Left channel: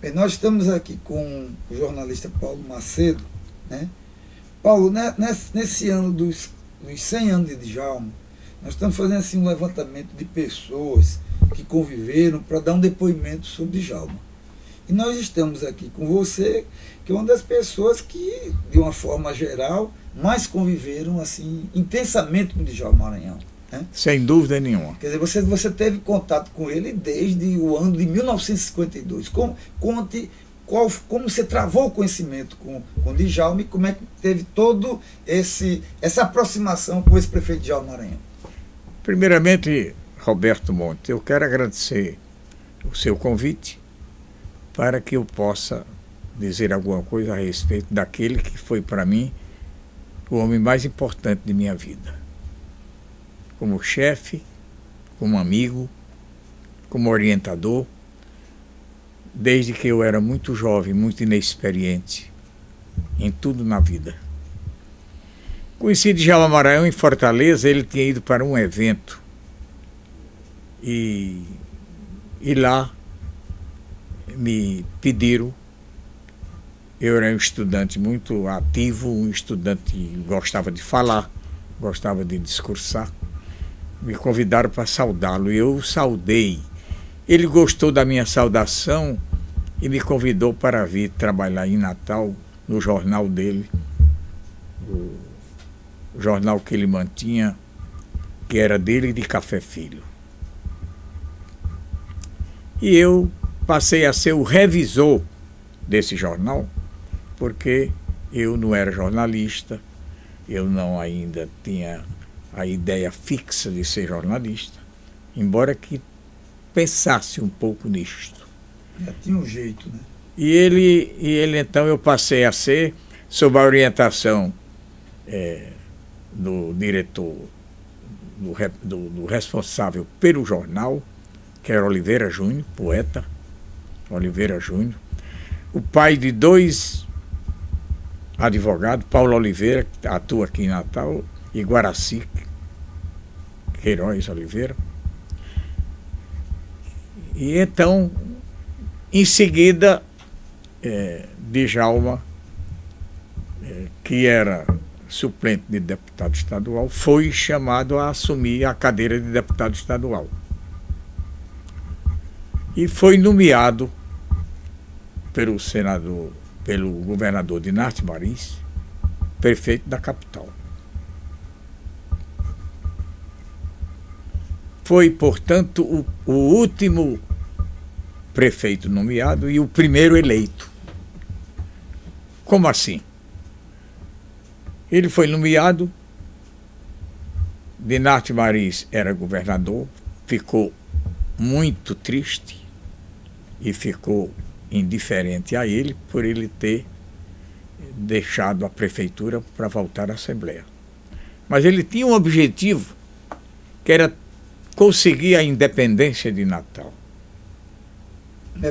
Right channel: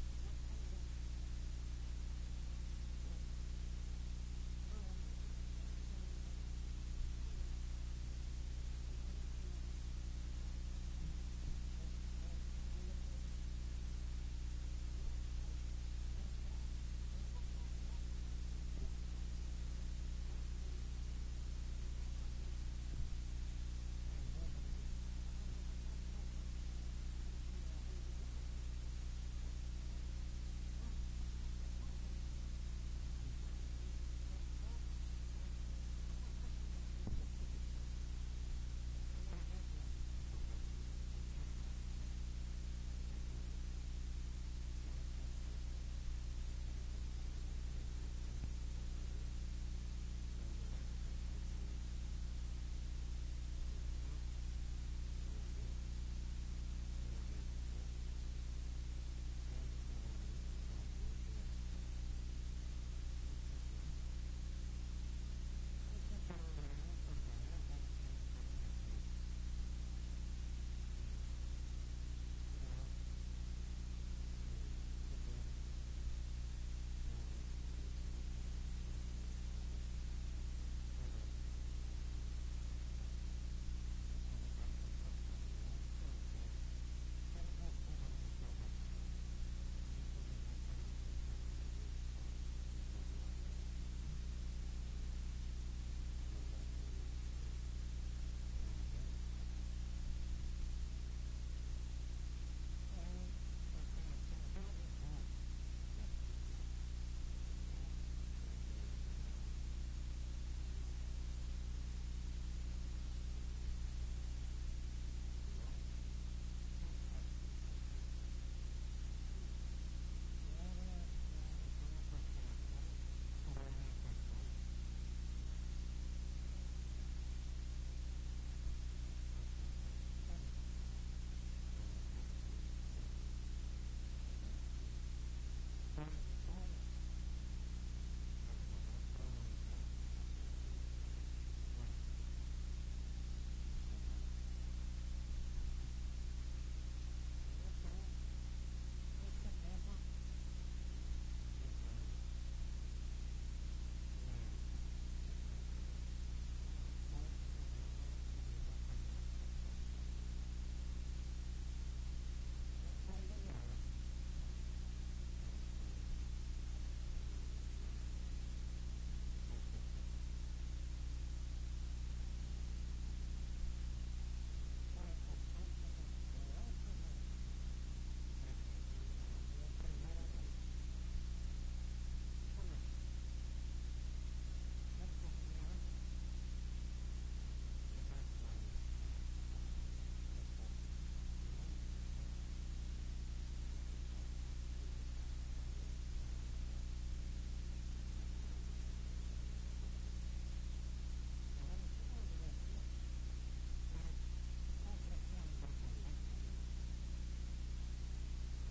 Bem, nós estamos aqui com o jornalista Paulo Macedo, né? Paulo, né, nesse ano dos 100 anos de Djalma, nós estamos fazendo assim, um levantamento de pessoas que conviveram para dar um depoimento sobre Djalma. E nós estamos aqui com você, que é uma das pessoas que, de uma forma geral, mais conviveram assim intensamente com Djalma Maranhão, né? Sem dúvida nenhuma. Quer dizer, você teve contato com ele desde o ano de 1952. Conte como você travou o conhecimento com Djalma e como é que teve todo essa aproximação com esse prefeito Djalma Maranhão. Primeiramente, Roberto Monte, eu quero agradecer o seu convite para que eu possa dizer alguma coisa a respeito daquele que foi para mim o homem mais importante de minha vida. Como chefe, como amigo, como orientador, desde que eu era muito jovem, muito inexperiente em tudo na vida. Conheci Djalma Maranhão em Fortaleza, ele tinha ido para um evento e lá me pediram. Eu era um estudante muito ativo, um estudante que gostava de falar, gostava de discursar. Me convidaram para saudá-lo e eu saudei. Ele gostou da minha saudação e me convidou para vir trabalhar em Natal, no jornal dele, o jornal que ele mantinha, que era dele e de Café Filho. E eu passei a ser o revisor desse jornal, porque eu não era jornalista, eu não ainda tinha a ideia fixa de ser jornalista, embora que pensasse um pouco nisto. Já tinha um jeito, né? E ele então eu passei a ser, sob a orientação do diretor, do responsável pelo jornal, que era Oliveira Júnior, poeta, Oliveira Júnior, o pai de dois advogados, Paulo Oliveira, que atua aqui em Natal, e Guaraci Queiroz Oliveira. E então, em seguida, Djalma, que era suplente de deputado estadual, foi chamado a assumir a cadeira de deputado estadual. E foi nomeado pelo governador Dinarte Marins, prefeito da capital. Foi, portanto, o último prefeito nomeado e o primeiro eleito. Como assim? Ele foi nomeado, Dinarte Marins era governador, ficou muito triste e ficou indiferente a ele por ele ter deixado a prefeitura para voltar à Assembleia. Mas ele tinha um objetivo, que era conseguir a independência de Natal.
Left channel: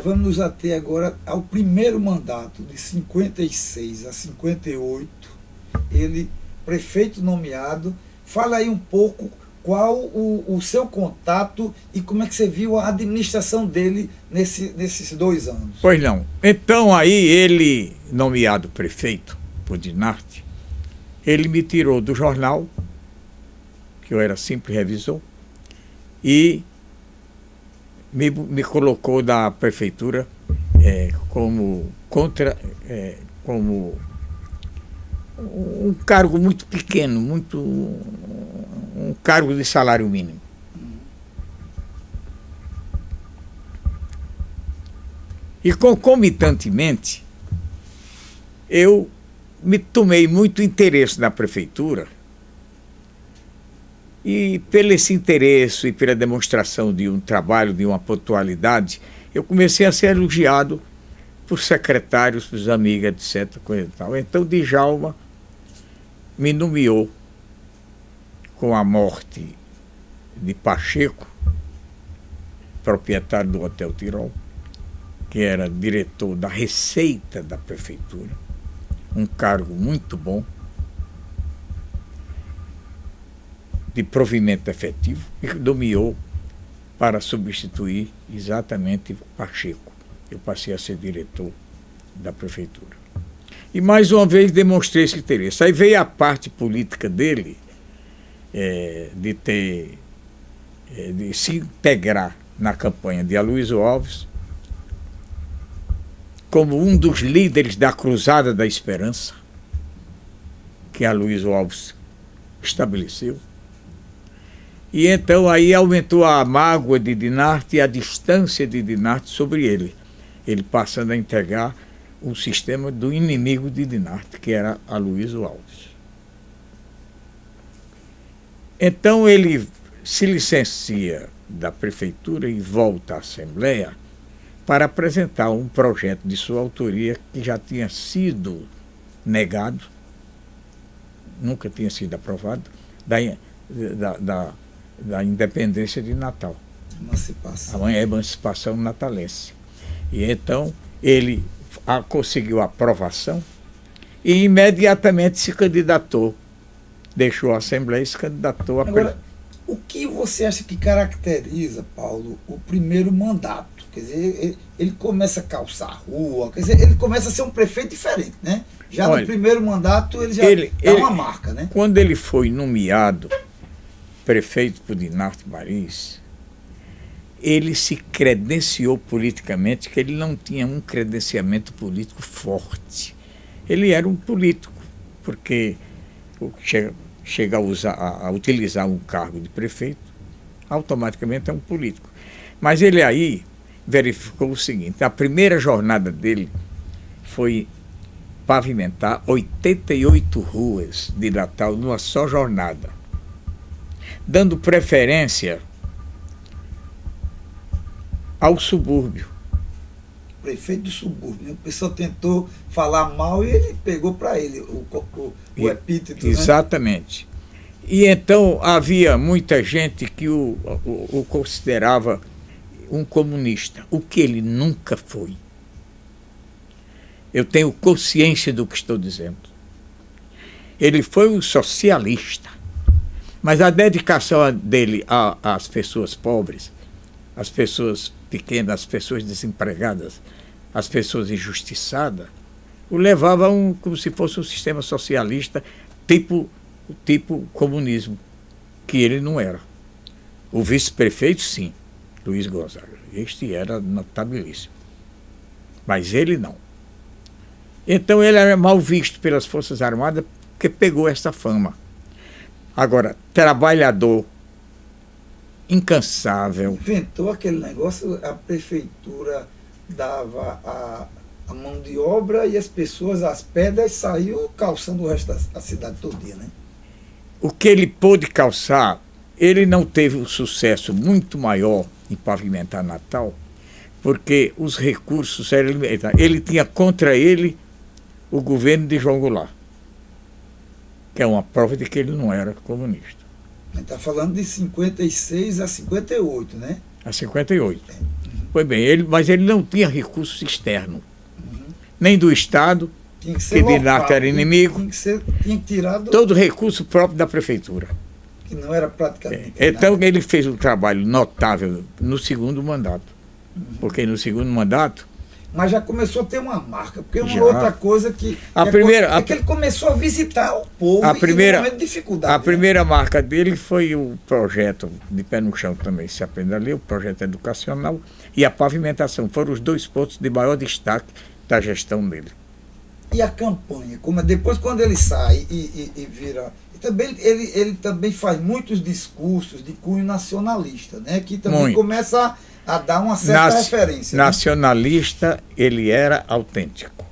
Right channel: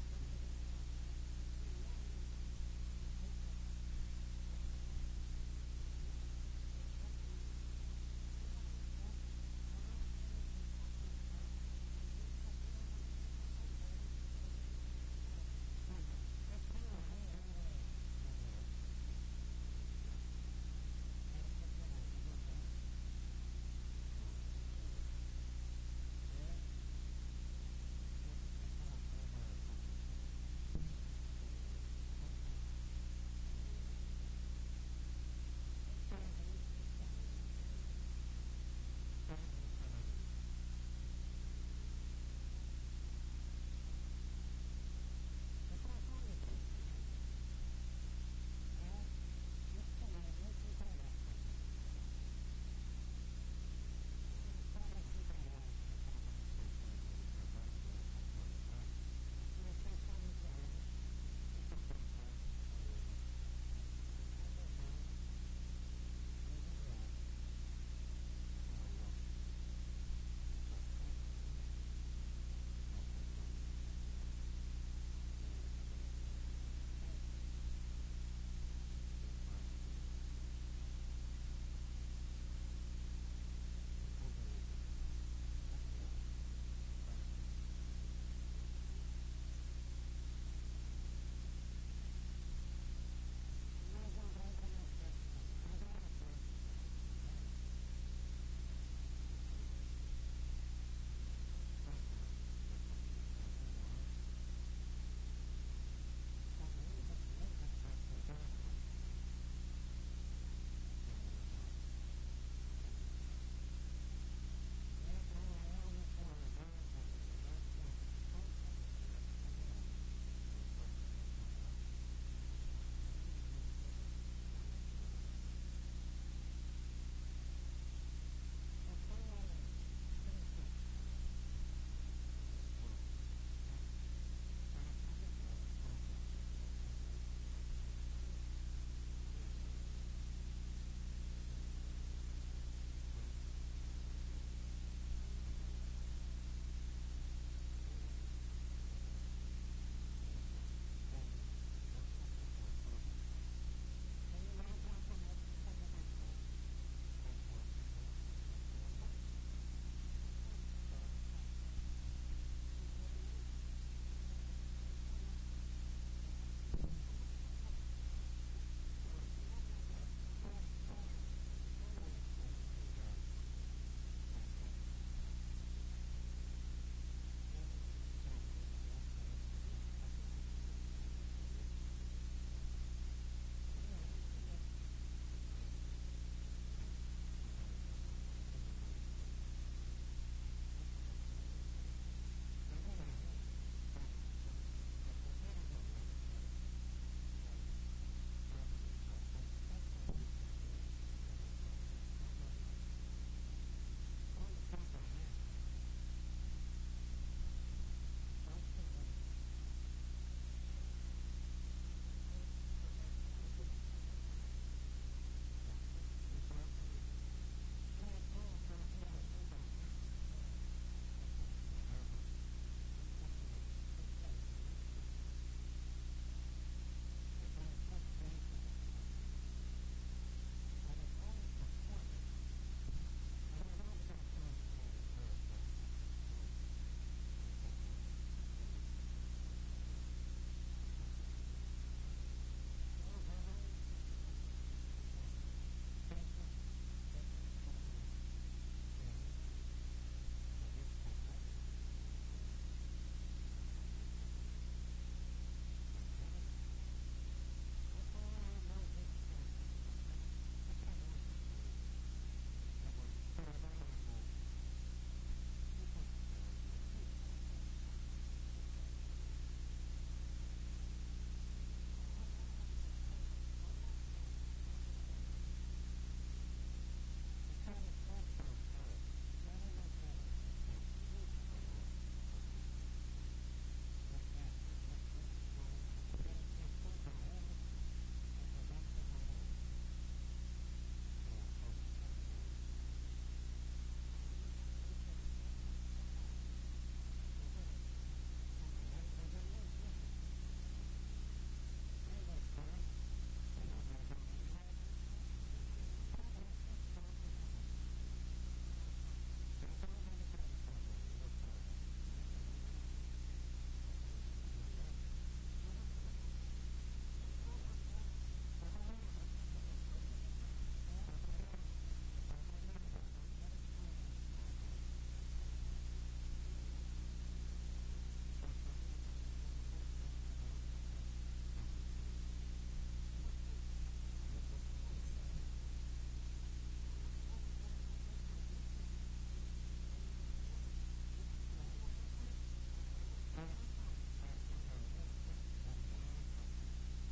Vamos nos ater agora ao primeiro mandato, de 56 a 58, ele, prefeito nomeado. Fala aí um pouco qual o seu contato e como é que você viu a administração dele nesses 2 anos. Pois não. Então aí ele, nomeado prefeito por Dinarte, ele me tirou do jornal, que eu era simples revisor, e me colocou da prefeitura como um cargo muito pequeno, um cargo de salário mínimo. E concomitantemente, eu me tomei muito interesse na prefeitura. E pelo esse interesse e pela demonstração de um trabalho, de uma pontualidade, eu comecei a ser elogiado por secretários, por amigos, etc. Coisa e tal. Então, Djalma me nomeou, com a morte de Pacheco, proprietário do Hotel Tirol, que era diretor da Receita da Prefeitura, um cargo muito bom, de provimento efetivo, e nomeou para substituir exatamente Pacheco. eu passei a ser diretor da prefeitura. E mais uma vez demonstrei esse interesse. Aí veio a parte política dele, de se integrar na campanha de Aloysio Alves como um dos líderes da Cruzada da Esperança, que Aloysio Alves estabeleceu. E então aí aumentou a mágoa de Dinarte e a distância de Dinarte sobre ele. Ele passando a integrar o sistema do inimigo de Dinarte, que era Aloysio Alves. Então ele se licencia da prefeitura e volta à Assembleia para apresentar um projeto de sua autoria que já tinha sido negado, nunca tinha sido aprovado, da independência de Natal. Emancipação. A emancipação natalense. E então ele conseguiu a aprovação e imediatamente se candidatou. Deixou a Assembleia e se candidatou a... Agora, o que você acha que caracteriza, Paulo, o primeiro mandato? Quer dizer, ele começa a calçar a rua, quer dizer, ele começa a ser um prefeito diferente, né? Já no primeiro mandato ele já dá uma marca, né? Quando ele foi nomeado prefeito por Dinarte Marins, ele se credenciou politicamente, que ele não tinha um credenciamento político forte. Ele era um político, porque chega a utilizar um cargo de prefeito, automaticamente é um político. Mas ele aí verificou o seguinte: a primeira jornada dele foi pavimentar 88 ruas de Natal numa só jornada, dando preferência ao subúrbio. Prefeito do subúrbio, né? O pessoal tentou falar mal e ele pegou para ele o epíteto. Exatamente. Né? E então havia muita gente que o considerava um comunista, o que ele nunca foi. Eu tenho consciência do que estou dizendo. Ele foi um socialista, mas a dedicação dele às pessoas pobres, às pessoas pequenas, às pessoas desempregadas, às pessoas injustiçadas, o levava como se fosse um sistema socialista tipo comunismo, que ele não era. O vice-prefeito, sim, Luiz Gonzaga. Este era notabilíssimo. Mas ele não. Então ele era mal visto pelas Forças Armadas porque pegou essa fama. Agora, trabalhador, incansável. Inventou aquele negócio, a prefeitura dava a mão de obra e as pessoas, as pedras, saiu calçando o resto da cidade todinha, né? O que ele pôde calçar, ele não teve um sucesso muito maior em pavimentar Natal, porque os recursos eram limitados. Ele tinha contra ele o governo de João Goulart, que é uma prova de que ele não era comunista. A gente está falando de 56 a 58, né? A 58. Pois bem, mas ele não tinha recursos externos, nem do Estado, que Dinarte era inimigo. Tinha que tirar todo o recurso próprio da prefeitura. Que não era praticamente então nada. Ele fez um trabalho notável no segundo mandato. Porque no segundo mandato... Mas já começou a ter uma marca, porque uma outra coisa que ele começou a visitar o povo em momento de dificuldade. A primeira marca dele foi o projeto de pé no chão também, se aprende a ler, o projeto educacional e a pavimentação. Foram os dois pontos de maior destaque da gestão dele. E a campanha, depois quando ele sai e vira... Também, ele também faz muitos discursos de cunho nacionalista, né? Que também começa a dar uma certa referência. Nacionalista, né? Ele era autêntico.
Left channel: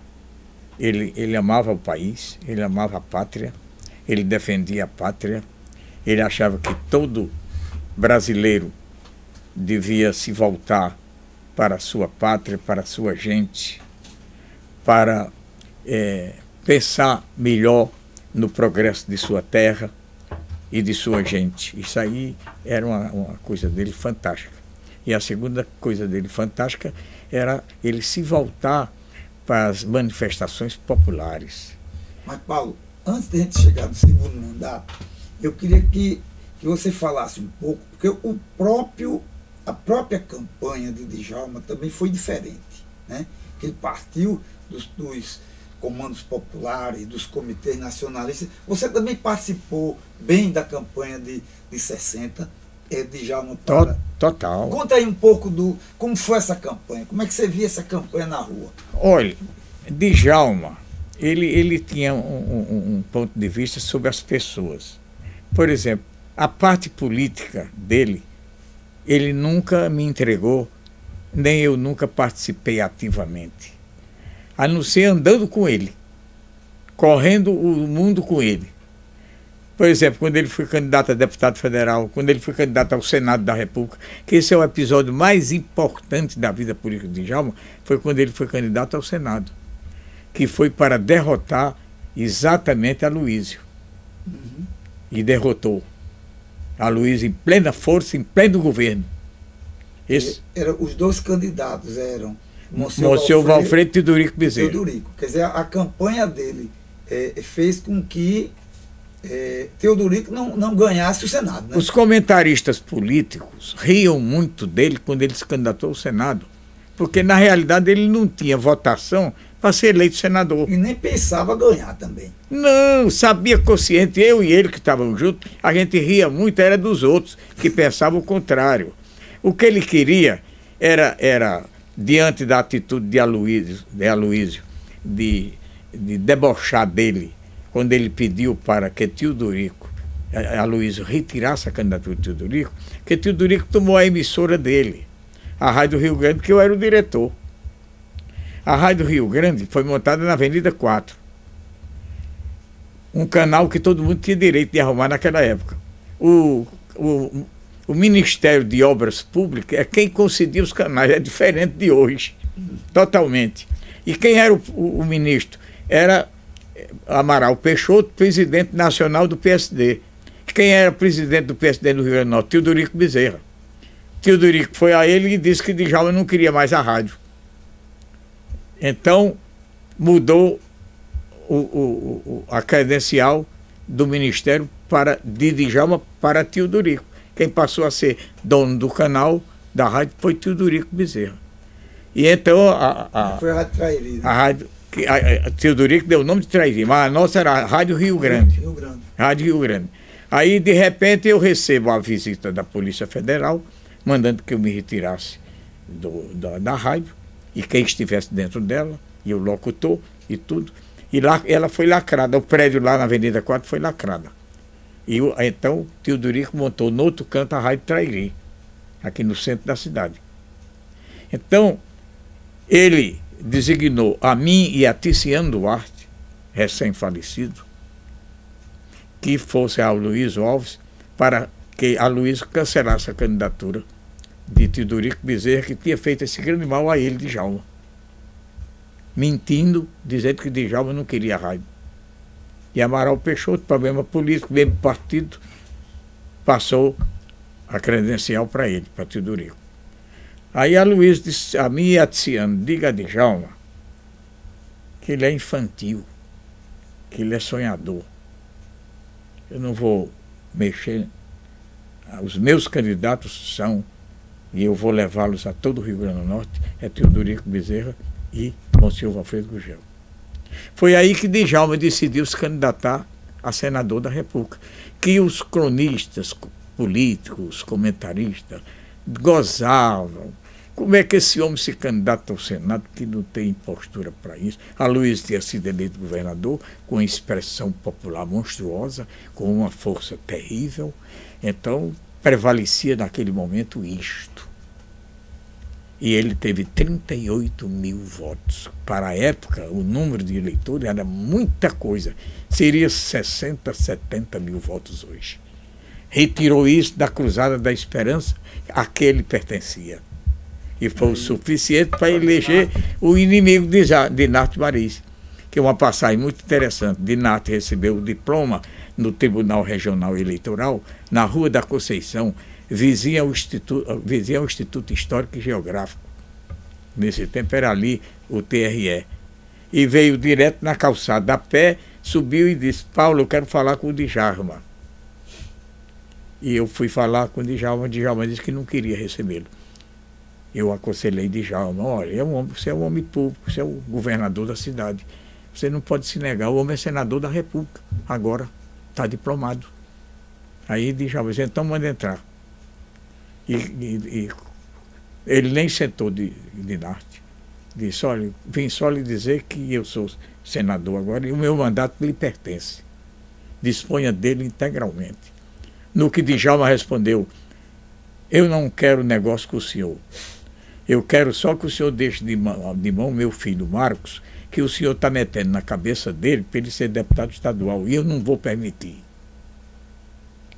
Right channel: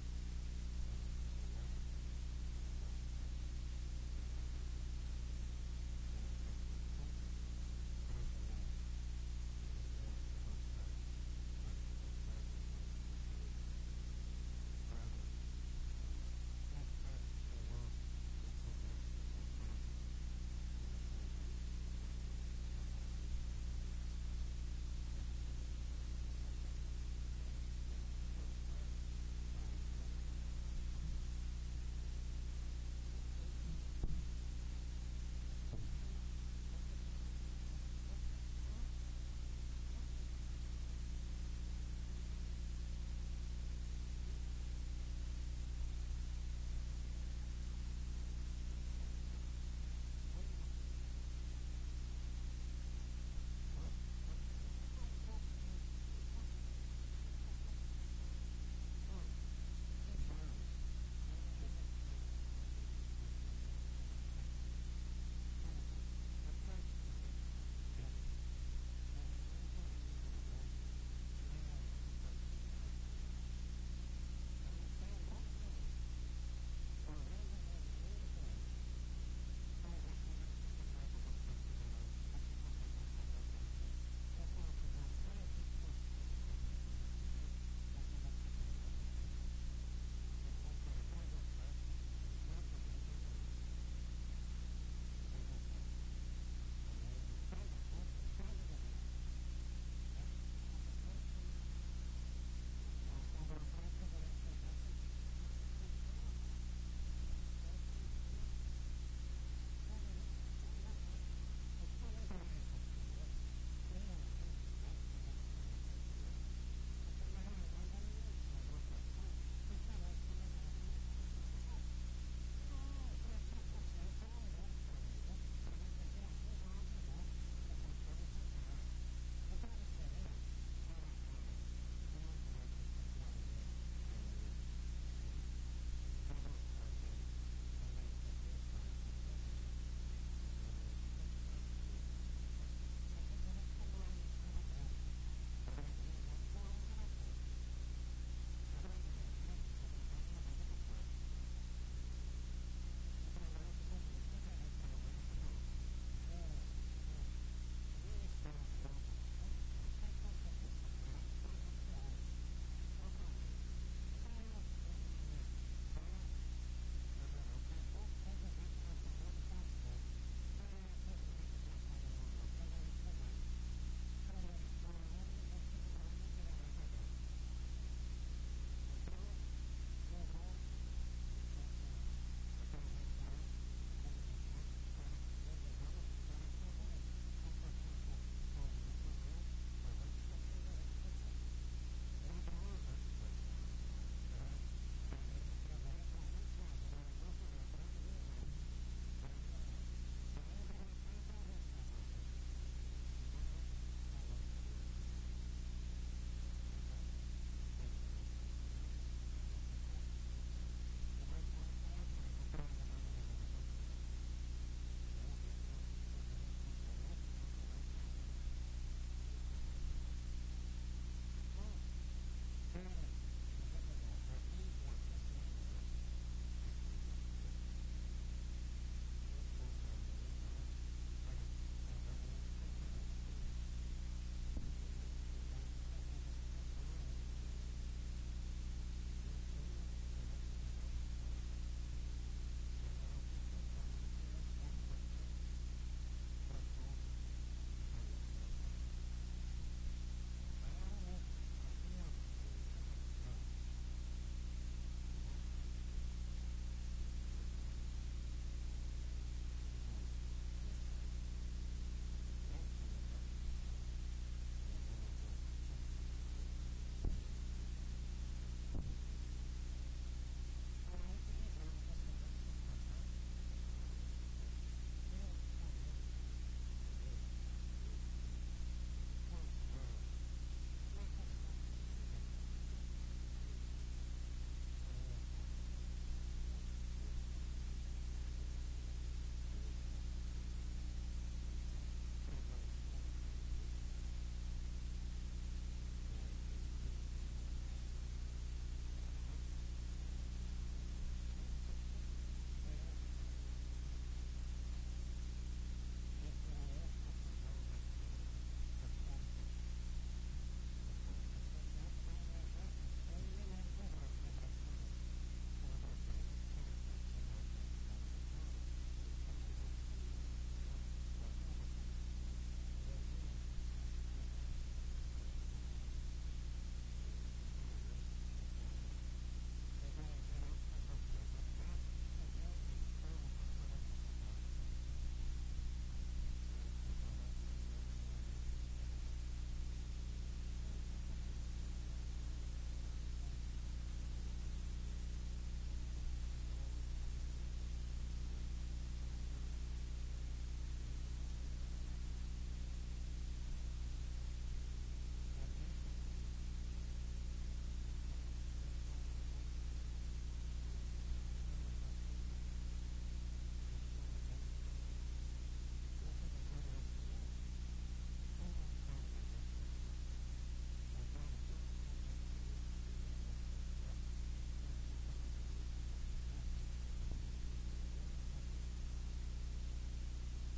Ele amava o país, ele amava a pátria, ele defendia a pátria, ele achava que todo brasileiro devia se voltar para a sua pátria, para a sua gente, para pensar melhor no progresso de sua terra e de sua gente. Isso aí era uma coisa dele fantástica. E a segunda coisa dele fantástica era ele se voltar para as manifestações populares. Mas, Paulo, antes de a gente chegar no segundo mandato, eu queria que você falasse um pouco, porque a própria campanha de Djalma também foi diferente. né? Que ele partiu dos comandos populares, dos comitês nacionalistas. Você também participou bem da campanha de 60, Djalma para... Total. Conta aí um pouco como foi essa campanha, como é que você via essa campanha na rua? Olha, Djalma, ele tinha um ponto de vista sobre as pessoas. Por exemplo, a parte política dele, ele nunca me entregou, nem eu nunca participei ativamente. A não ser andando com ele, correndo o mundo com ele. Por exemplo, quando ele foi candidato a deputado federal, quando ele foi candidato ao Senado da República, que esse é o episódio mais importante da vida política de Djalma, foi quando ele foi candidato ao Senado, que foi para derrotar exatamente Aloysio. Uhum. E derrotou Aloysio em plena força, em pleno governo. Os dois candidatos eram Monsenhor Valfredo e Teodorico Bezerra. Quer dizer, a campanha dele fez com que Teodorico não ganhasse o Senado. Né? Os comentaristas políticos riam muito dele quando ele se candidatou ao Senado, porque na realidade ele não tinha votação para ser eleito senador. E nem pensava ganhar também. Não, sabia consciente, eu e ele que estavam juntos, a gente ria muito, era dos outros, que pensavam o contrário. O que ele queria era diante da atitude de Aloysio, de debochar dele, quando ele pediu para que Aloysio retirasse a candidatura de Teodorico, que Teodorico tomou a emissora dele, a Rádio Rio Grande, que eu era o diretor. A Rádio Rio Grande foi montada na Avenida 4. Um canal que todo mundo tinha direito de arrumar naquela época. O Ministério de Obras Públicas é quem concedia os canais, é diferente de hoje, totalmente. E quem era o ministro? Era Amaral Peixoto, presidente nacional do PSD. Quem era presidente do PSD no Rio Grande do Norte? Teodorico Bezerra. Teodorico foi a ele e disse que Djalma não queria mais a rádio. Então, mudou a credencial do Ministério de Djalma para Teodorico. Quem passou a ser dono do canal da rádio foi Teodorico Bezerra. E então foi a Rádio Trairi. Né? A rádio, a Teodorico deu o nome de Trairi, mas a nossa era a Rádio Rio Grande. Rádio Rio Grande. Aí, de repente, eu recebo a visita da Polícia Federal, mandando que eu me retirasse da rádio, e quem estivesse dentro dela, e o locutor, e tudo. E lá ela foi lacrada, o prédio lá na Avenida 4 foi lacrada. E então Teodorico montou no outro canto a Rádio Trairi, aqui no centro da cidade. Então, ele designou a mim e a Ticiano Duarte, recém-falecido, que fosse a Aloysio Alves, para que Aloysio cancelasse a candidatura de Teodorico Bezerra, que tinha feito esse grande mal a ele, Djalma. Mentindo, dizendo que Djalma não queria a rádio. E Amaral Peixoto, problema político, mesmo partido, passou a credencial para ele, para Teodorico. Aí a Aloysio disse a mim e a Ticiano, diga a Djalma que ele é infantil, que ele é sonhador. Eu não vou mexer. Os meus candidatos são, e eu vou levá-los a todo o Rio Grande do Norte, é Teodorico Bezerra e Monsenhor Valfredo Gugel. Foi aí que Djalma decidiu se candidatar a senador da República, que os cronistas políticos, comentaristas, gozavam. Como é que esse homem se candidata ao Senado que não tem postura para isso? Aloysio tinha sido eleito governador com uma expressão popular monstruosa, com uma força terrível. Então, prevalecia naquele momento isto. E ele teve 38 mil votos. Para a época, o número de eleitores era muita coisa. Seria 60, 70 mil votos hoje. Retirou isso da Cruzada da Esperança a que ele pertencia. E foi o suficiente para eleger o inimigo de Nath Maris, que é uma passagem muito interessante. Nath recebeu o diploma no Tribunal Regional Eleitoral, na Rua da Conceição, vizinha ao Instituto Histórico e Geográfico. Nesse tempo era ali o TRE. E veio direto na calçada a pé, subiu e disse: Paulo, eu quero falar com o Djalma. E eu fui falar com o Djalma disse que não queria recebê-lo. eu aconselhei Djalma, olha, você é um homem público, você é o governador da cidade. Você não pode se negar, o homem é senador da República, agora está diplomado. Aí Djalma disse, então manda entrar. E ele nem sentou de Dinarte. Disse, olha, vim só lhe dizer que eu sou senador agora e o meu mandato lhe pertence. Disponha dele integralmente. No que Djalma respondeu, eu não quero negócio com o senhor. Eu quero só que o senhor deixe de mão meu filho Marcos, que o senhor está metendo na cabeça dele para ele ser deputado estadual. E eu não vou permitir.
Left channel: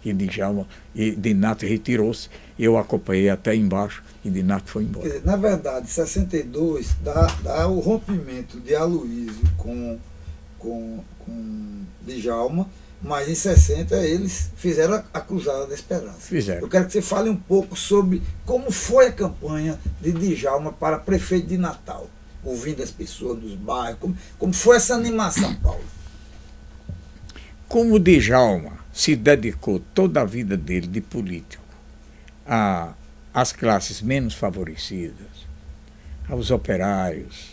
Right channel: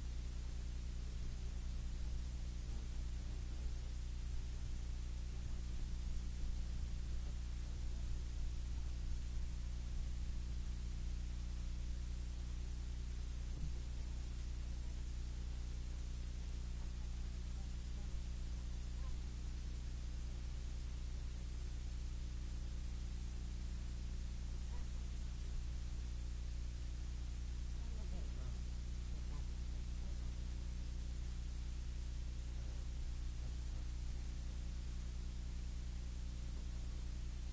E Djalma, e Dinarte retirou-se. Eu acompanhei até embaixo e Dinarte foi embora. Quer dizer, na verdade, em 62 dá o rompimento de Aloysio com Djalma, mas em 60 eles fizeram a Cruzada da Esperança. Fizeram. Eu quero que você fale um pouco sobre como foi a campanha de Djalma para prefeito de Natal, ouvindo as pessoas dos bairros, como foi essa animação, Paulo? Como Djalma se dedicou toda a vida dele de político às classes menos favorecidas, aos operários,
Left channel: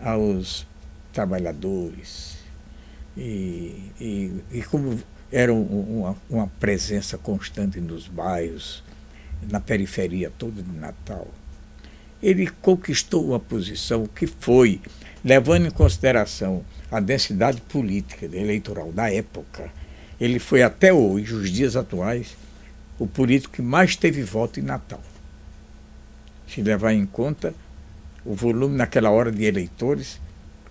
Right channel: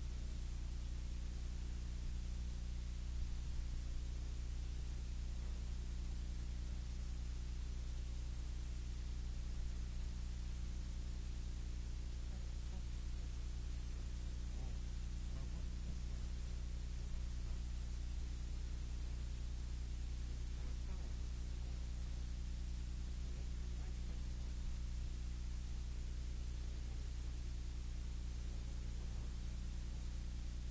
aos trabalhadores, e como era uma presença constante nos bairros, na periferia toda de Natal, ele conquistou uma posição que foi, levando em consideração a densidade política eleitoral da época, ele foi até hoje, os dias atuais, o político que mais teve voto em Natal. Se levar em conta o volume naquela hora de eleitores,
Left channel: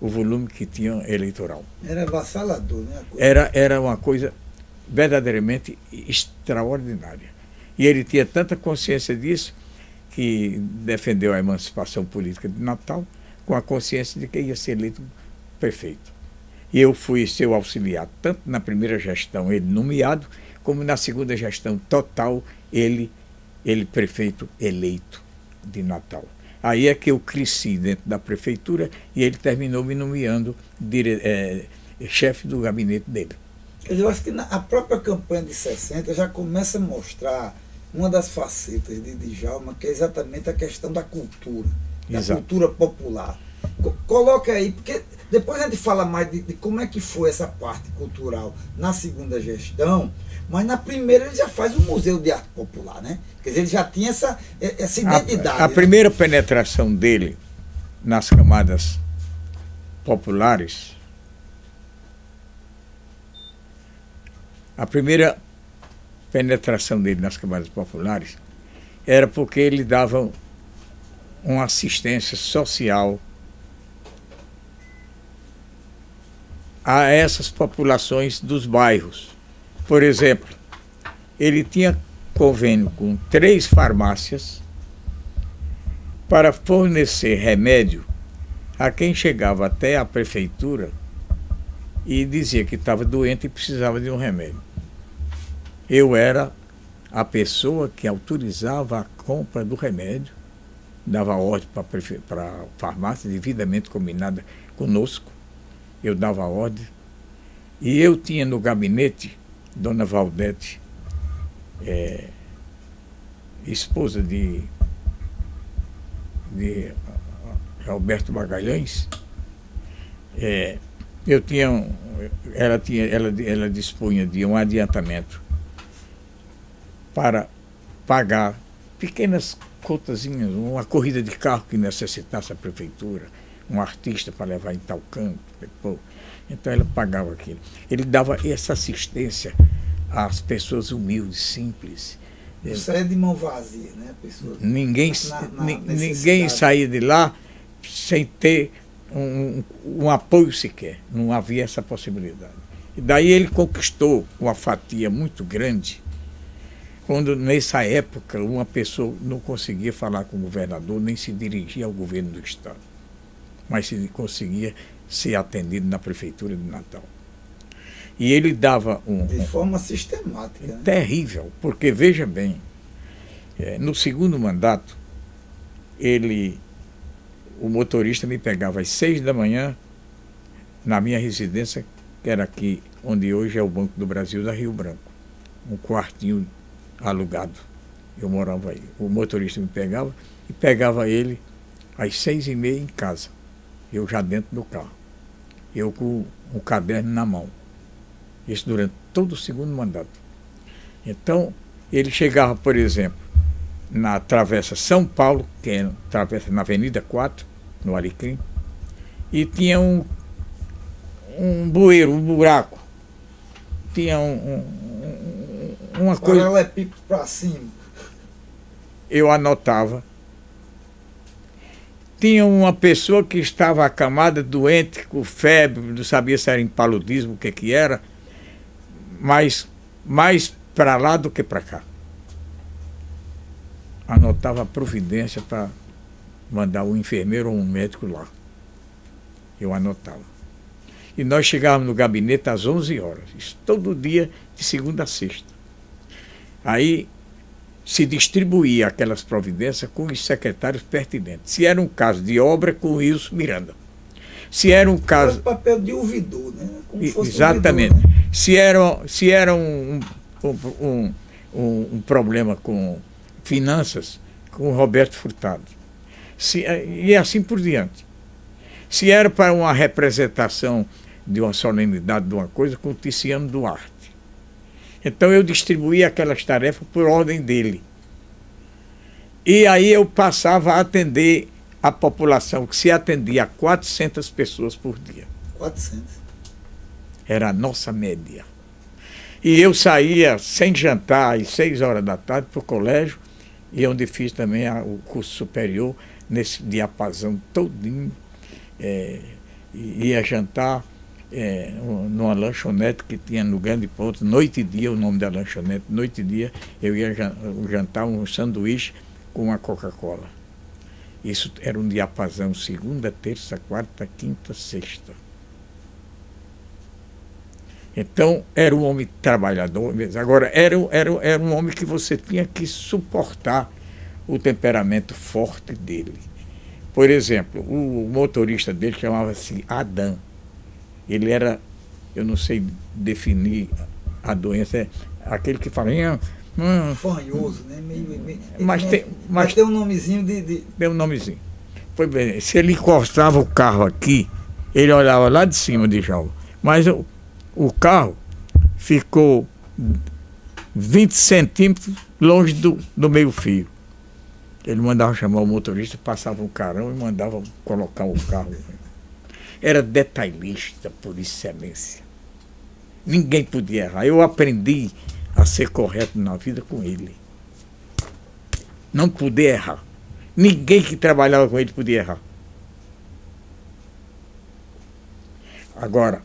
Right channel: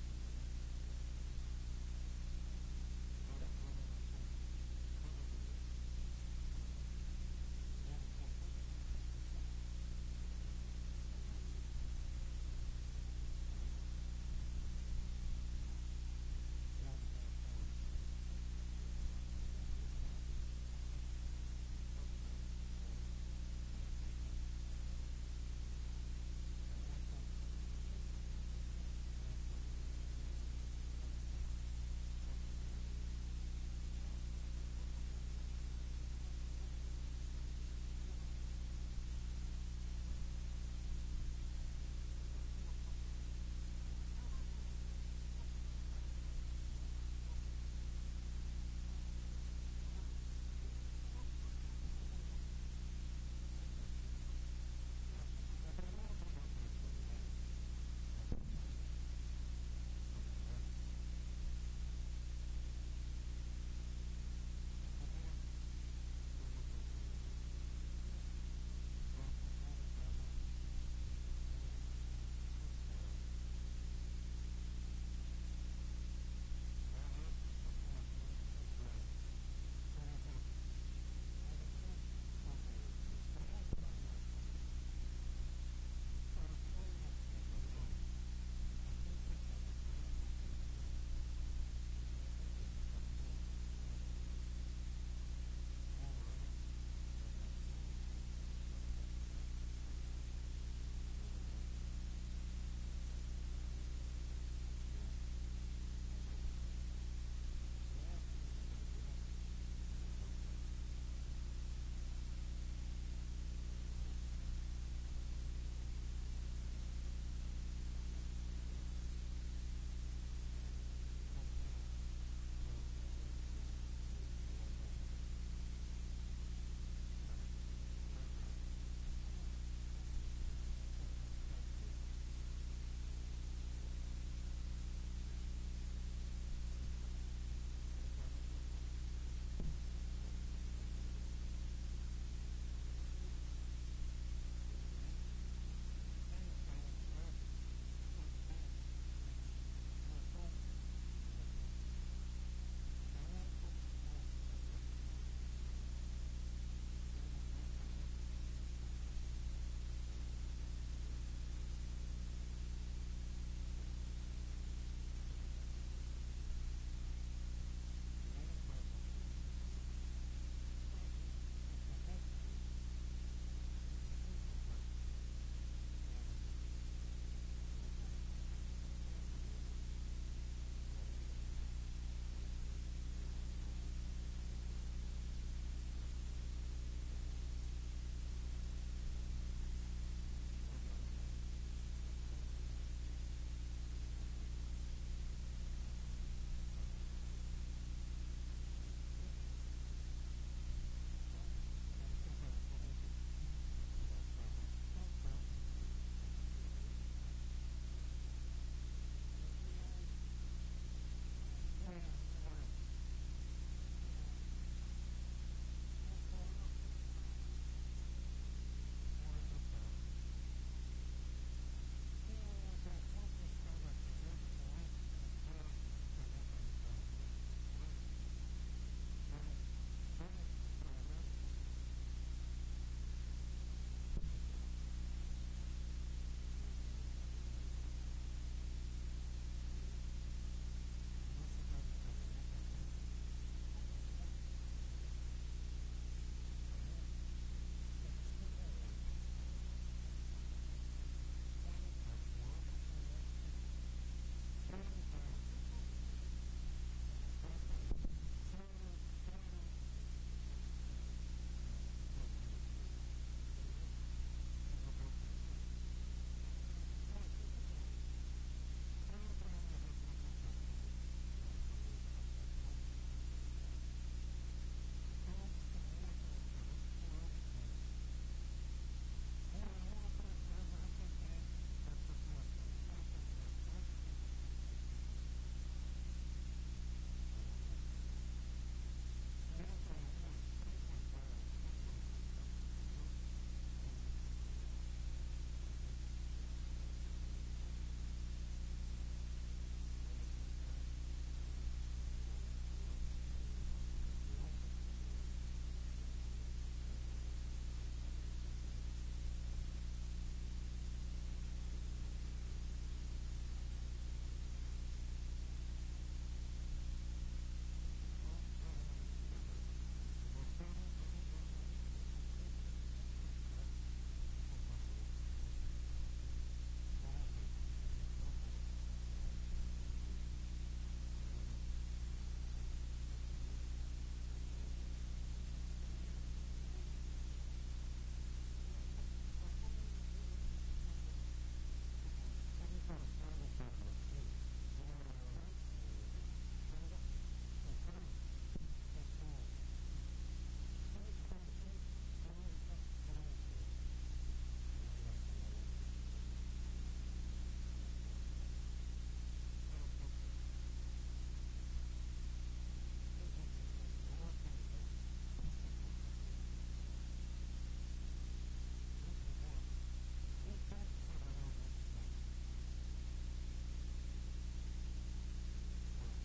o volume que tinha eleitoral. Era avassalador, né? Era uma coisa verdadeiramente extraordinária. E ele tinha tanta consciência disso que defendeu a emancipação política de Natal com a consciência de que ia ser eleito prefeito. E eu fui seu auxiliar, tanto na primeira gestão, ele nomeado, como na segunda gestão total, ele prefeito eleito de Natal. Aí é que eu cresci dentro da prefeitura e ele terminou me nomeando chefe do gabinete dele. Eu acho que a própria campanha de 60 já começa a mostrar uma das facetas de Djalma, que é exatamente a questão da cultura, da cultura popular. Coloca aí, porque depois a gente fala mais de como é que foi essa parte cultural na segunda gestão, mas na primeira ele já faz um museu de arte popular, né? Quer dizer, ele já tinha essa identidade. A primeira penetração dele nas camadas populares, era porque ele dava uma assistência social a essas populações dos bairros. Por exemplo, ele tinha convênio com 3 farmácias para fornecer remédio a quem chegava até a prefeitura e dizia que estava doente e precisava de um remédio. Eu era a pessoa que autorizava a compra do remédio, dava ordem para a farmácia, devidamente combinada conosco, eu dava ordem. E eu tinha no gabinete Dona Valdete, esposa de Alberto Magalhães, ela dispunha de um adiantamento para pagar pequenas contazinhas, uma corrida de carro que necessitasse a prefeitura, um artista para levar em tal canto. Então ela pagava aquilo. Ele dava essa assistência às pessoas humildes, simples. Isso é de mão vazia, né? Ninguém saía de lá sem ter um apoio sequer. Não havia essa possibilidade. E daí ele conquistou uma fatia muito grande, quando nessa época uma pessoa não conseguia falar com o governador, nem se dirigia ao governo do estado, mas se conseguia ser atendido na prefeitura de Natal. E ele dava de forma sistemática, né? Terrível, porque veja bem, no segundo mandato, o motorista me pegava às 6 da manhã na minha residência, que era aqui, onde hoje é o Banco do Brasil da Rio Branco, um quartinho alugado. Eu morava aí. O motorista me pegava e pegava ele às 6h30 em casa, eu já dentro do carro, eu com o caderno na mão. Isso durante todo o segundo mandato. Então, ele chegava, por exemplo, na Travessa São Paulo, que é travessa na Avenida 4, no Alecrim, e tinha um bueiro, um buraco. Tinha uma coisa. Paralelepípedo para cima. Eu anotava. Tinha uma pessoa que estava acamada, doente, com febre, não sabia se era impaludismo, o que era, mas mais para lá do que para cá. Anotava a providência para mandar um enfermeiro ou um médico lá. Eu anotava. E nós chegávamos no gabinete às 11 horas, isso todo dia, de segunda a sexta. Aí se distribuía aquelas providências com os secretários pertinentes. Se era um caso de obra, com o Wilson Miranda. Se era um caso... Era o papel de ouvidor, né? Como fosse exatamente. ouvidor, né? Se era um problema com finanças, com o Roberto Furtado. E assim por diante. Se era para uma representação de uma solenidade de uma coisa, com o Ticiano Duarte. Então eu distribuía aquelas tarefas por ordem dele. E aí eu passava a atender a população, que se atendia a 400 pessoas por dia. 400. Era a nossa média. E eu saía sem jantar às 6 horas da tarde para o colégio, e onde fiz também o curso superior, nesse diapasão todinho. Ia jantar numa lanchonete que tinha no Grande Ponto, Noite e Dia, o nome da lanchonete, Noite e Dia, eu ia jantar um sanduíche com uma Coca-Cola. Isso era um diapasão, segunda, terça, quarta, quinta, sexta. Então, era um homem trabalhador mesmo. Agora, era um homem que você tinha que suportar o temperamento forte dele. Por exemplo, o motorista dele chamava-se Adão. Ele era, eu não sei definir a doença, é aquele que fala... Fanhoso, né? Mas tem um nomezinho de... Tem um nomezinho. Pois bem, se ele encostava o carro aqui, ele olhava lá de cima de Djalma. Mas o carro ficou 20 centímetros longe do meio-fio. Ele mandava chamar o motorista, passava um carão e mandava colocar o carro. Era detalhista por excelência. Ninguém podia errar. Eu aprendi a ser correto na vida com ele. Não podia errar. Ninguém que trabalhava com ele podia errar. Agora,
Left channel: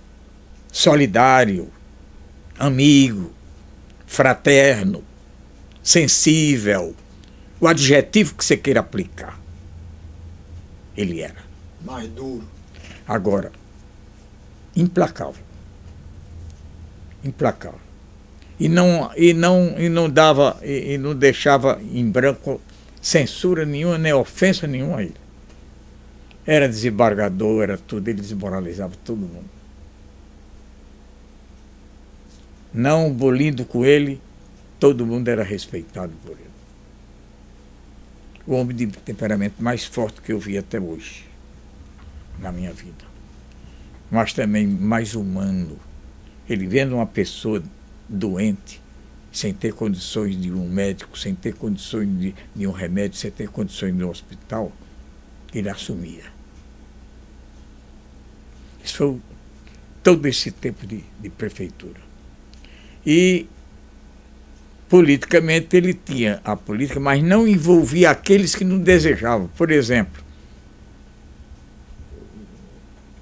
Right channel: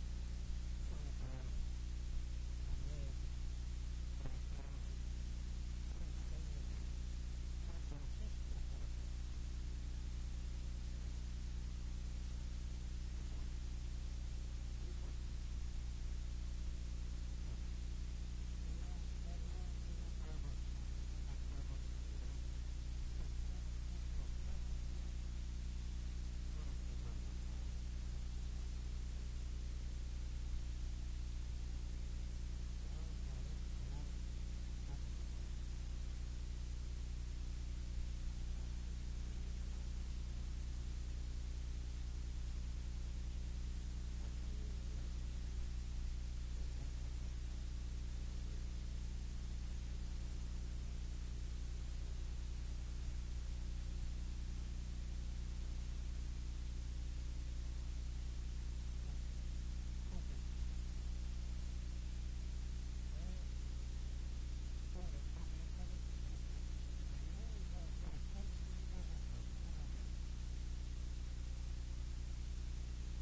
solidário, amigo, fraterno, sensível, o adjetivo que você queira aplicar. Ele era. Mais duro. Agora, implacável. Implacável. E não deixava em branco censura nenhuma, nem ofensa nenhuma a ele. Era desembargador, era tudo, ele desmoralizava todo mundo. Não bolindo com ele, todo mundo era respeitado por ele. O homem de temperamento mais forte que eu vi até hoje, na minha vida. Mas também mais humano. Ele vendo uma pessoa doente, sem ter condições de um médico, sem ter condições de um remédio, sem ter condições de um hospital, ele assumia. Isso foi todo esse tempo de prefeitura. E politicamente ele tinha a política, mas não envolvia aqueles que não desejavam. Por exemplo,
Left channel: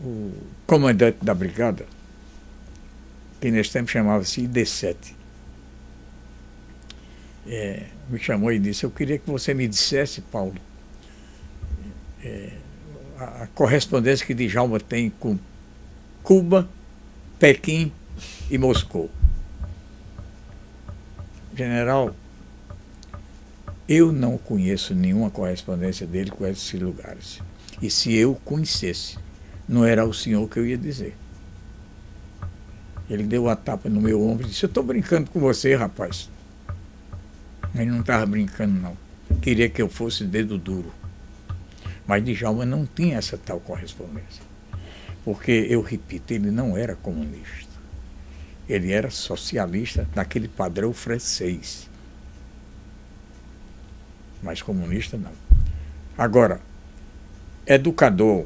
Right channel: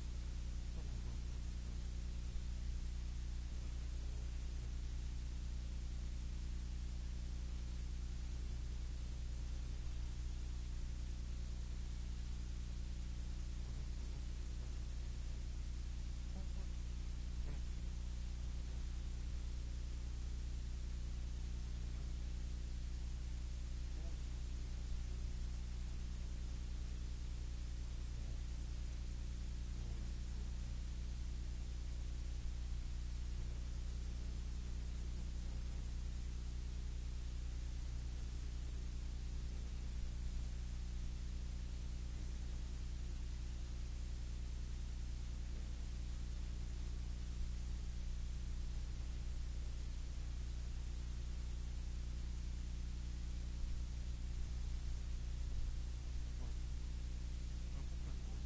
o comandante da brigada, que nesse tempo chamava-se ID7, me chamou e disse: eu queria que você me dissesse, Paulo, a correspondência que Djalma tem com Cuba, Pequim e Moscou. General, eu não conheço nenhuma correspondência dele com esses lugares. E se eu conhecesse, não era ao senhor que eu ia dizer. Ele deu uma tapa no meu ombro e disse: eu estou brincando com você, rapaz. Ele não estava brincando, não. queria que eu fosse dedo duro. Mas Djalma não tinha essa tal correspondência. Porque, eu repito, ele não era comunista. Ele era socialista naquele padrão francês. Mas comunista não. Agora, educador,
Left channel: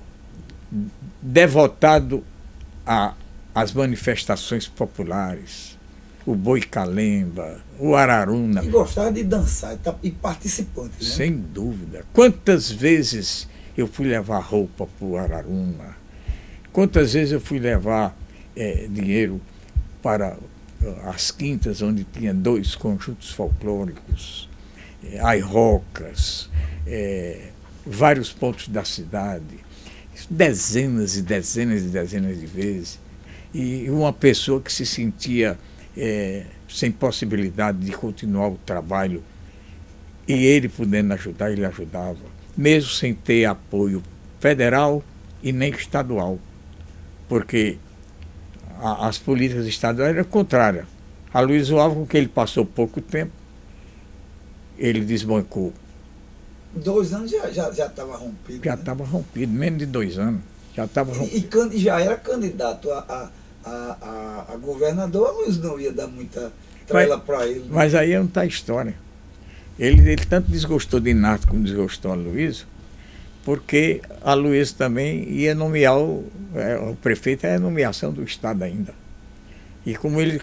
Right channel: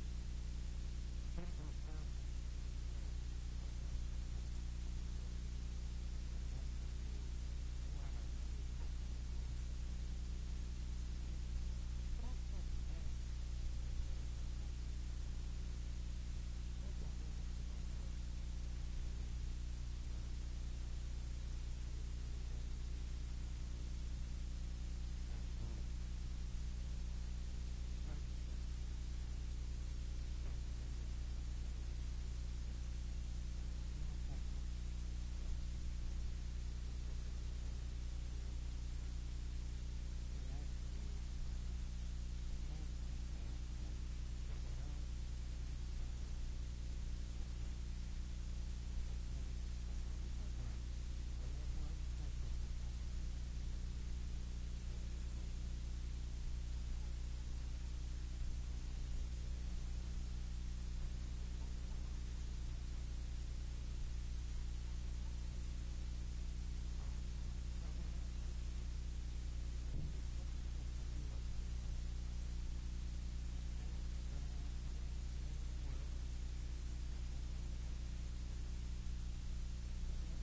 devotado às manifestações populares, o Boi Calemba, o Araruna. E gostava de dançar e participante, né? Sem dúvida. Quantas vezes eu fui levar roupa para o Araruna? Quantas vezes eu fui levar dinheiro para as quintas, onde tinha 2 conjuntos folclóricos, airocas, vários pontos da cidade, dezenas e dezenas e dezenas de vezes. E uma pessoa que se sentia sem possibilidade de continuar o trabalho, e ele podendo ajudar, ele ajudava, mesmo sem ter apoio federal e nem estadual, porque as políticas estaduais eram contrárias. A Luiz Alves, com que ele passou pouco tempo, ele desbancou. 2 anos já estava rompido. Já estava rompido, menos de 2 anos. Já estava rompido. E já era candidato a governador, a Luiz não ia dar muita trela para ele. Né? Mas aí não está a história. Ele tanto desgostou de Inácio como desgostou a Luiz, porque a Luiz também ia nomear o prefeito, é a nomeação do Estado ainda. E como ele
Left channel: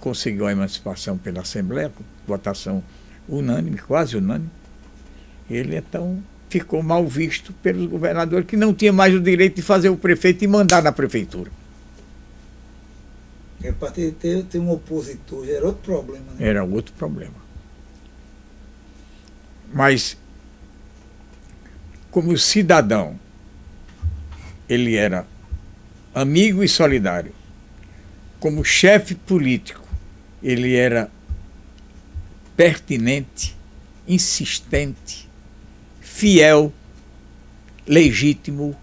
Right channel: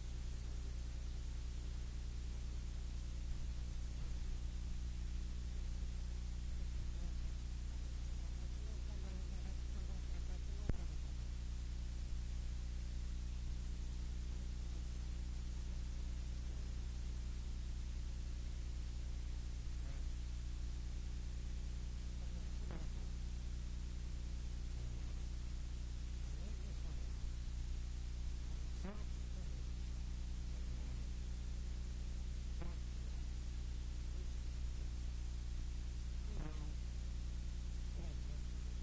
conseguiu a emancipação pela Assembleia, votação unânime, quase unânime, ele então ficou mal visto pelos governadores, que não tinha mais o direito de fazer o prefeito e mandar na prefeitura. Para ter um opositor, era outro problema. Né? Era outro problema. Mas, como cidadão, ele era amigo e solidário. Como chefe político, ele era pertinente, insistente, fiel, legítimo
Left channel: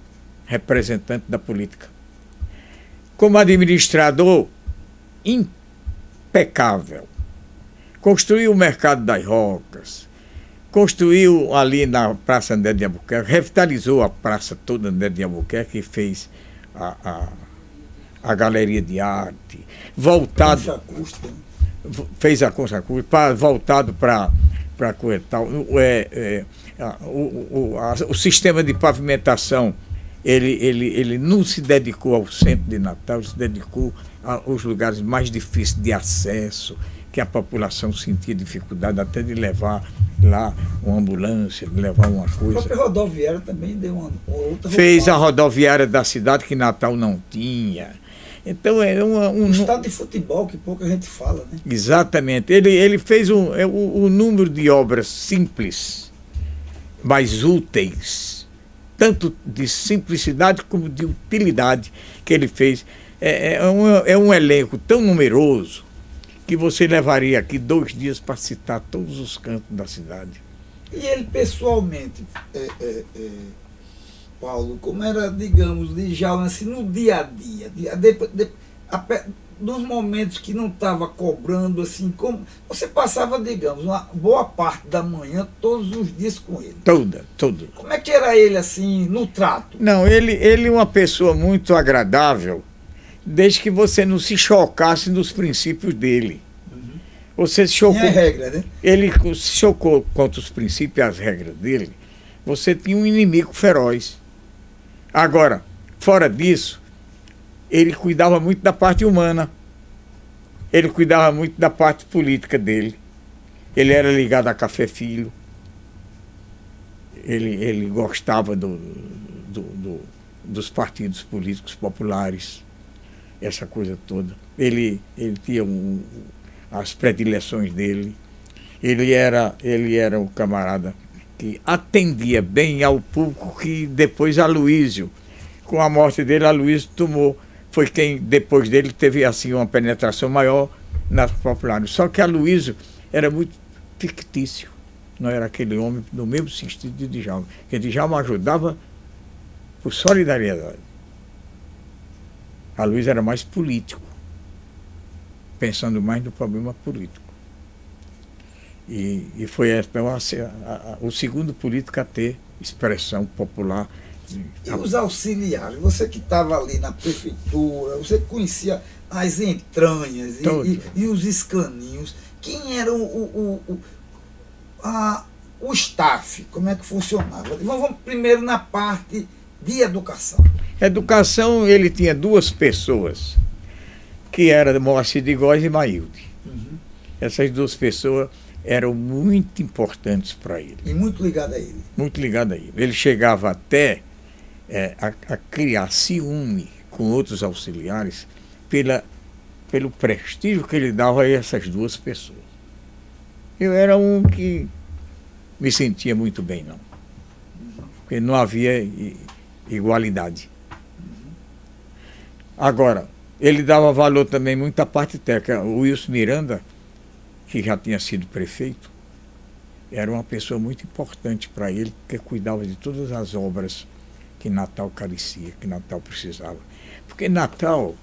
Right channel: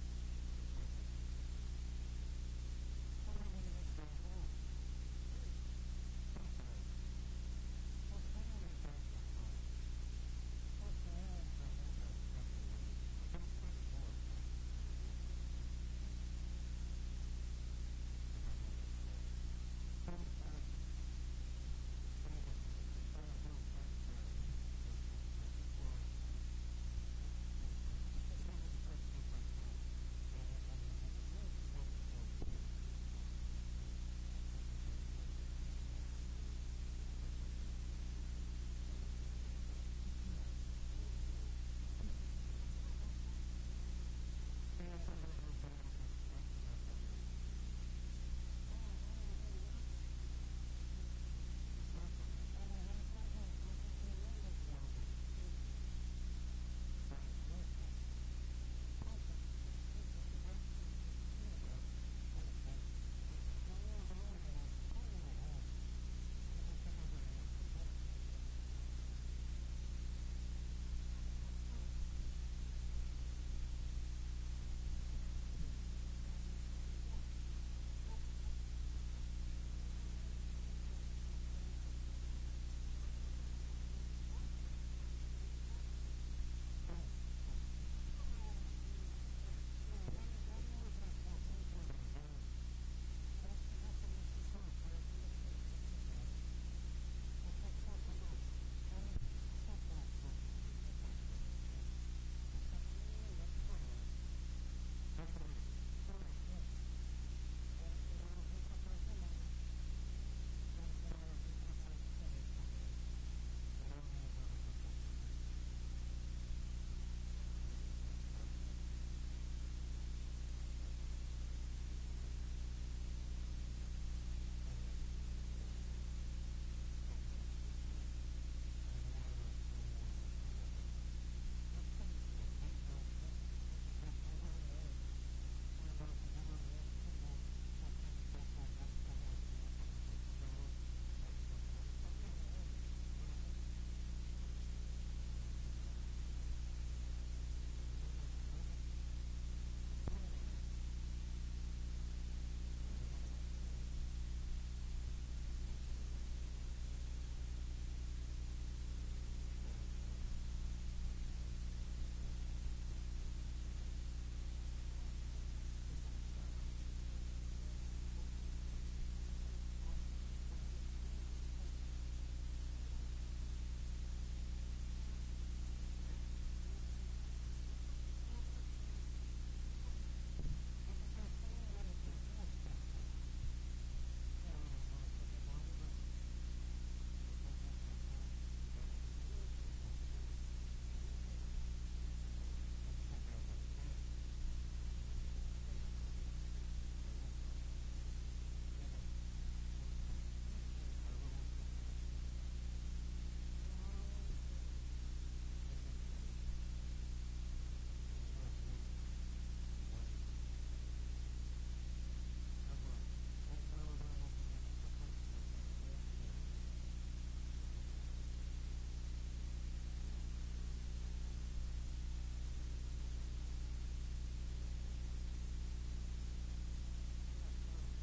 representante da política. Como administrador, impecável. Construiu o mercado das Rocas, construiu ali na Praça André de Albuquerque, revitalizou a praça toda André de Albuquerque e fez a galeria de arte, voltado, fez a Concha Acústica, voltado para o sistema de pavimentação. Ele não se dedicou ao centro de Natal, se dedicou aos lugares mais difíceis de acesso, que a população sentia dificuldade até de levar lá uma ambulância, de levar uma coisa. A própria rodoviária também deu uma outra. Fez a rodoviária da cidade, que Natal não tinha. Então é um estado de futebol que pouca gente fala, né? Exatamente. Ele fez o número de obras simples, mas úteis, tanto de simplicidade como de utilidade que ele fez. É um elenco tão numeroso que você levaria aqui 2 dias para citar todos os cantos da cidade. E ele pessoalmente, Paulo, como era, digamos, Djalma, assim, no dia a dia, nos momentos que não estava cobrando, assim, como você passava, digamos, uma boa parte da manhã, todos os dias com ele? Toda. Como é que era ele, assim, no trato? Não, ele é uma pessoa muito agradável, desde que você não se chocasse nos princípios dele. Você se chocou. Tinha regra, né? Ele se chocou contra os princípios e as regras dele. Você tinha um inimigo feroz. Agora, fora disso, ele cuidava muito da parte humana. Ele cuidava muito da parte política dele. Ele era ligado a Café Filho. Ele gostava dos partidos políticos populares, essa coisa toda. Ele tinha as predileções dele. Ele era um camarada que atendia bem ao público, que depois Aloísio, com a morte dele, Aloísio foi quem depois dele teve assim uma penetração maior nas populares. Só que Aloísio era muito fictício, não era aquele homem no mesmo sentido de Djalma, que Djalma ajudava por solidariedade. Aloísio era mais político, pensando mais no problema político. E foi o segundo político a ter expressão popular. E os auxiliares? Você que estava ali na prefeitura, você que conhecia as entranhas e os escaninhos. Quem era o staff? Como é que funcionava? Vamos primeiro na parte de educação. Educação, ele tinha duas pessoas, que eram Moacir de Góes e Mailde. Uhum. Essas duas pessoas eram muito importantes para ele. E muito ligado a ele. Muito ligado a ele. Ele chegava até a criar ciúme com outros auxiliares pelo prestígio que ele dava a essas duas pessoas. Eu era um que me sentia muito bem, não. Porque não havia igualdade. Agora, ele dava valor também muito à parte técnica. O Wilson Miranda, que já tinha sido prefeito, era uma pessoa muito importante para ele, porque cuidava de todas as obras que Natal carecia, que Natal precisava. Porque Natal,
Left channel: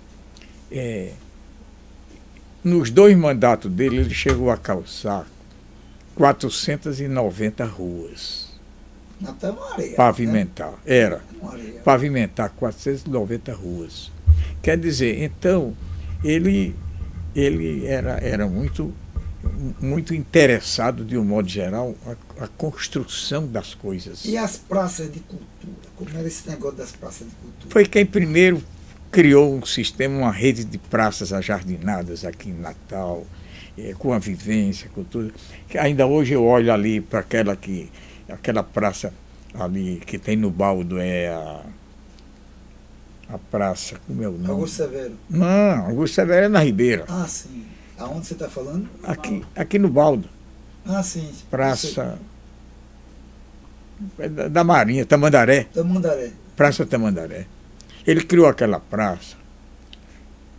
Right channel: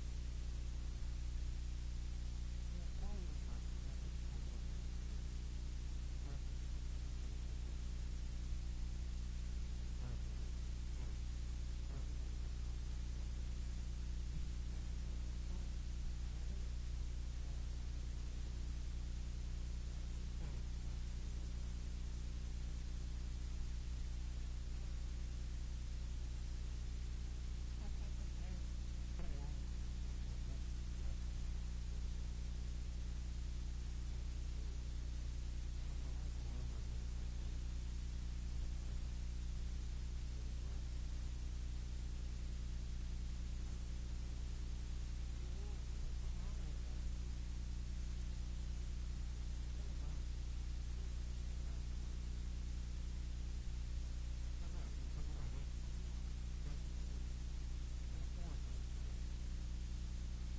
nos 2 mandatos dele, ele chegou a calçar 490 ruas. Natal é uma areia. Pavimentar, né? Era. Uma areia. Pavimentar 490 ruas. Quer dizer, então, ele era muito interessado, de um modo geral, a construção das coisas. E as praças de cultura? Como era esse negócio das praças de cultura? Foi quem primeiro criou um sistema, uma rede de praças ajardinadas aqui em Natal, com a vivência, com tudo. Que ainda hoje eu olho ali para aquela praça ali que tem no Baldo, a praça, como é o nome? Augusto Severo. Não, Augusto Severo é na Ribeira. Ah, sim. Aonde você está falando? Aqui no Baldo. Ah, sim. Praça da Marinha, Tamandaré. Tamandaré. Praça Tamandaré. Ele criou aquela praça.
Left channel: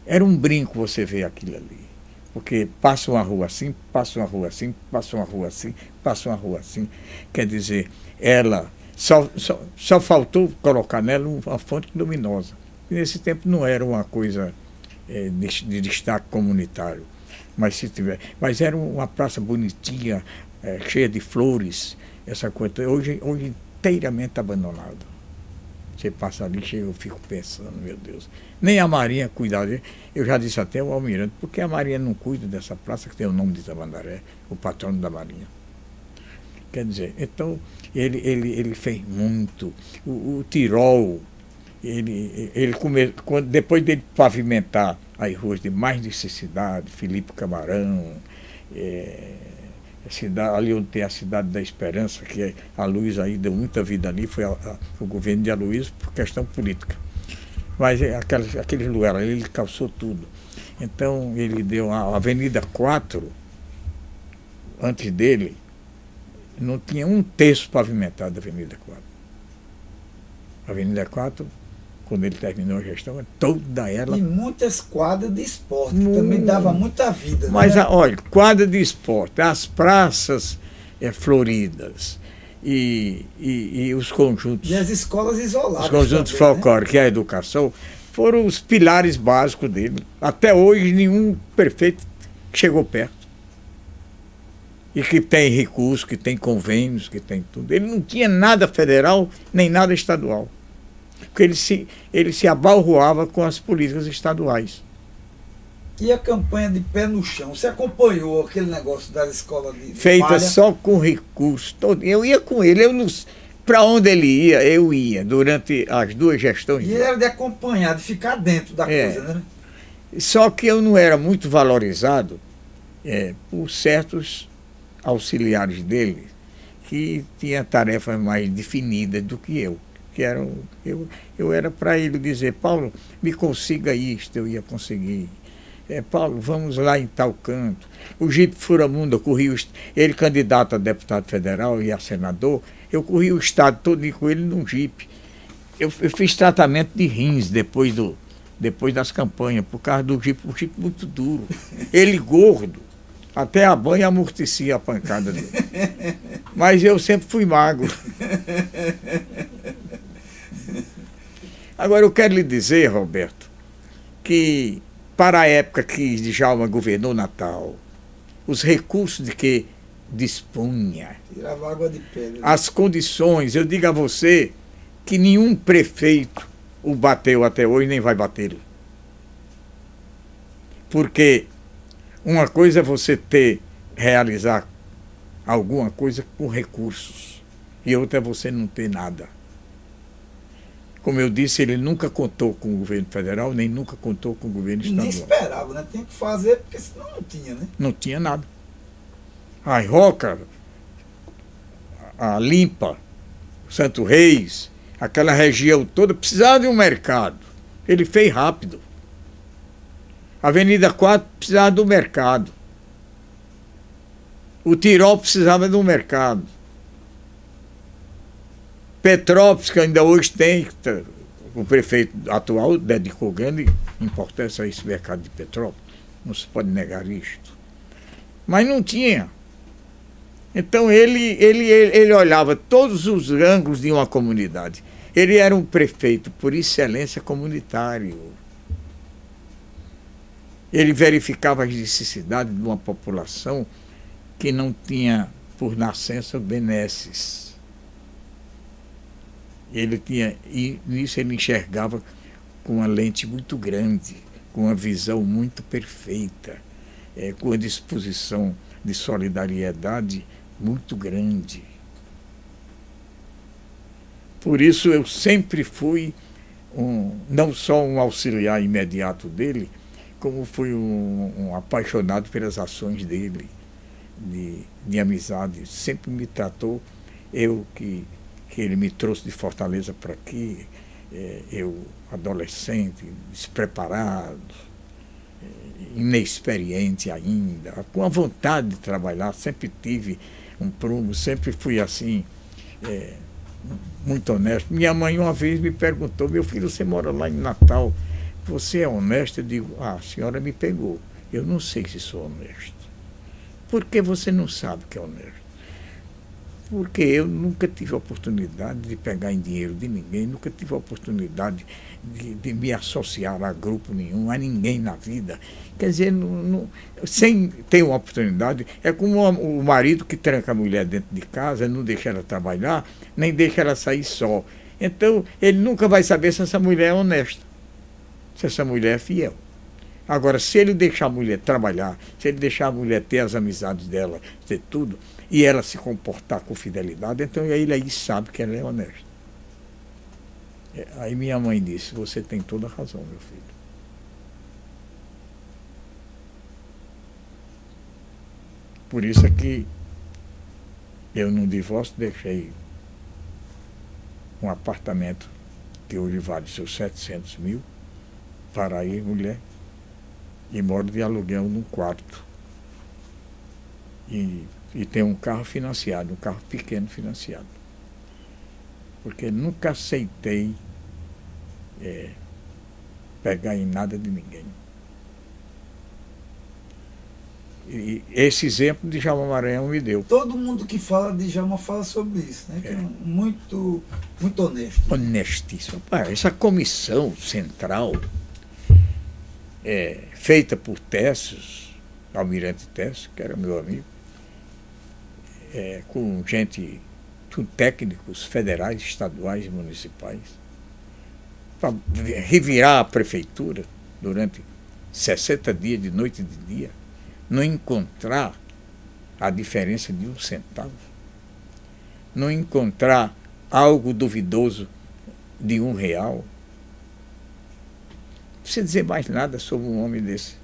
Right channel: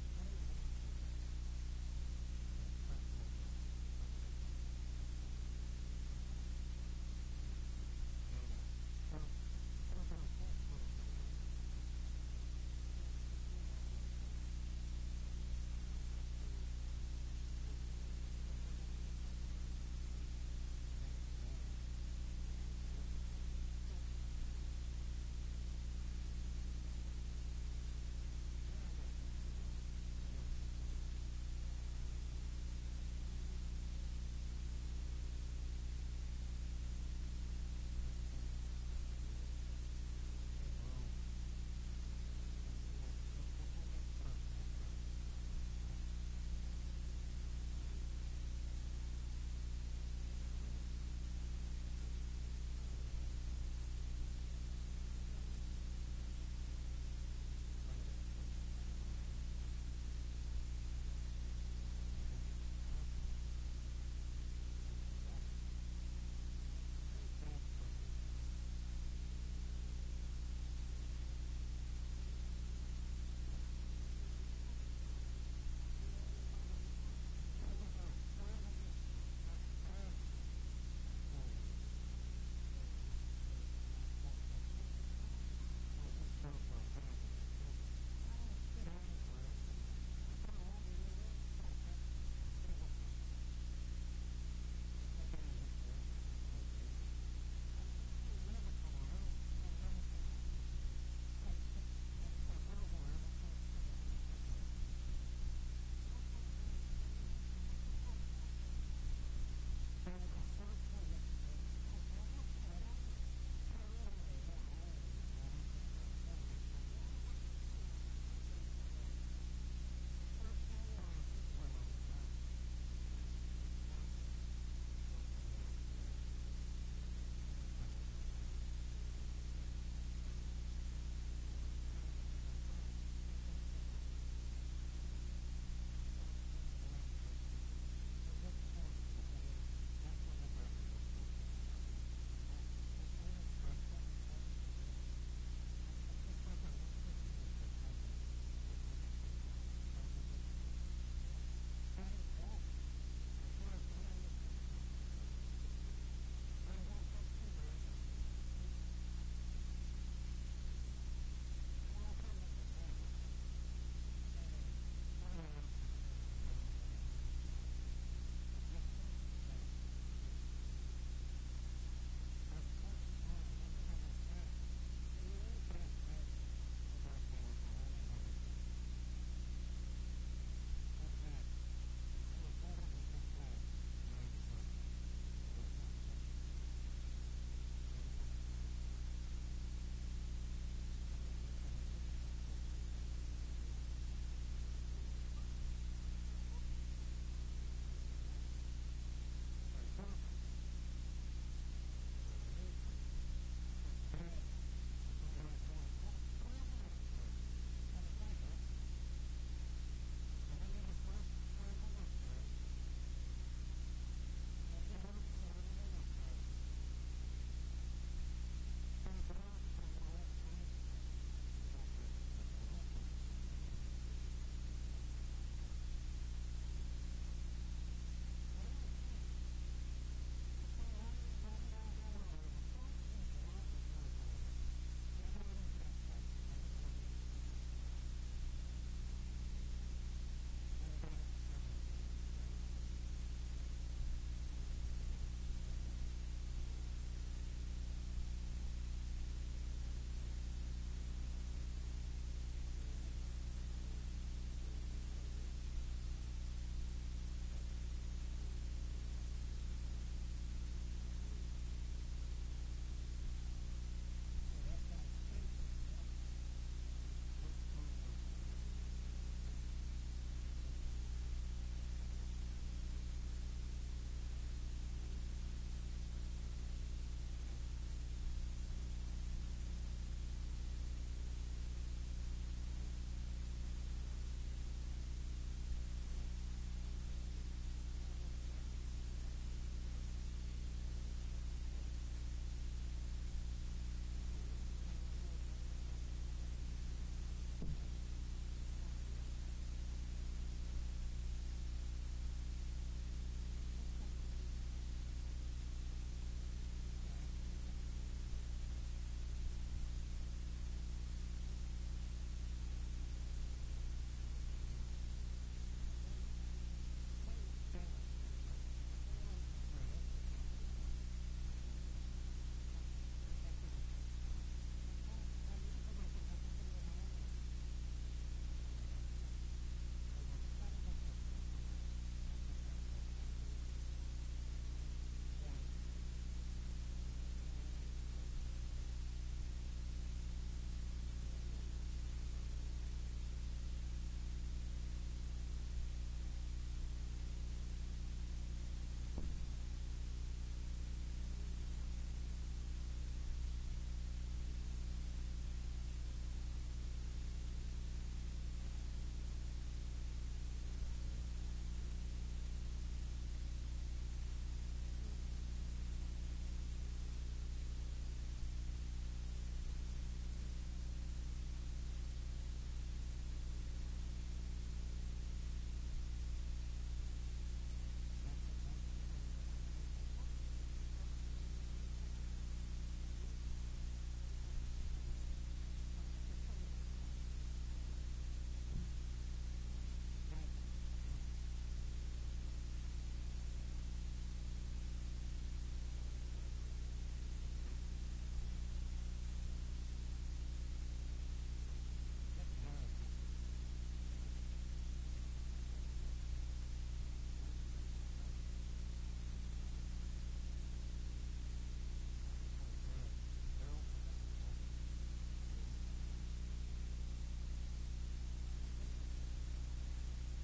Era um brinco você ver aquilo ali. Porque passa uma rua assim, passa uma rua assim, passa uma rua assim, passa uma rua assim. Quer dizer, ela só faltou colocar nela uma fonte luminosa. E nesse tempo não era uma coisa de destaque comunitário. Mas era uma praça bonitinha, cheia de flores, essa coisa. Hoje inteiramente abandonada. Você passa ali, eu fico pensando, meu Deus. Nem a Marinha cuidava. Eu já disse até ao Almirante, por que a Marinha não cuida dessa praça que tem o nome de Tamandaré, o patrono da Marinha? Quer dizer, então, ele fez muito. O Tirol, depois dele pavimentar as ruas de mais necessidade, Felipe Camarão, ali onde tem a Cidade da Esperança, que a Luiz aí deu muita vida ali, foi o governo de Aloysio por questão política. Mas aquele lugar ali, ele calçou tudo. Então, ele deu a Avenida 4, antes dele, não tinha um terço pavimentado da Avenida 4. A Avenida 4, quando ele terminou a gestão, toda ela... E muitas quadras de esporte, também dava muita vida. Mas, né? olha, quadra de esporte, as praças floridas e os conjuntos... E as escolas isoladas. Os conjuntos também, folclóricos, né? E a educação, foram os pilares básicos dele. Até hoje, nenhum prefeito chegou perto. E que tem recursos, que tem convênios, que tem tudo. Ele não tinha nada federal, nem nada estadual. Porque ele se abalroava com as políticas estaduais. E a campanha de pé no chão? Você acompanhou aquele negócio das escolas de feita palha? Só com recursos. Eu ia com ele. Para onde ele ia, eu ia, durante as 2 gestões. E ele era de acompanhar, de ficar dentro da coisa, né? Só que eu não era muito valorizado por certos auxiliares dele que tinham tarefas mais definidas do que eu. Eu era para ele dizer, Paulo, me consiga isto, eu ia conseguir. Paulo, vamos lá em tal canto. O Jipe Furamundo, eu corri, ele candidato a deputado federal e a senador, eu corri o estado todo com ele num Jipe. Eu fiz tratamento de rins depois das campanhas, por causa do Jipe, um Jipe muito duro. Ele gordo, até a banha amortecia a pancada dele. Mas eu sempre fui magro. Agora eu quero lhe dizer, Roberto, que para a época que Djalma governou Natal, os recursos de que dispunha. Tirava água de pedra. As condições, eu digo a você que nenhum prefeito o bateu até hoje, nem vai batê-lo. Porque uma coisa é você realizar alguma coisa com recursos, e outra é você não ter nada. Como eu disse, ele nunca contou com o governo federal, nem nunca contou com o governo estadual. Nem esperava, né? Tinha que fazer, porque senão não tinha, né? Não tinha nada. A Roca, a Limpa, Santo Reis, aquela região toda precisava de um mercado. Ele fez rápido. A Avenida 4 precisava do mercado. O Tirol precisava de um mercado. Petrópolis, que ainda hoje tem, o prefeito atual dedicou grande importância a esse mercado de Petrópolis. Não se pode negar isto. Mas não tinha. Então ele olhava todos os ângulos de uma comunidade. Ele era um prefeito por excelência comunitário. Ele verificava as necessidades de uma população que não tinha por nascença benesses. E nisso ele enxergava com uma lente muito grande, com uma visão muito perfeita, com uma disposição de solidariedade muito grande. Por isso eu sempre fui não só um auxiliar imediato dele, como fui um apaixonado pelas ações dele, de amizade. Sempre me tratou, que ele me trouxe de Fortaleza para aqui, eu adolescente, despreparado, inexperiente ainda, com a vontade de trabalhar, sempre tive um prumo, sempre fui assim, muito honesto. Minha mãe uma vez me perguntou: meu filho, você mora lá em Natal, você é honesto? Eu digo: a senhora me pegou, eu não sei se sou honesto. Por que você não sabe que é honesto? Porque eu nunca tive a oportunidade de pegar em dinheiro de ninguém, nunca tive a oportunidade de me associar a grupo nenhum, a ninguém na vida. Quer dizer, sem ter uma oportunidade, é como o marido que tranca a mulher dentro de casa, não deixa ela trabalhar, nem deixa ela sair só. Então, ele nunca vai saber se essa mulher é honesta, se essa mulher é fiel. Agora, se ele deixar a mulher trabalhar, se ele deixar a mulher ter as amizades dela, ter tudo, e ela se comportar com fidelidade, então ele aí sabe que ela é honesta. Aí minha mãe disse: você tem toda a razão, meu filho. Por isso é que eu, no divórcio, deixei um apartamento que hoje vale seus 700 mil para ir, mulher, e moro de aluguel num quarto. E tem um carro financiado, um carro pequeno financiado. Porque nunca aceitei pegar em nada de ninguém. E esse exemplo de Djalma Maranhão me deu. Todo mundo que fala de Djalma fala sobre isso, né? Que é muito, muito honesto. Honestíssimo. Essa comissão central, feita por Tessos, Almirante Tessos, que era meu amigo, com gente, com técnicos federais, estaduais e municipais, para revirar a prefeitura durante 60 dias, de noite e de dia, não encontrar a diferença de 1 centavo, não encontrar algo duvidoso de R$1. Não precisa dizer mais nada sobre um homem desse.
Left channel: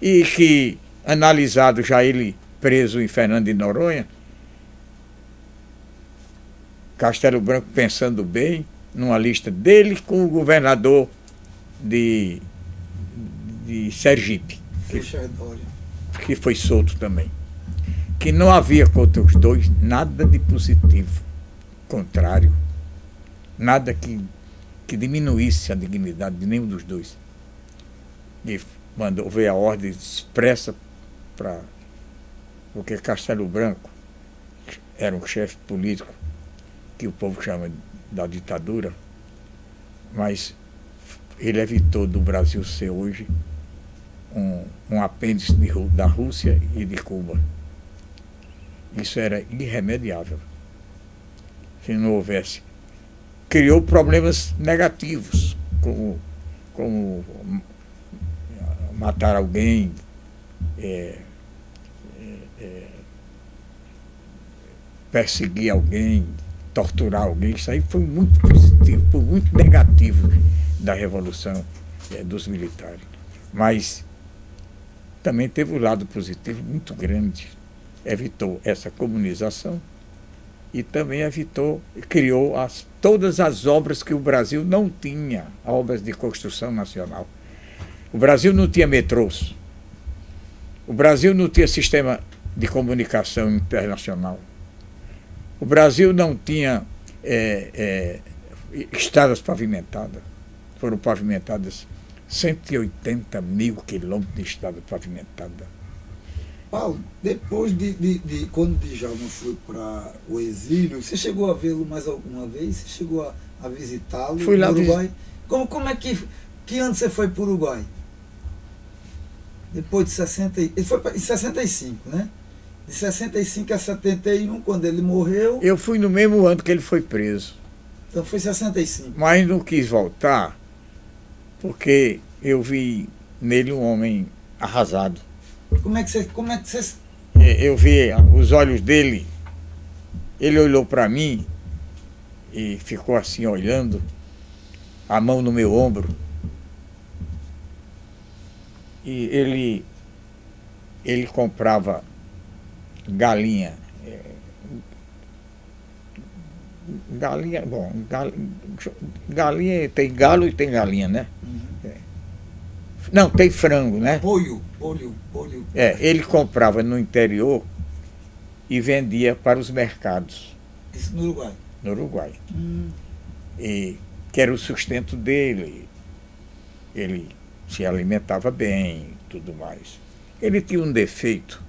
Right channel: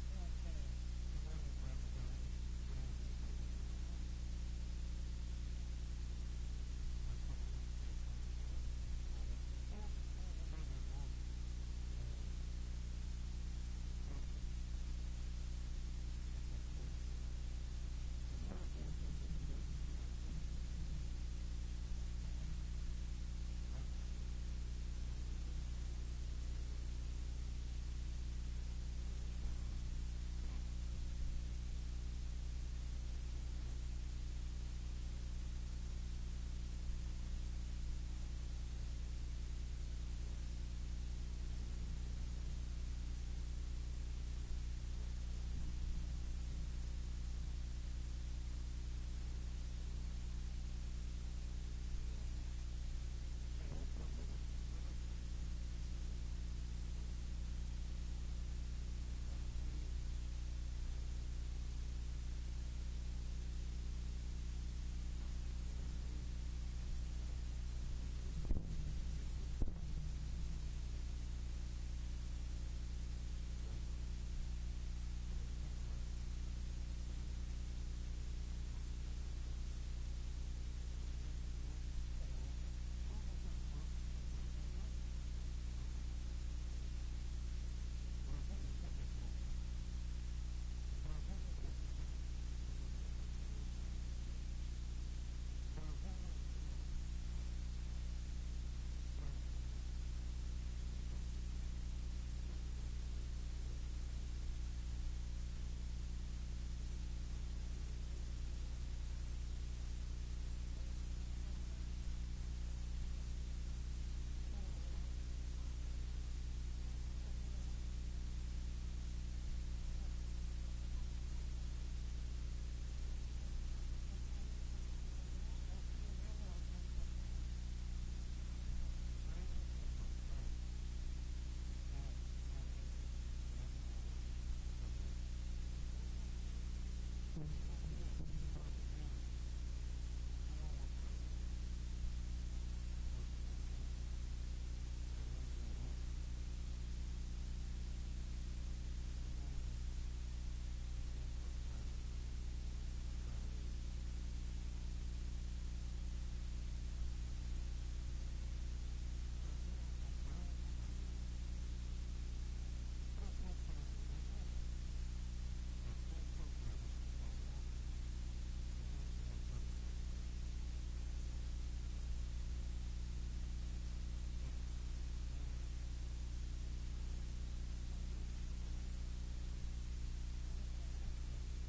E que, analisado já ele preso em Fernando de Noronha, Castelo Branco pensando bem, numa lista dele com o governador de Sergipe, que foi solto também. Que não havia contra os dois nada de positivo, contrário, nada que diminuísse a dignidade de nenhum dos dois. E mandou ver a ordem expressa para... Porque Castelo Branco era um chefe político que o povo chama da ditadura, mas ele evitou do Brasil ser hoje um apêndice da Rússia e de Cuba. Isso era irremediável. Se não houvesse. Criou problemas negativos, como matar alguém, perseguir alguém, torturar alguém. Isso aí foi muito positivo, foi muito negativo da Revolução dos militares. Mas também teve um lado positivo muito grande. Evitou essa comunização e também criou todas as obras que o Brasil não tinha, obras de construção nacional. O Brasil não tinha metrôs. O Brasil não tinha sistema de comunicação internacional. O Brasil não tinha estradas pavimentadas. Foram pavimentadas 180 mil quilômetros de estrada pavimentada. Paulo, depois de quando Djalma foi para o exílio, você chegou a vê-lo mais alguma vez? Você chegou a visitá-lo Fui lá no Uruguai? Como é que ano você foi para o Uruguai? Depois de 60, ele foi em 65, né? De 65 a 71, quando ele morreu. Eu fui no mesmo ano que ele foi preso. Então foi 65. Mas não quis voltar, porque eu vi nele um homem arrasado. Como é que você... Eu vi os olhos dele, ele olhou para mim e ficou assim olhando, a mão no meu ombro. E ele comprava galinha. Galinha, bom, galinha tem galo e tem galinha, né? Não, tem frango, né? Polho. Ele comprava no interior e vendia para os mercados. Isso no Uruguai? No Uruguai. E que era o sustento dele. Ele se alimentava bem e tudo mais. Ele tinha um defeito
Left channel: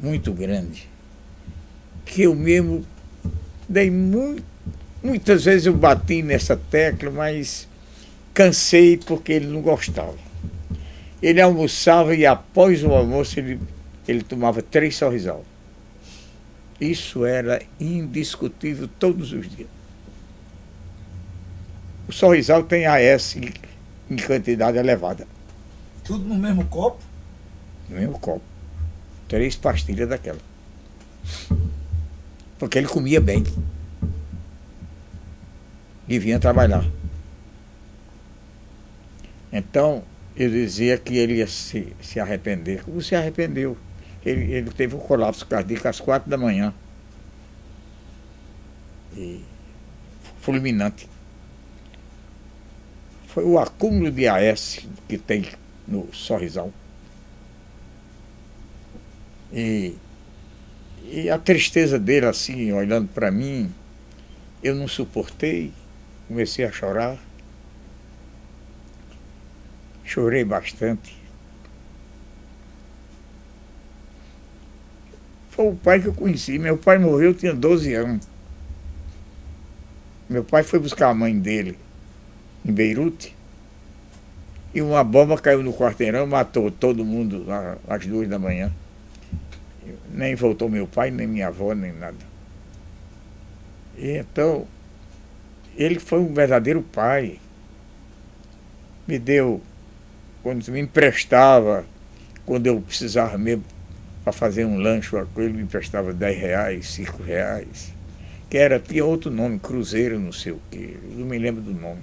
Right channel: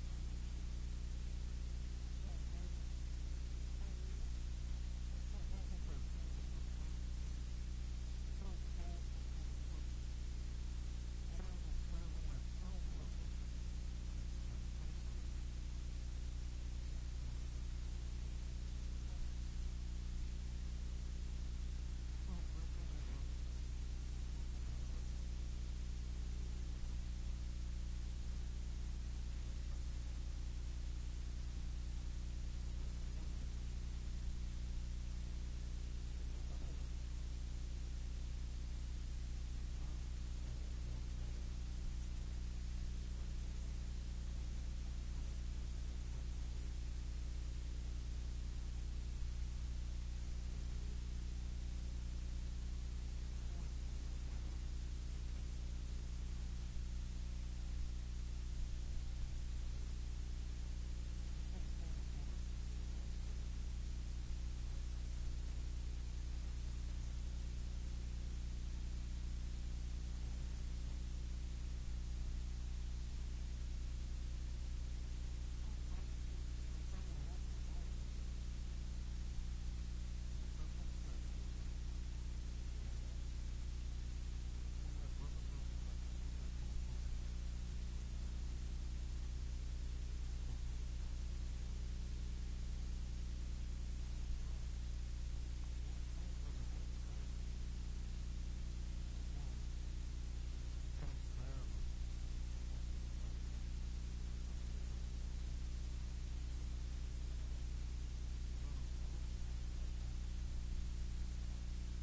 muito grande, que eu mesmo dei muitas vezes eu bati nessa tecla, mas cansei porque ele não gostava. Ele almoçava e após o almoço ele tomava 3 sorrisal. Isso era indiscutível todos os dias. O sorrisal tem AS em quantidade elevada. Tudo no mesmo copo? No mesmo copo. 3 pastilhas daquela. Porque ele comia bem. E vinha trabalhar. Então, eu dizia que ele ia se arrepender. Como se arrependeu? Ele teve um colapso cardíaco às 4 da manhã. E fulminante. Foi o acúmulo de AS que tem no sorrisal. E a tristeza dele, assim, olhando para mim, eu não suportei, comecei a chorar. Chorei bastante. Foi o pai que eu conheci. Meu pai morreu, eu tinha 12 anos. Meu pai foi buscar a mãe dele em Beirute e uma bomba caiu no quarteirão, matou todo mundo às 2 da manhã. Nem voltou meu pai, nem minha avó, nem nada. E então, ele foi um verdadeiro pai. Me deu, quando me emprestava, quando eu precisava mesmo para fazer um lanche, ele me emprestava R$10, R$5, que tinha outro nome, cruzeiro, não sei o quê, eu não me lembro do nome.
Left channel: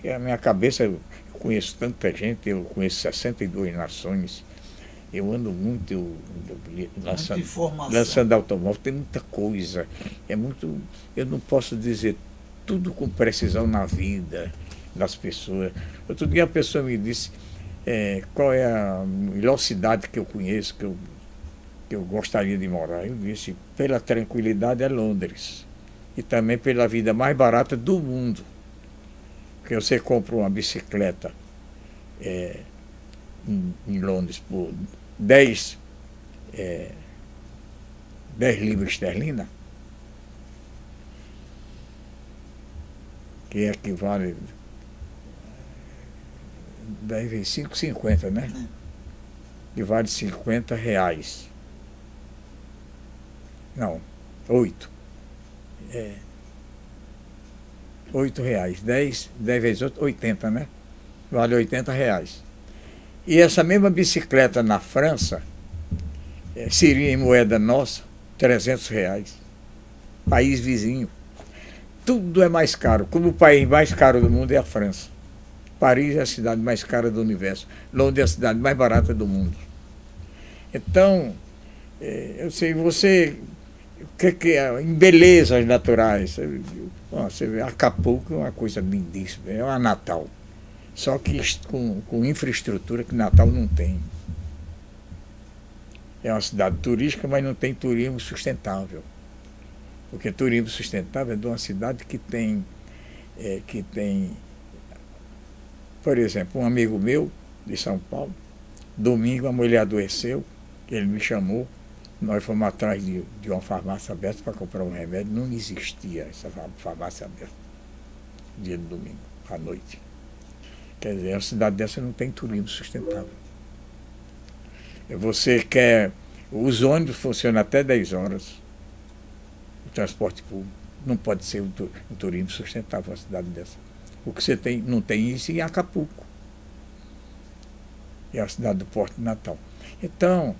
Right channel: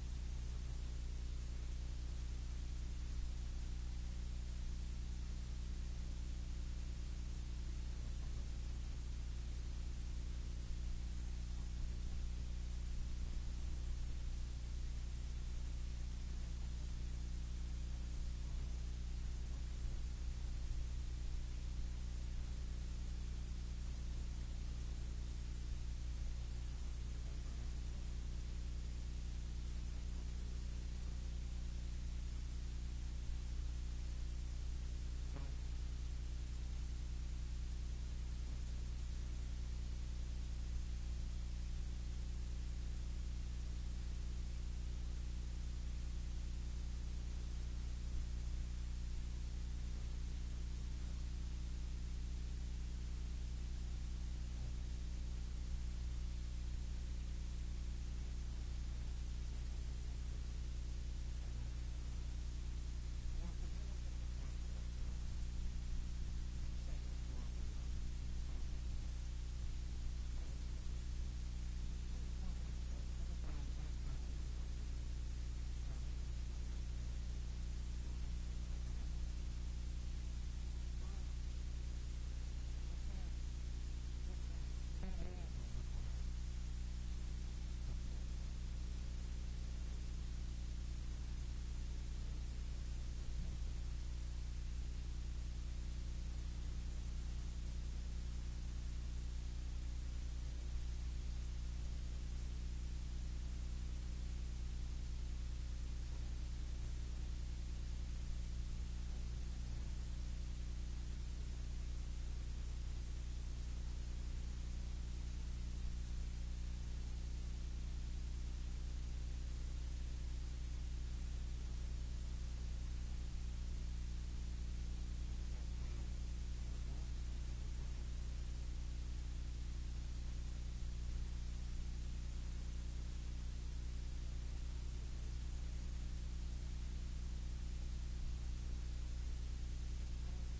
Que a minha cabeça, eu conheço tanta gente, eu conheço 62 nações, eu ando muito lançando automóvel, tem muita coisa, eu não posso dizer tudo com precisão na vida das pessoas. Outro dia a pessoa me disse qual é a melhor cidade que eu conheço, que eu gostaria de morar. Eu disse, pela tranquilidade, é Londres. E também pela vida mais barata do mundo. Porque você compra uma bicicleta em Londres por 10 libras esterlinas, que equivale 10 vezes 5, 50, né? Que vale R$50. Não, 8. R$ 8. 10 vezes 8, 80, né? Vale R$ 80. E essa mesma bicicleta na França seria em moeda nossa R$ 300. País vizinho. Tudo é mais caro. Como o país mais caro do mundo é a França. Paris é a cidade mais cara do universo. Londres é a cidade mais barata do mundo. Então, eu sei, você... O que é? Em belezas naturais. Você vê, Acapulco é uma coisa lindíssima. É uma Natal. Só que com infraestrutura que Natal não tem. É uma cidade turística, mas não tem turismo sustentável. Porque turismo sustentável é de uma cidade que tem, por exemplo, um amigo meu de São Paulo, domingo a mulher adoeceu, ele me chamou, nós fomos atrás de uma farmácia aberta para comprar um remédio, não existia essa farmácia aberta, dia de domingo, à noite. Quer dizer, uma cidade dessa não tem turismo sustentável. Você quer... Os ônibus funcionam até 10 horas. O transporte público. Não pode ser um turismo sustentável uma cidade dessa. O que você tem, não tem isso em Acapulco. É a cidade do Porto de Natal. Então,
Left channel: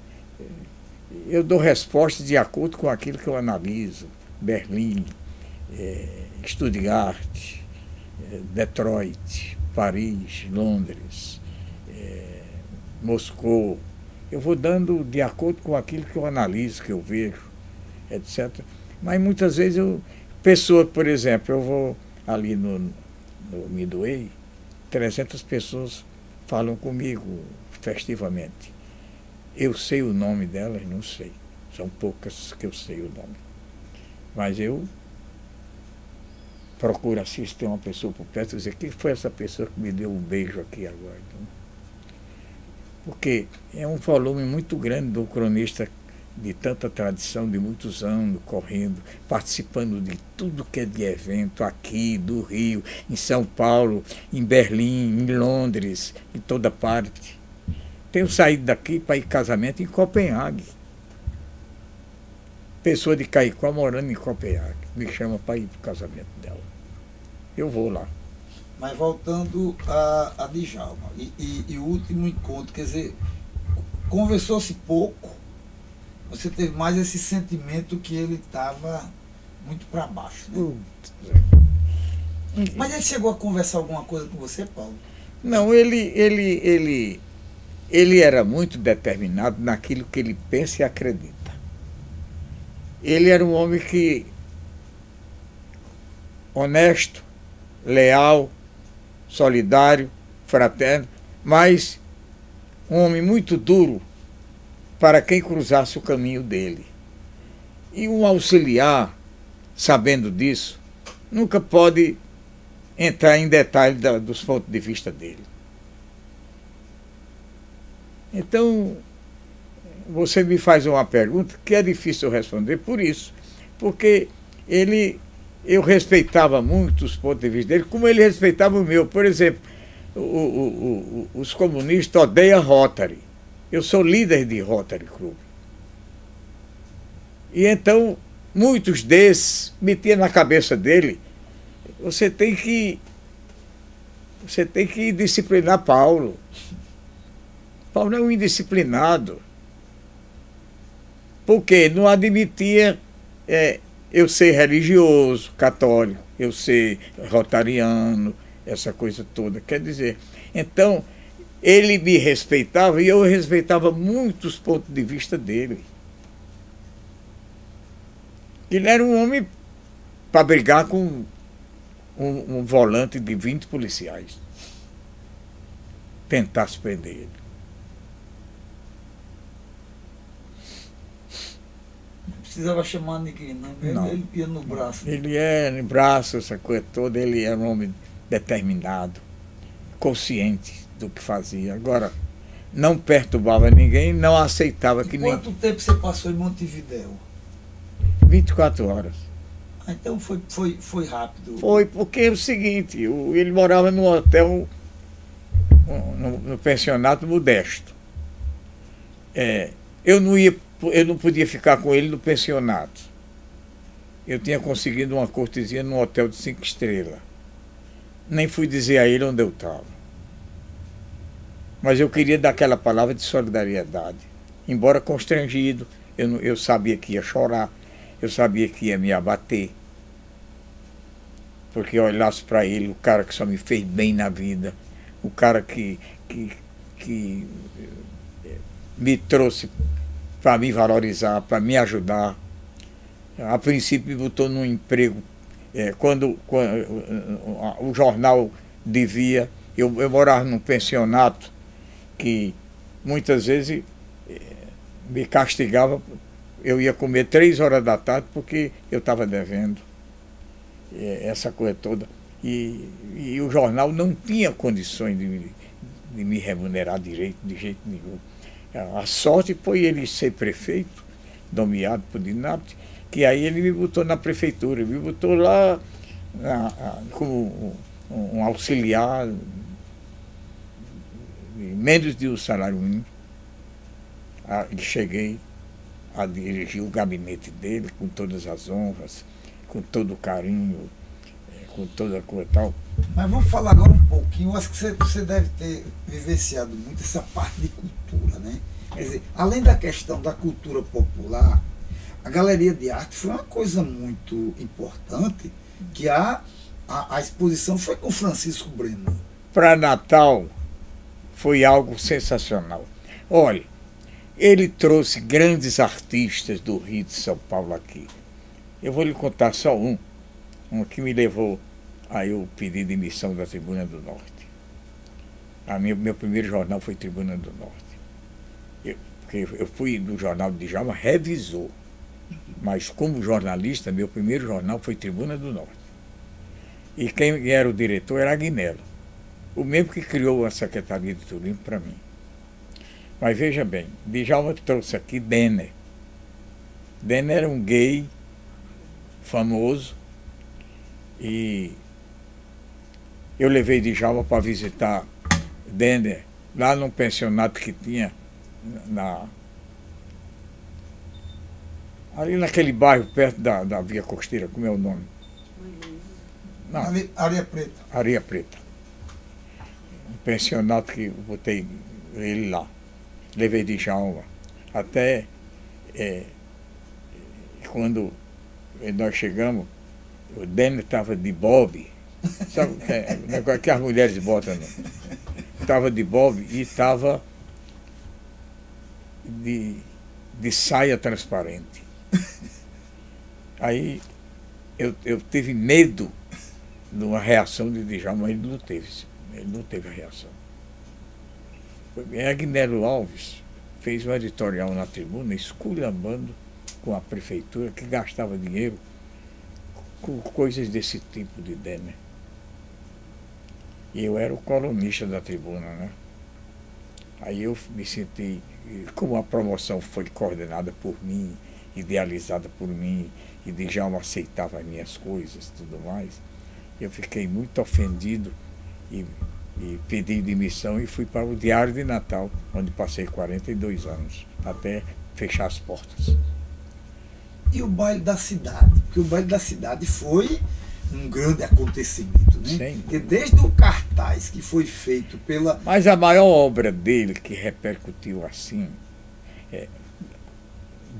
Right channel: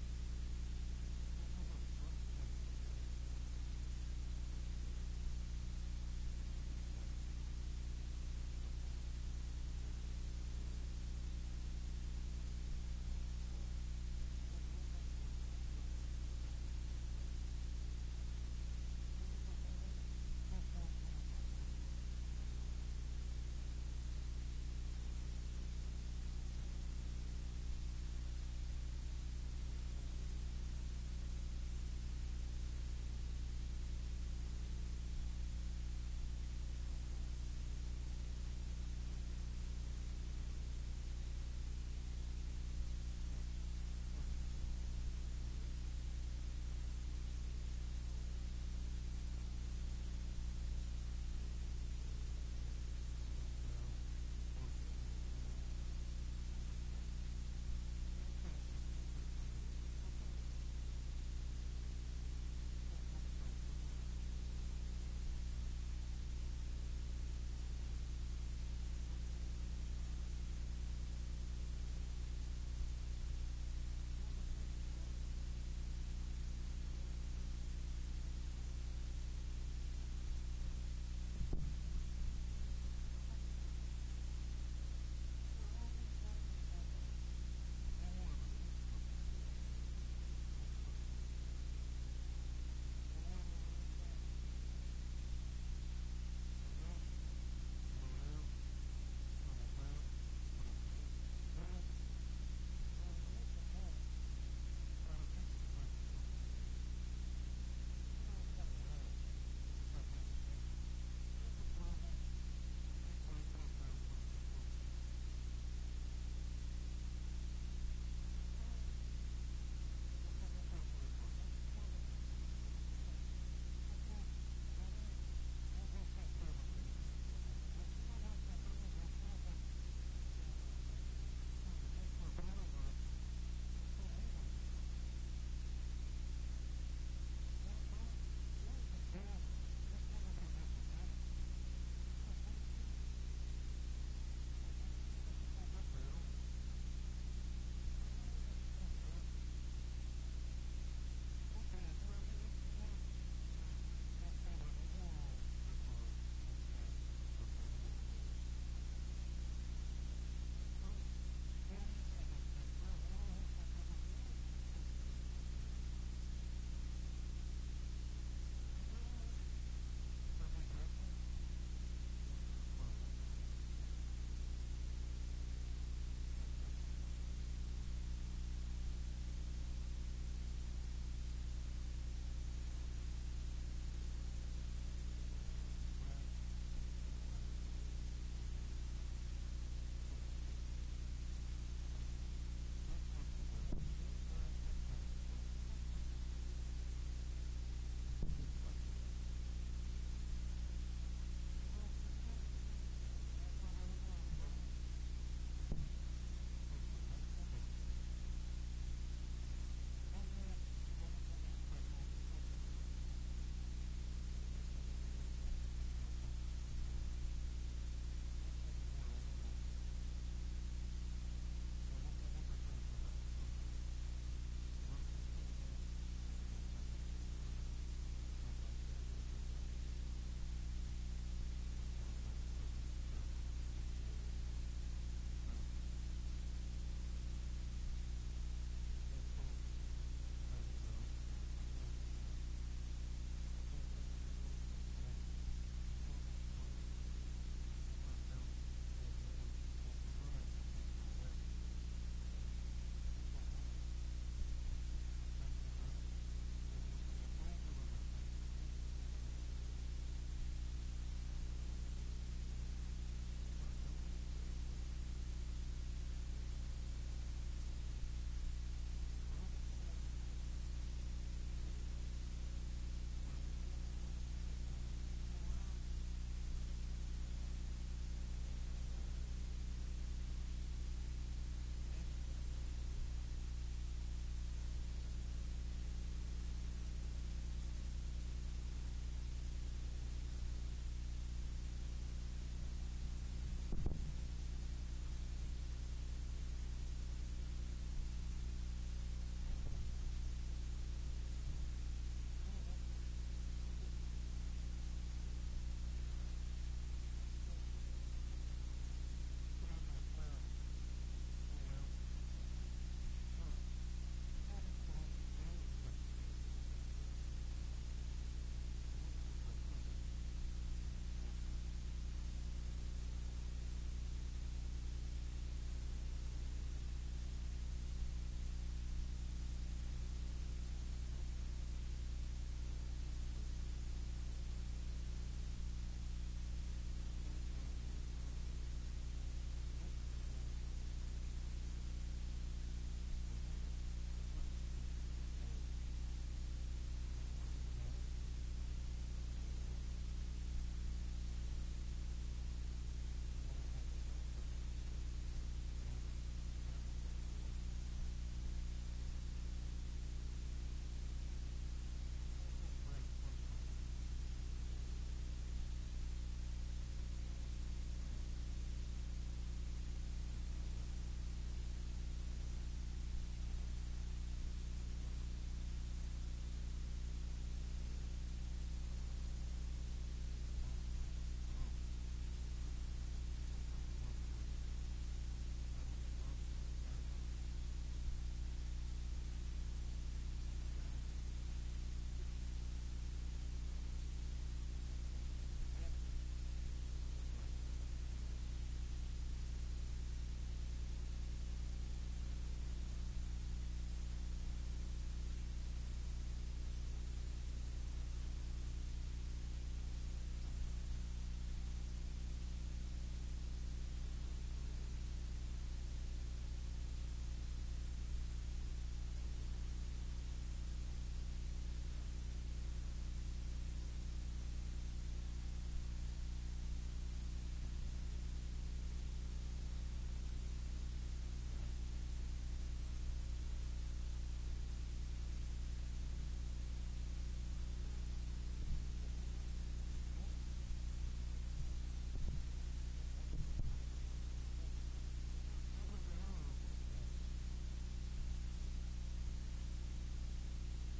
eu dou respostas de acordo com aquilo que eu analiso. Berlim, Stuttgart, Detroit, Paris, Londres, Moscou. Eu vou dando de acordo com aquilo que eu analiso, que eu vejo, etc. Mas muitas vezes pessoa, por exemplo, eu vou ali no Midway, 300 pessoas falam comigo festivamente. Eu sei o nome delas? Não sei. São poucas que eu sei o nome. Mas eu procuro assistir uma pessoa por perto e dizer, quem foi essa pessoa que me deu um beijo aqui agora? Porque é um volume muito grande do cronista de tanta tradição, de muitos anos, correndo, participando de tudo que é de evento aqui, do Rio, em São Paulo, em Berlim, em Londres, em toda parte. Tenho saído daqui para ir casamento em Copenhague. Pessoa de Caicó morando em Copenhague. Me chama para ir para o casamento dela. Eu vou lá. Mas voltando a Djalma, e o último encontro, quer dizer, conversou-se pouco, você teve mais esse sentimento que ele estava muito para baixo, né? Mas ele chegou a conversar alguma coisa com você, Paulo? Não, ele era muito determinado naquilo que ele pensa e acredita. Ele era um homem que honesto, leal, solidário, fraterno, mas um homem muito duro para quem cruzasse o caminho dele. E um auxiliar, sabendo disso, nunca pode entrar em detalhe dos pontos de vista dele. Então, você me faz uma pergunta que é difícil eu responder por isso, porque eu respeitava muito os pontos de vista dele, como ele respeitava o meu. Por exemplo, os comunistas odeiam Rotary. Eu sou líder de Rotary Club. E então, muitos desses metiam na cabeça dele, você tem que disciplinar Paulo. Paulo é um indisciplinado. Porque não admitia eu ser religioso, católico, eu ser rotariano, essa coisa toda. Quer dizer, então, ele me respeitava e eu respeitava muito os pontos de vista dele. Ele era um homem para brigar com um volante de 20 policiais. Tentasse prender ele. Precisava chamar ninguém, não. Ele ia no braço. Ele é no braço, essa coisa toda. Ele era um homem determinado, consciente do que fazia. Agora, não perturbava ninguém, não aceitava que Quanto tempo você passou em Montevidéu? 24 horas. Ah, então foi rápido. Foi, porque é o seguinte, ele morava num hotel, no pensionato modesto. Eu não ia eu não podia ficar com ele no pensionato. Eu tinha conseguido uma cortesia num hotel de 5 estrelas. Nem fui dizer a ele onde eu estava. Mas eu queria dar aquela palavra de solidariedade. Embora constrangido, eu sabia que ia chorar, eu sabia que ia me abater. Porque eu olhasse para ele, o cara que só me fez bem na vida, o cara que me trouxe para me valorizar, para me ajudar. A princípio me botou num emprego. Quando o jornal devia, eu morava num pensionato que muitas vezes me castigava. Eu ia comer 3 horas da tarde porque eu estava devendo. Essa coisa toda. E o jornal não tinha condições de me remunerar direito, de jeito nenhum. A sorte foi ele ser prefeito, nomeado por Dinapte, que aí ele me botou na prefeitura, me botou lá como um auxiliar, menos de um salário mínimo. E cheguei a dirigir o gabinete dele com todas as honras, com todo o carinho, com toda a coisa e tal. Mas vamos falar agora um pouquinho. Eu acho que você deve ter vivenciado muito essa parte de cultura, né? Quer dizer, além da questão da cultura popular, a galeria de arte foi uma coisa muito importante, que a exposição foi com Francisco Breno. Para Natal foi algo sensacional. Olha, ele trouxe grandes artistas do Rio e de São Paulo aqui. Eu vou lhe contar só um que me levou a eu pedir demissão da Tribuna do Norte. Meu primeiro jornal foi Tribuna do Norte. Porque eu fui do jornal de Djalma revisor, mas como jornalista, meu primeiro jornal foi Tribuna do Norte. E quem era o diretor era Agnello, o mesmo que criou a Secretaria de Turismo para mim. Mas veja bem, Djalma trouxe aqui Denner. Denner era um gay famoso e eu levei Djalma para visitar Denner lá num pensionato que tinha ali naquele bairro perto da Via Costeira, como é o nome? Não, Areia Preta. Areia Preta. Um pensionato que eu botei ele lá. Levei Djalma. Até quando nós chegamos, o Denner estava de bob. Sabe que as mulheres botam, não? Estava de bob e estava de saia transparente. Aí eu tive medo de uma reação de Djalma, mas ele não teve a reação. Agnello Alves fez um editorial na Tribuna esculhambando com a prefeitura que gastava dinheiro com coisas desse tipo de Denner. E eu era o colunista da Tribuna, né? Aí eu me senti, como a promoção foi coordenada por mim, idealizada por mim, e Djalma aceitava as minhas coisas e tudo mais, eu fiquei muito ofendido e pedi demissão e fui para o Diário de Natal, onde passei 42 anos, até fechar as portas. E o baile da cidade? Porque o baile da cidade foi um grande acontecimento, né? Porque desde o cartaz que foi feito pela... Mas a maior obra dele que repercutiu assim,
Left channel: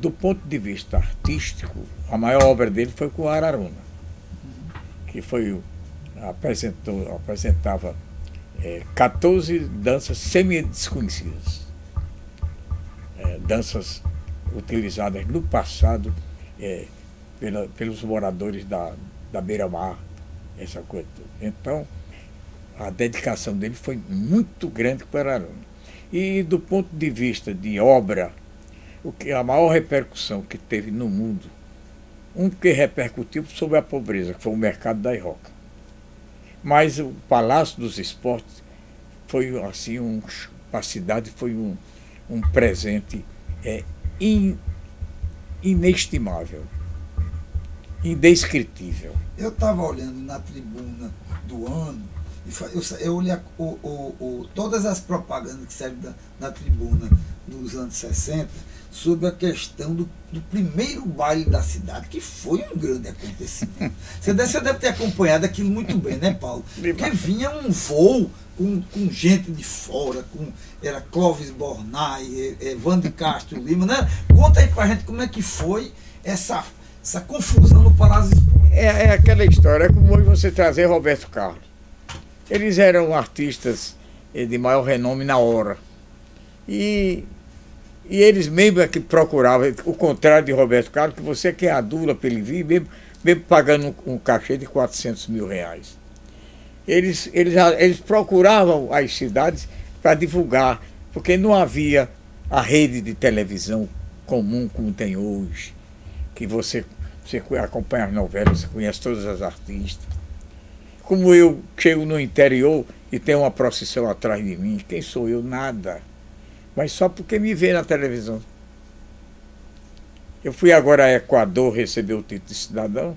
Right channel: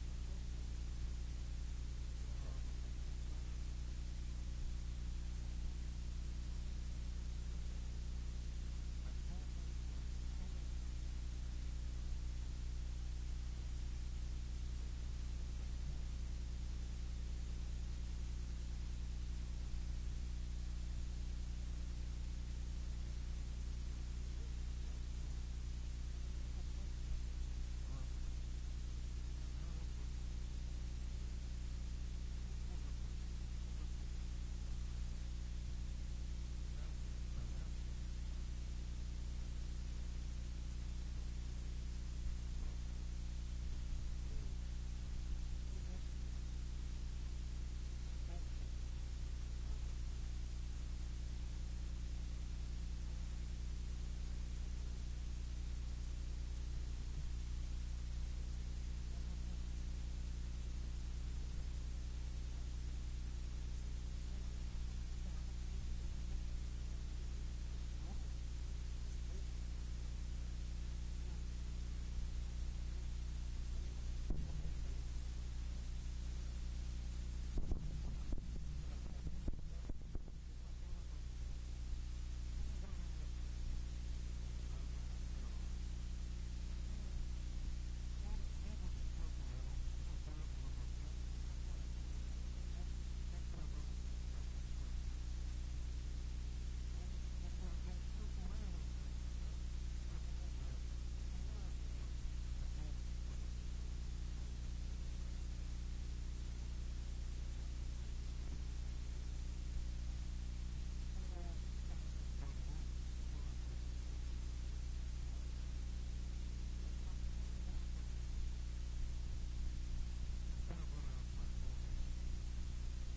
do ponto de vista artístico, a maior obra dele foi com o Araruna, que foi apresentava 14 danças semi-desconhecidas, danças utilizadas no passado pelos moradores da beira-mar, essa coisa toda. Então, a dedicação dele foi muito grande para o Araruna. E do ponto de vista de obra, a maior repercussão que teve no mundo, que repercutiu sobre a pobreza, que foi o mercado da Irroca. Mas o Palácio dos Esportes foi assim, a cidade foi um presente inestimável, indescritível. Eu estava olhando na tribuna do ano, eu olhei todas as propagandas que saíram na tribuna dos anos 60, sobre a questão do primeiro baile da cidade, que foi um grande acontecimento. Você deve ter acompanhado aquilo muito bem, né, Paulo? Porque vinha um voo com gente de fora, era Clóvis Bornai, Evandro Castro Lima, né? Conta aí pra gente como é que foi essa confusão no Palácio. É aquela história, é como hoje você trazer Roberto Carlos. Eles eram artistas de maior renome na hora. E eles mesmo é que procuravam, o contrário de Roberto Carlos, que você quer adula para ele vir, mesmo pagando um cachê de 400 mil reais. Eles procuravam as cidades para divulgar, porque não havia a rede de televisão comum como tem hoje, que você acompanha as novelas, você conhece todas as artistas. Como eu chego no interior e tem uma procissão atrás de mim, quem sou eu? Nada. Mas só porque me vê na televisão. Eu fui agora a Equador receber o título de cidadão.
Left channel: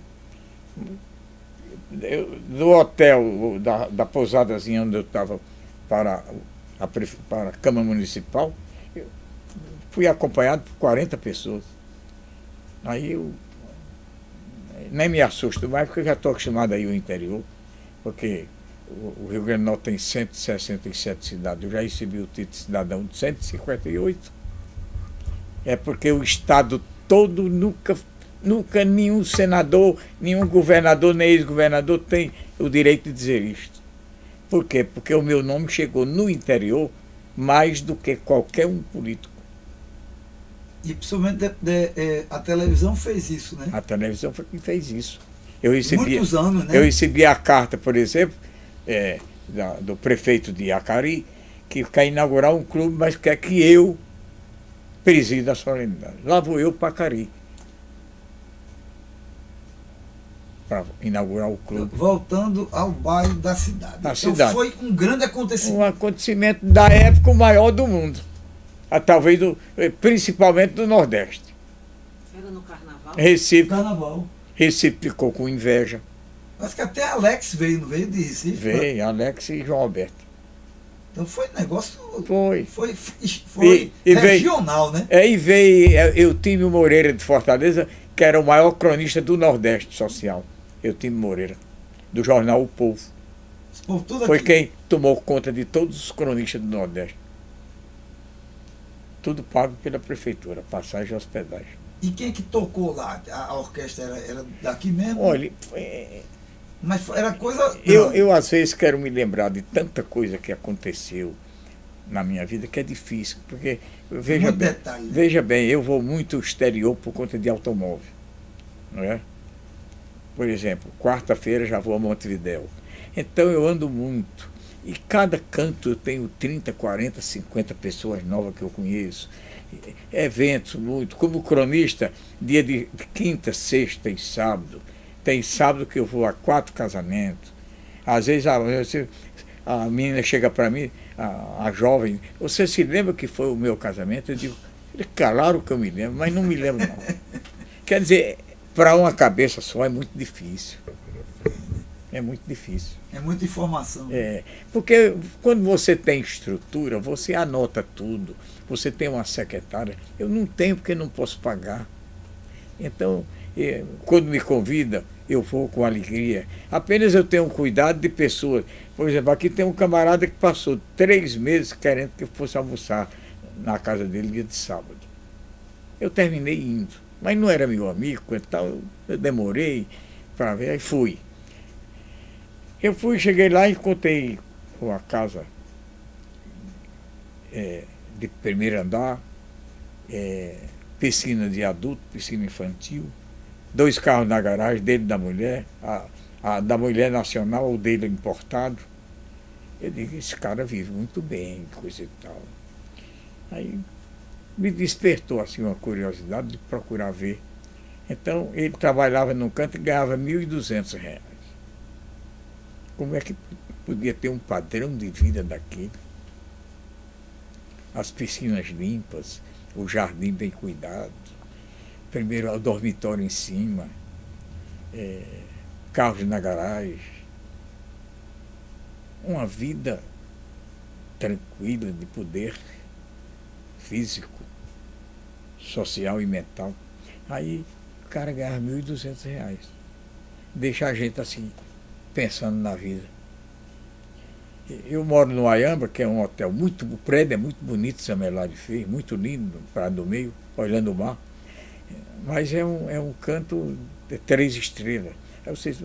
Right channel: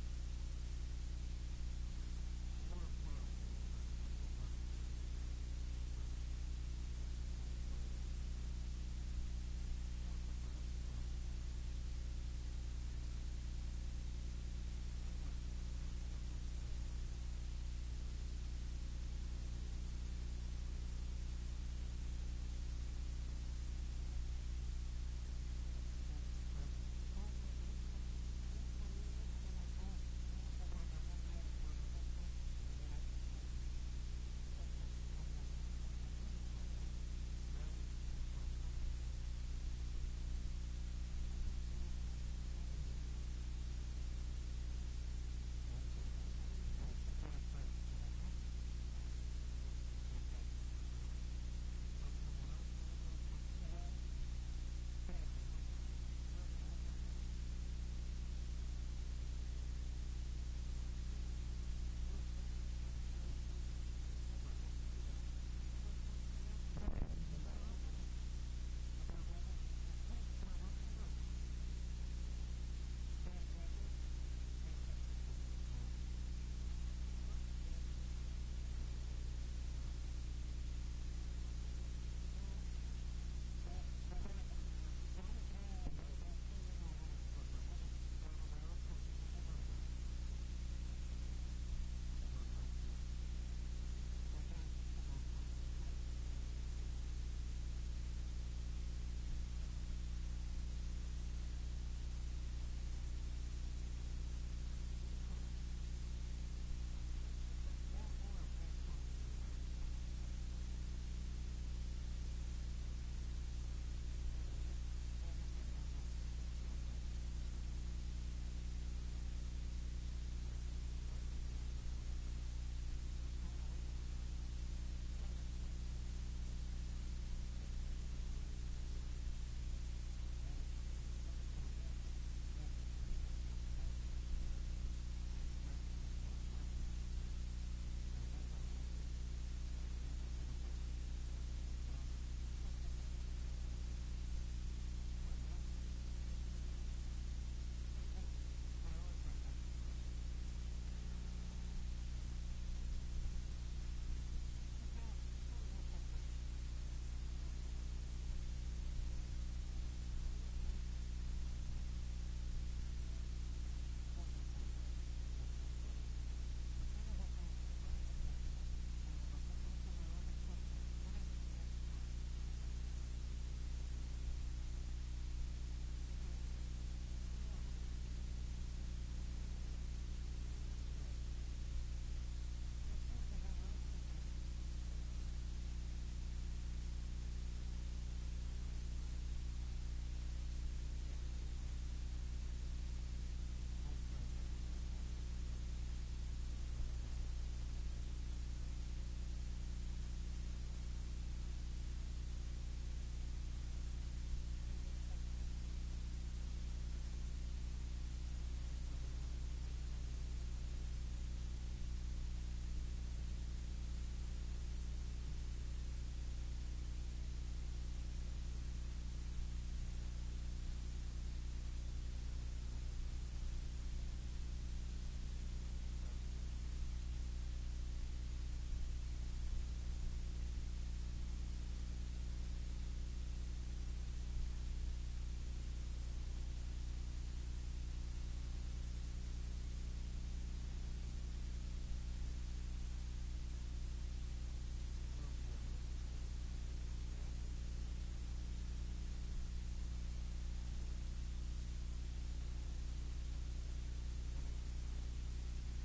Do hotel, da pousadazinha onde eu estava para a Câmara Municipal, eu fui acompanhado por 40 pessoas. Aí eu nem me assusto mais, porque eu já estou acostumado a ir ao interior, porque o Rio Grande do Norte tem 167 cidades. Eu já recebi o título de cidadão de 158. É porque o Estado todo nunca nenhum senador, nenhum governador, nem ex-governador tem o direito de dizer isto. Por quê? Porque o meu nome chegou no interior mais do que qualquer um político. E principalmente a televisão fez isso, né? A televisão foi quem fez isso. Muitos anos, né? Eu recebi a carta, por exemplo, do prefeito de Acari, que quer inaugurar um clube, mas quer que eu presida a solenidade. Lá vou eu para Acari, para inaugurar o clube. Voltando ao bairro da cidade. Cidade. Foi um grande acontecimento. Um acontecimento da época o maior do mundo. Talvez principalmente do Nordeste. Era no Carnaval? Carnaval. Recife ficou com inveja. Mas que até Alex veio, não veio de Recife? Veio, Alex e João Alberto. Então foi negócio. Foi regional, né? E veio Eutímio Moreira de Fortaleza, que era o maior cronista do Nordeste social. Eutímio Moreira, do jornal O Povo. Foi quem tomou conta de todos os cronistas do Nordeste. Tudo pago pela prefeitura, passagem e hospedagem. E quem que tocou lá? A orquestra era daqui mesmo? Olha, mas era coisa. Eu às vezes quero me lembrar de tanta coisa que aconteceu na minha vida que é difícil, porque veja bem, eu vou muito ao exterior por conta de automóvel, não é? Por exemplo, quarta-feira já vou a Montevidéu. Então eu ando muito. E cada canto eu tenho 30, 40, 50 pessoas novas que eu conheço. Eventos muito. Como cronista, dia de quinta, sexta e sábado. Tem sábado que eu vou a 4 casamentos. Às vezes a menina chega para mim, a jovem, você se lembra que foi o meu casamento? Eu digo, claro que eu me lembro, mas não me lembro não. Quer dizer, para uma cabeça só é muito difícil. É muito difícil. É muita informação. Porque quando você tem estrutura, você anota tudo. Você tem uma secretária. Eu não tenho porque não posso pagar. Então, quando me convida, eu vou com alegria. Apenas eu tenho cuidado de pessoas. Por exemplo, aqui tem um camarada que passou 3 meses querendo que eu fosse almoçar na casa dele dia de sábado. Eu terminei indo. Mas não era meu amigo, então eu demorei para ver, aí fui. Eu cheguei lá e encontrei uma casa de primeiro andar, piscina de adulto, piscina infantil, 2 carros na garagem, dele e da mulher, a da mulher nacional, o dele importado. Eu digo, esse cara vive muito bem, coisa e tal. Aí me despertou assim uma curiosidade de procurar ver. Então ele trabalhava num canto e ganhava R$ 1.200. Como é que podia ter um padrão de vida daquele? As piscinas limpas, o jardim bem cuidado, primeiro o dormitório em cima, carros na garagem. Uma vida tranquila de poder físico, social e mental. Aí o cara ganhava R$ 1.200. Deixa a gente assim, pensando na vida. Eu moro no Ayamba, que é um hotel muito, o prédio é muito bonito, Samelade fez, muito lindo, no Prado do Meio, olhando o mar. Mas é um canto de 3 estrelas. Aí vocês,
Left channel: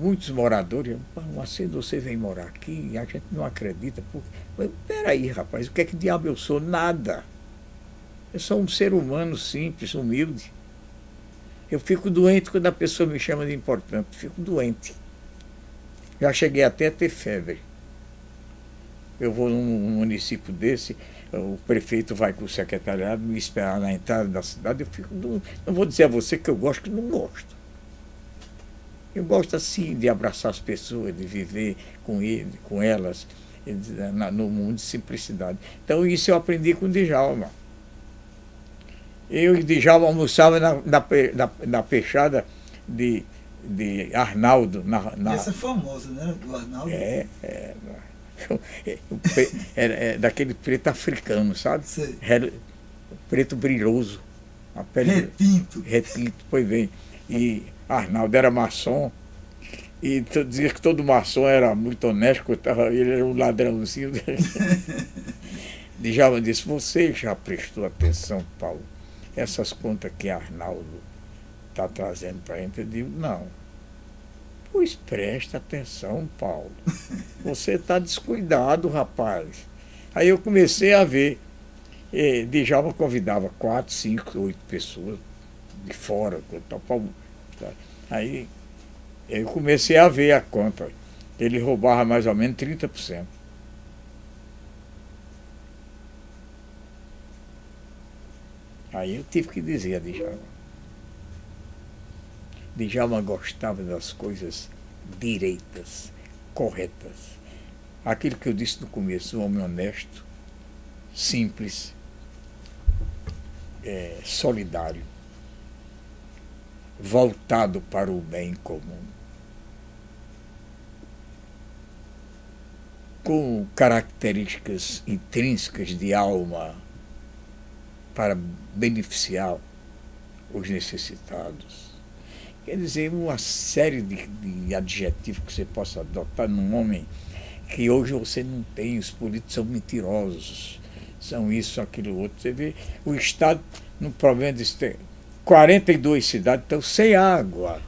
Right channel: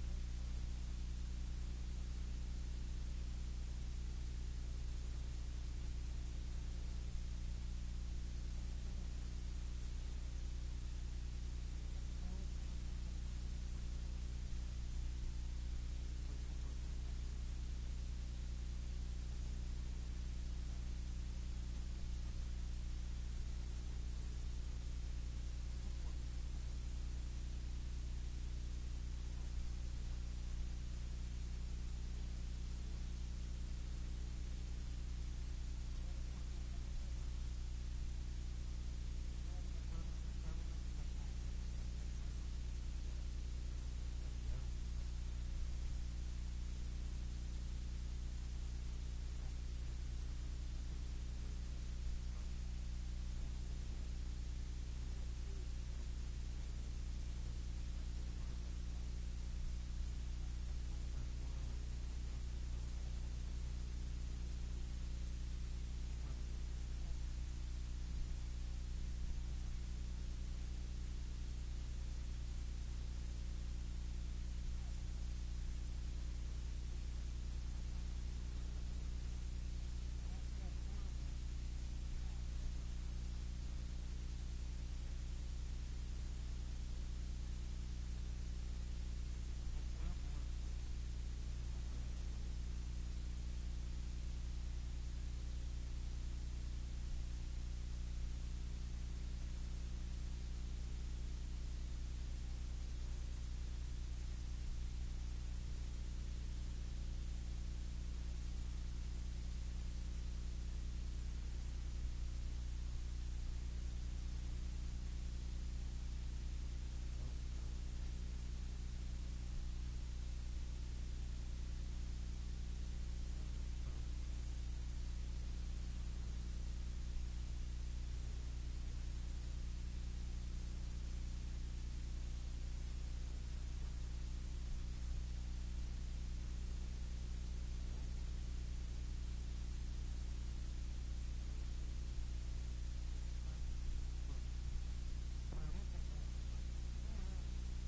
muitos moradores, Macedo, você vem morar aqui e a gente não acredita. Peraí, rapaz, o que é que diabo eu sou? Nada. Eu sou um ser humano simples, humilde. Eu fico doente quando a pessoa me chama de importante. Fico doente. Já cheguei até a ter febre. Eu vou num município desse, o prefeito vai com o secretariado me esperar na entrada da cidade. Eu fico doente. Não vou dizer a você que eu gosto, que não gosto. Eu gosto assim de abraçar as pessoas, de viver com ele, com elas, no mundo de simplicidade. Então isso eu aprendi com o Djalma. Eu e Djalma almoçava na peixada de Arnaldo. Essa é famosa, né? Do Arnaldo. É daquele preto africano, sabe? Sei. Preto brilhoso. A pele retinto, pois bem. E Arnaldo era maçom. E dizia que todo maçom era muito honesto, ele era um ladrãozinho. Djalma disse, você já prestou atenção, Paulo? Essas contas que Arnaldo está trazendo para a gente, eu digo, não. Pois presta atenção, Paulo. Você está descuidado, rapaz. Aí eu comecei a ver. Djalma convidava 4, 5, 8 pessoas de fora. Aí eu comecei a ver a conta. Ele roubava mais ou menos 30%. Aí eu tive que dizer a Djalma. Djalma gostava das coisas direitas, corretas. Aquilo que eu disse no começo, um homem honesto, simples, solidário, voltado para o bem comum, com características intrínsecas de alma para beneficiar os necessitados. Quer dizer, uma série de adjetivos que você possa adotar num homem que hoje você não tem. Os políticos são mentirosos, são isso, aquilo, outro. Você vê, o Estado, no problema de 42 cidades estão sem água.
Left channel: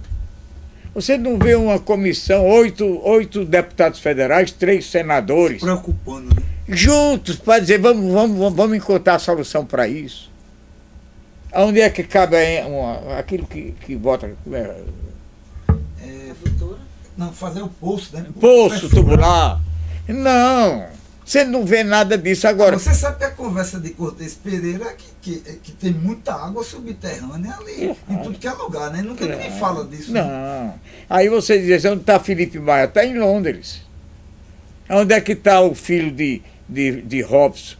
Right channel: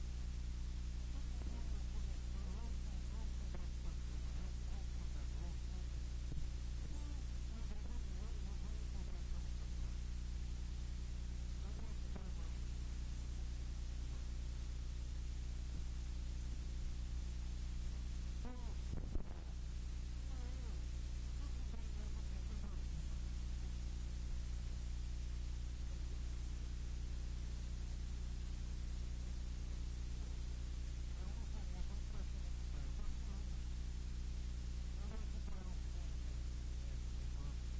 Você não vê uma comissão, 8 deputados federais, 3 senadores. Se preocupando, né? Juntos, para dizer, vamos encontrar a solução para isso. Onde é que cabe aquilo que bota... Não, fazer o poço, né? Poço tubular. Não, você não vê nada disso agora. Você sabe que a conversa de Cortez Pereira é que tem muita água subterrânea ali, em tudo que é lugar, né? Nunca ninguém fala disso. Não. Né? Aí você diz, onde está Felipe Maia? Está em Londres. Onde é que está o filho de Robson,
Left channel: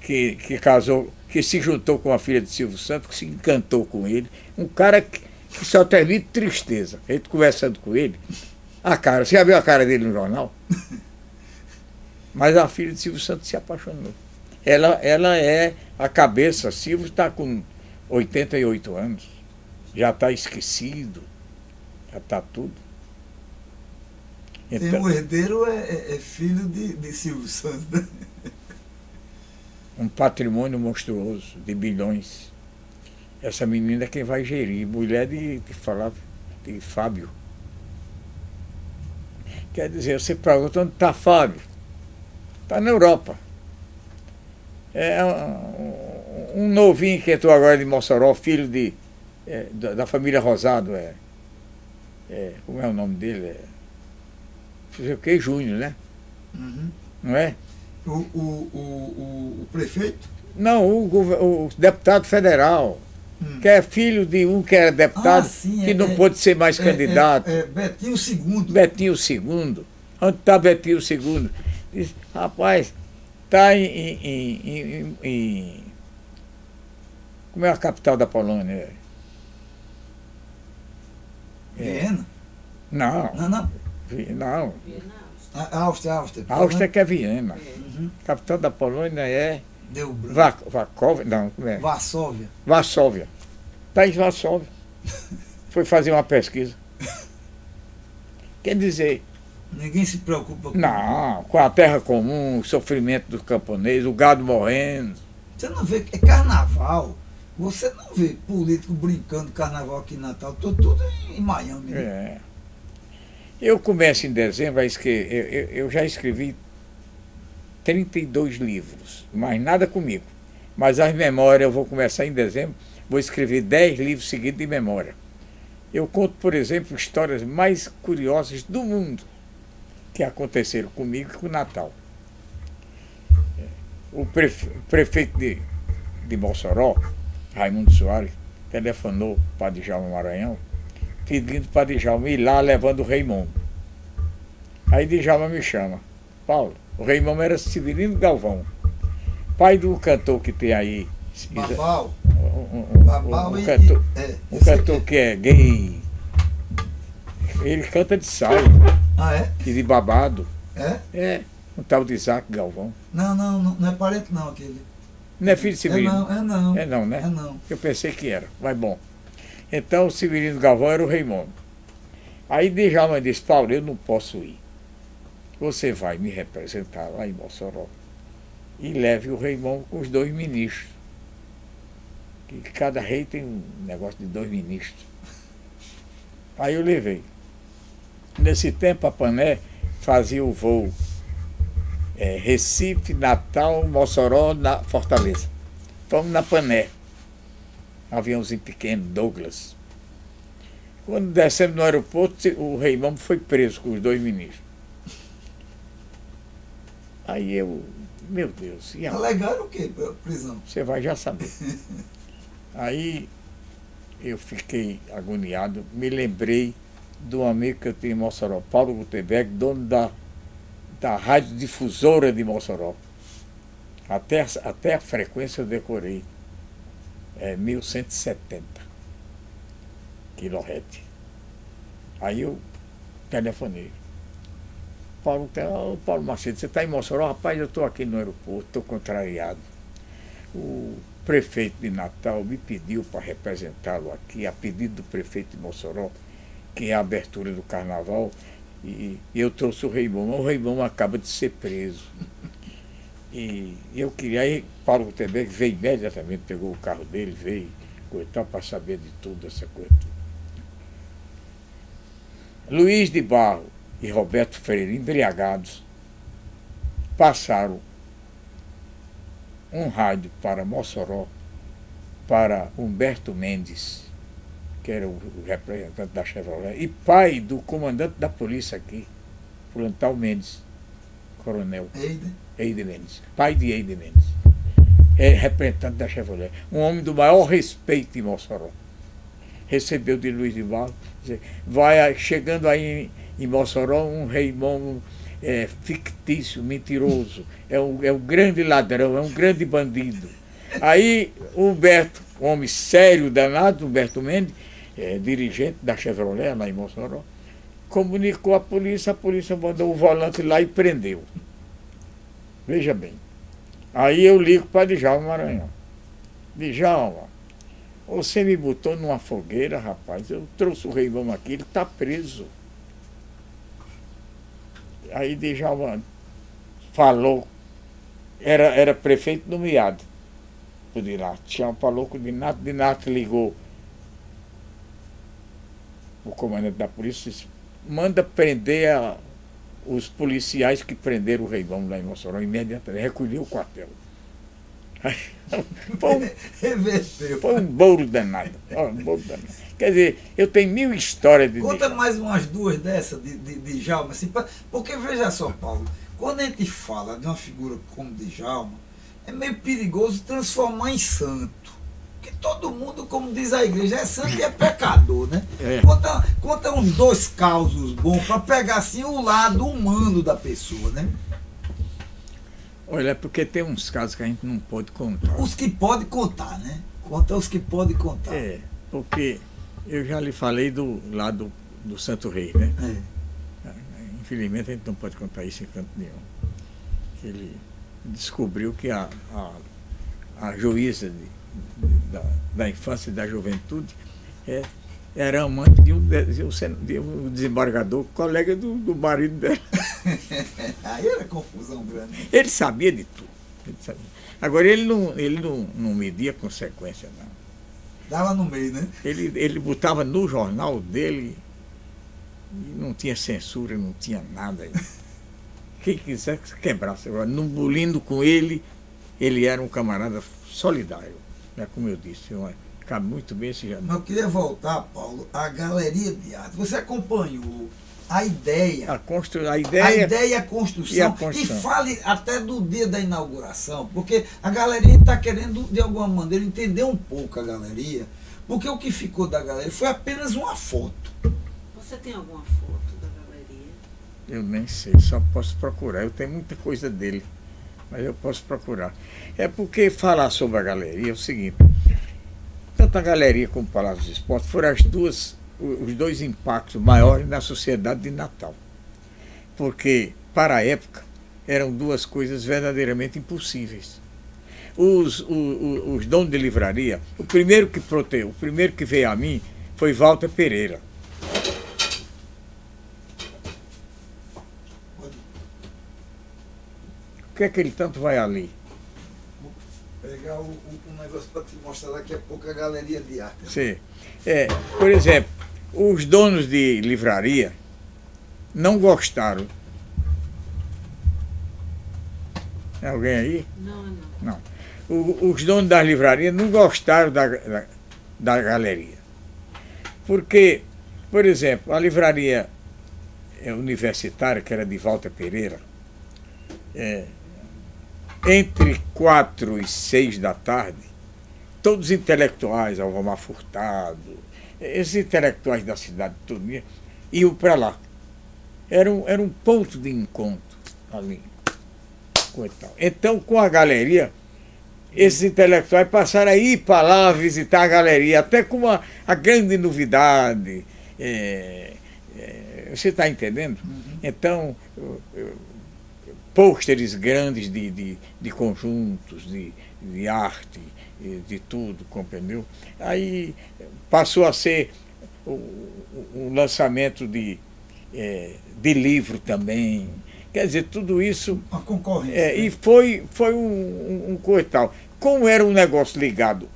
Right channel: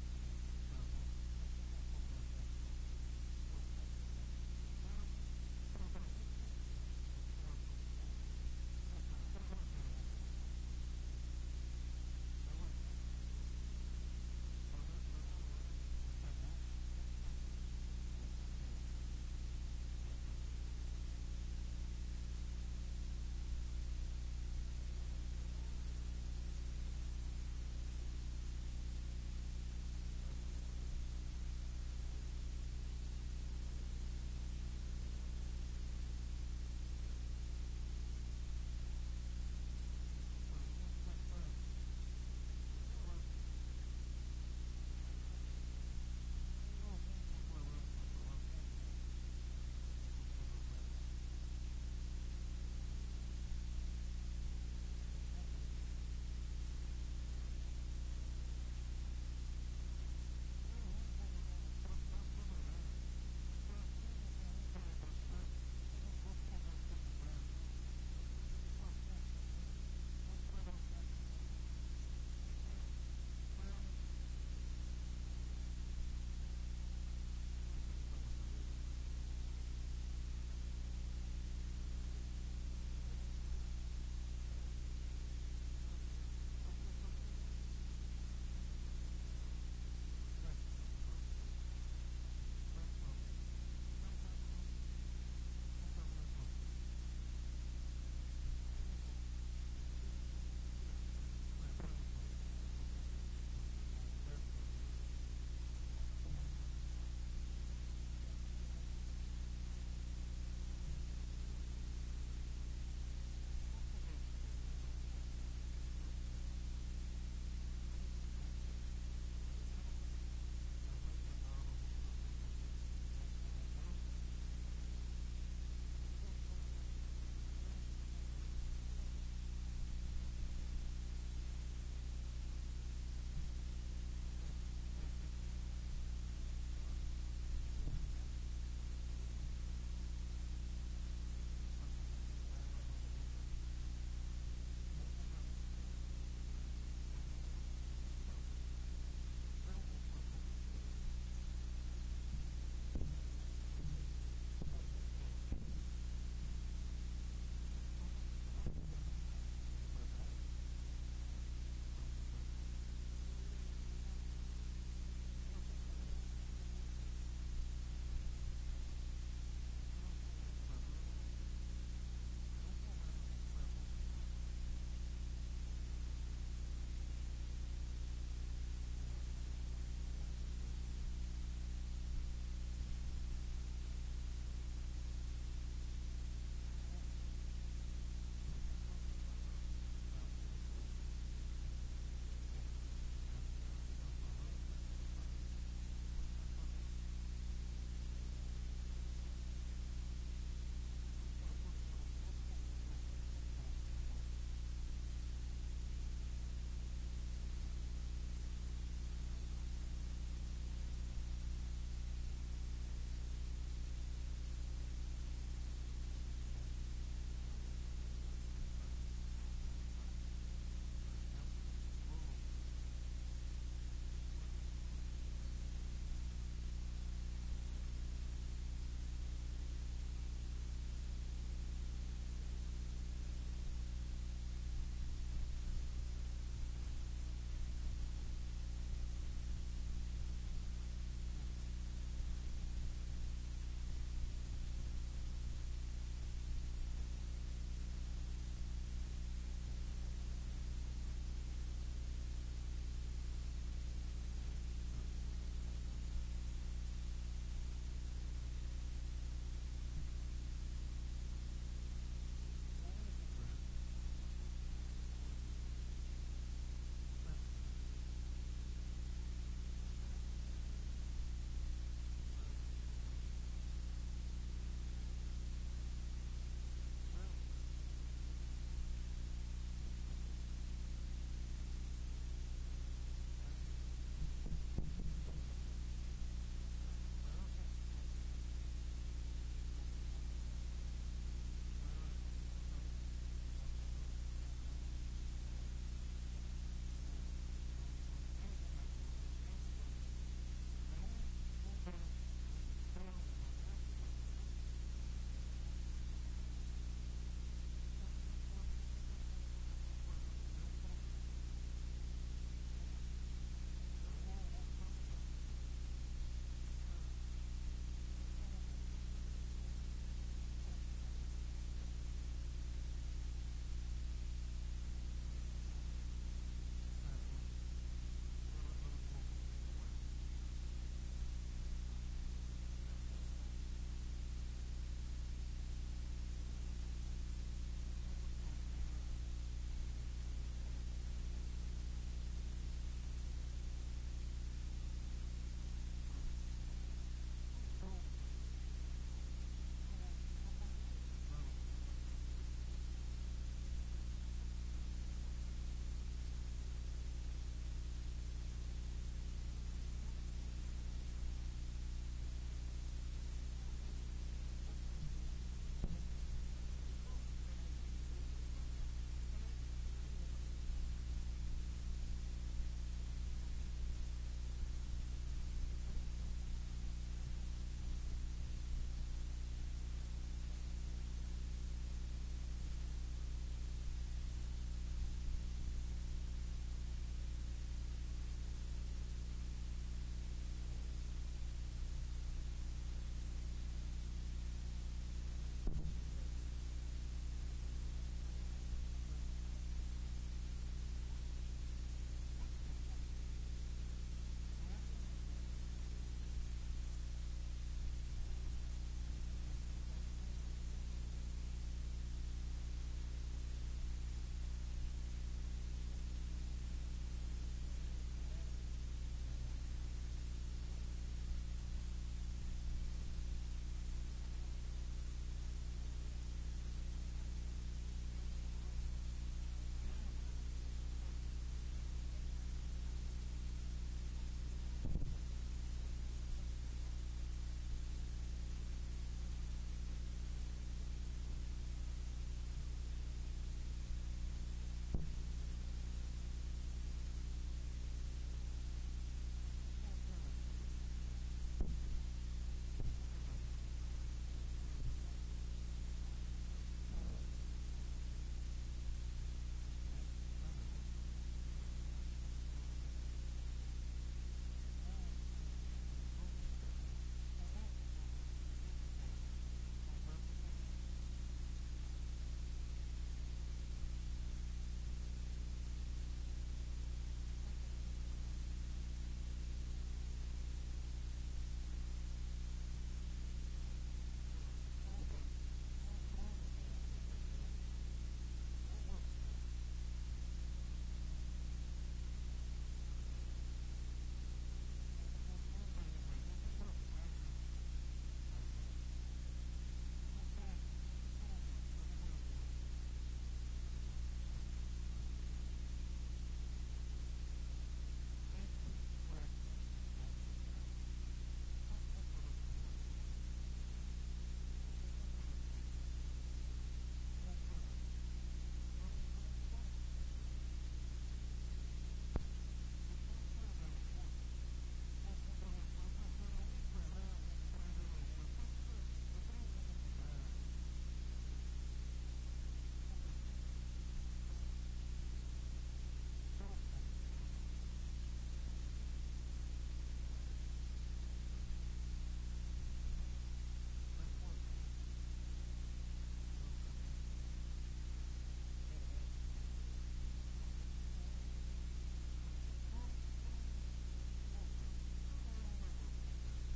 que casou, que se juntou com a filha de Silvio Santos, que se encantou com ele? Um cara que só transmite tristeza. A gente conversando com ele, você já viu a cara dele no jornal? Mas a filha de Silvio Santos se apaixonou. Ela é a cabeça. Silvio está com 88 anos. Já está esquecido. Já está tudo. Então, o herdeiro é filho de Silvio Santos, né? Um patrimônio monstruoso de bilhões. Essa menina é quem vai gerir. Mulher de Fábio. Quer dizer, você pergunta onde está Fábio? Está na Europa. É um novinho que entrou agora de Mossoró, filho da família Rosado. Como é o nome dele? Não sei o Júnior, né? Uhum. Não é? O prefeito? Não, o deputado federal. Que é filho de um que era deputado, que não pôde ser mais candidato. Betinho II. Betinho II. Onde está Betinho II? Diz, rapaz, está em como é a capital da Polônia? Viena? Não. Áustria. Áustria que é Viena. Uhum. A capital da Polônia é Deu branco. Varsóvia, não, como é? Varsóvia. Varsóvia. Está em Varsóvia. Foi fazer uma pesquisa. Quer dizer, Ninguém se preocupa com não, com a terra comum, o sofrimento dos camponeses, o gado morrendo. Você não vê, é carnaval. Você não vê político brincando carnaval aqui em Natal. Tô tudo em Miami. Né? É. Eu começo em dezembro a escrever. Eu já escrevi 32 livros, mas nada comigo. Mas as memórias eu vou começar em dezembro, vou escrever 10 livros seguidos de memória. Eu conto, por exemplo, histórias mais curiosas do mundo que aconteceram comigo e com o Natal. O prefeito de Mossoró, Raimundo Soares, telefonou para Djalma Maranhão, pedindo para Djalma ir lá levando o Raimundo. Aí Djalma me chama. Paulo, o Raimundo era Severino Galvão, pai do cantor que tem aí. Babau. Um cantor que é gay. Ele canta de saia. Ah, é? E de babado. É? É, um tal de Isaac Galvão. Não é parente não aquele. Não é filho de Severino? É não. É não, né? É não. Eu pensei que era, mas bom. Então o Severino Galvão era o Raimundo. Aí Djalma disse, Paulo, eu não posso ir. Você vai me representar lá em Mossoró e leve o Raimundo com os 2 ministros. Que cada rei tem um negócio de 2 ministros. Aí eu levei. Nesse tempo a Pané fazia o voo Recife, Natal, Mossoró, Fortaleza. Fomos na Pané. Aviãozinho pequeno, Douglas. Quando descemos no aeroporto, o Raimundo foi preso com os 2 ministros. Aí eu, meu Deus, e agora? Alegaram o quê? Prisão. Você vai já saber. Aí eu fiquei agoniado, me lembrei do amigo que eu tinha em Mossoró, Paulo Gutenberg, dono da rádio difusora de Mossoró. Até a frequência eu decorei. 1170 kHz. Aí eu telefonei. Paulo Macedo, você está em Mossoró? Rapaz, eu estou aqui no aeroporto, estou contrariado. O prefeito de Natal me pediu para representá-lo aqui, a pedido do prefeito de Mossoró, que é a abertura do carnaval, e eu trouxe o Raimundo. O Raimundo acaba de ser preso. E eu queria, aí Paulo Gutenberg veio imediatamente, pegou o carro dele, veio, coitado, para saber de tudo, essa coisa. Luiz de Barro e Roberto Freire, embriagados, passaram um rádio para Mossoró, para Humberto Mendes, que era o representante da Chevrolet, e pai do comandante da polícia aqui, Plantal Mendes, coronel Eide Mendes, pai de Eide Mendes, é representante da Chevrolet, um homem do maior respeito em Mossoró. Recebeu de Luiz de Barro, vai chegando aí em Mossoró um Raimundo fictício, mentiroso, é um grande ladrão, é um grande bandido. Aí o Humberto, um homem sério, danado, Humberto Mendes, dirigente da Chevrolet lá em Mossoró, comunicou à polícia, a polícia mandou o volante lá e prendeu. Veja bem. Aí eu ligo para Djalma Maranhão. Djalma, você me botou numa fogueira, rapaz, eu trouxe o Raimundo aqui, ele está preso. Aí Djalma falou, era prefeito nomeado por Dinato, tinha falou com o Dinato ligou o comandante da polícia, disse, manda prender os policiais que prenderam o Raimundo lá em Mossoró, imediatamente, recolheu o quartel. Foi um bolo danado. Quer dizer, eu tenho 1000 histórias de Conta mais umas 2 dessas de Djalma, assim, porque veja só, Paulo, quando a gente fala de uma figura como Djalma, é meio perigoso transformar em santo. Porque todo mundo, como diz a igreja, é santo e é pecador, né? Conta uns 2 causos bons para pegar assim o lado humano da pessoa, né? Olha, é porque tem uns casos que a gente não pode contar. Os que pode contar, né? Conta os que pode contar. Porque eu já lhe falei do lado do Santo Rei, né? Infelizmente a gente não pode contar isso em canto nenhum. Ele descobriu que a a juíza da infância e da juventude, era amante de um desembargador, colega do marido dela. Aí era confusão grande. Ele sabia de tudo. Ele sabia. Agora, ele não media consequência, não. Dava no meio, né? Ele botava no jornal dele, e não tinha censura, não tinha nada. Quem quisesse quebrasse. Agora, no bulindo com ele era um camarada solidário, né? Como eu disse, cabe muito bem esse jantar. Mas eu queria voltar, Paulo, à galeria de arte. Você acompanhou a ideia. A ideia e a construção. E construção. fale até do dia da inauguração, porque a galeria está querendo, de alguma maneira, entender um pouco a galeria, porque o que ficou da galeria foi apenas uma foto. Você tem alguma foto da galeria? Eu nem sei, só posso procurar. Eu tenho muita coisa dele, mas eu posso procurar. É porque falar sobre a galeria é o seguinte: tanto a galeria como o Palácio dos Esportes foram os dois impactos maiores na sociedade de Natal. Porque, para a época, eram duas coisas verdadeiramente impossíveis. Os donos de livraria, o primeiro que veio a mim foi Walter Pereira. O que é que ele tanto vai ali? Vou pegar um negócio para te mostrar daqui a pouco a galeria de arte. Sim. Por exemplo, os donos de livraria não gostaram. É alguém aí? Não. Não. Os donos das livrarias não gostaram da galeria. Porque, por exemplo, a livraria universitária, que era de Walter Pereira, entre 4 e 6 da tarde, todos os intelectuais, Alvamar Furtado, esses intelectuais da cidade toda, iam para lá. Era um ponto de encontro ali. Então, com a galeria, esses intelectuais passaram a ir para lá visitar a galeria, até com a grande novidade. Você está entendendo? Então, pôsteres grandes de conjuntos, de arte, de tudo, compreendeu? Aí passou a ser o lançamento de livro também. Quer dizer, tudo isso. Uma concorrência. E foi um coisa tal. Como era um negócio ligado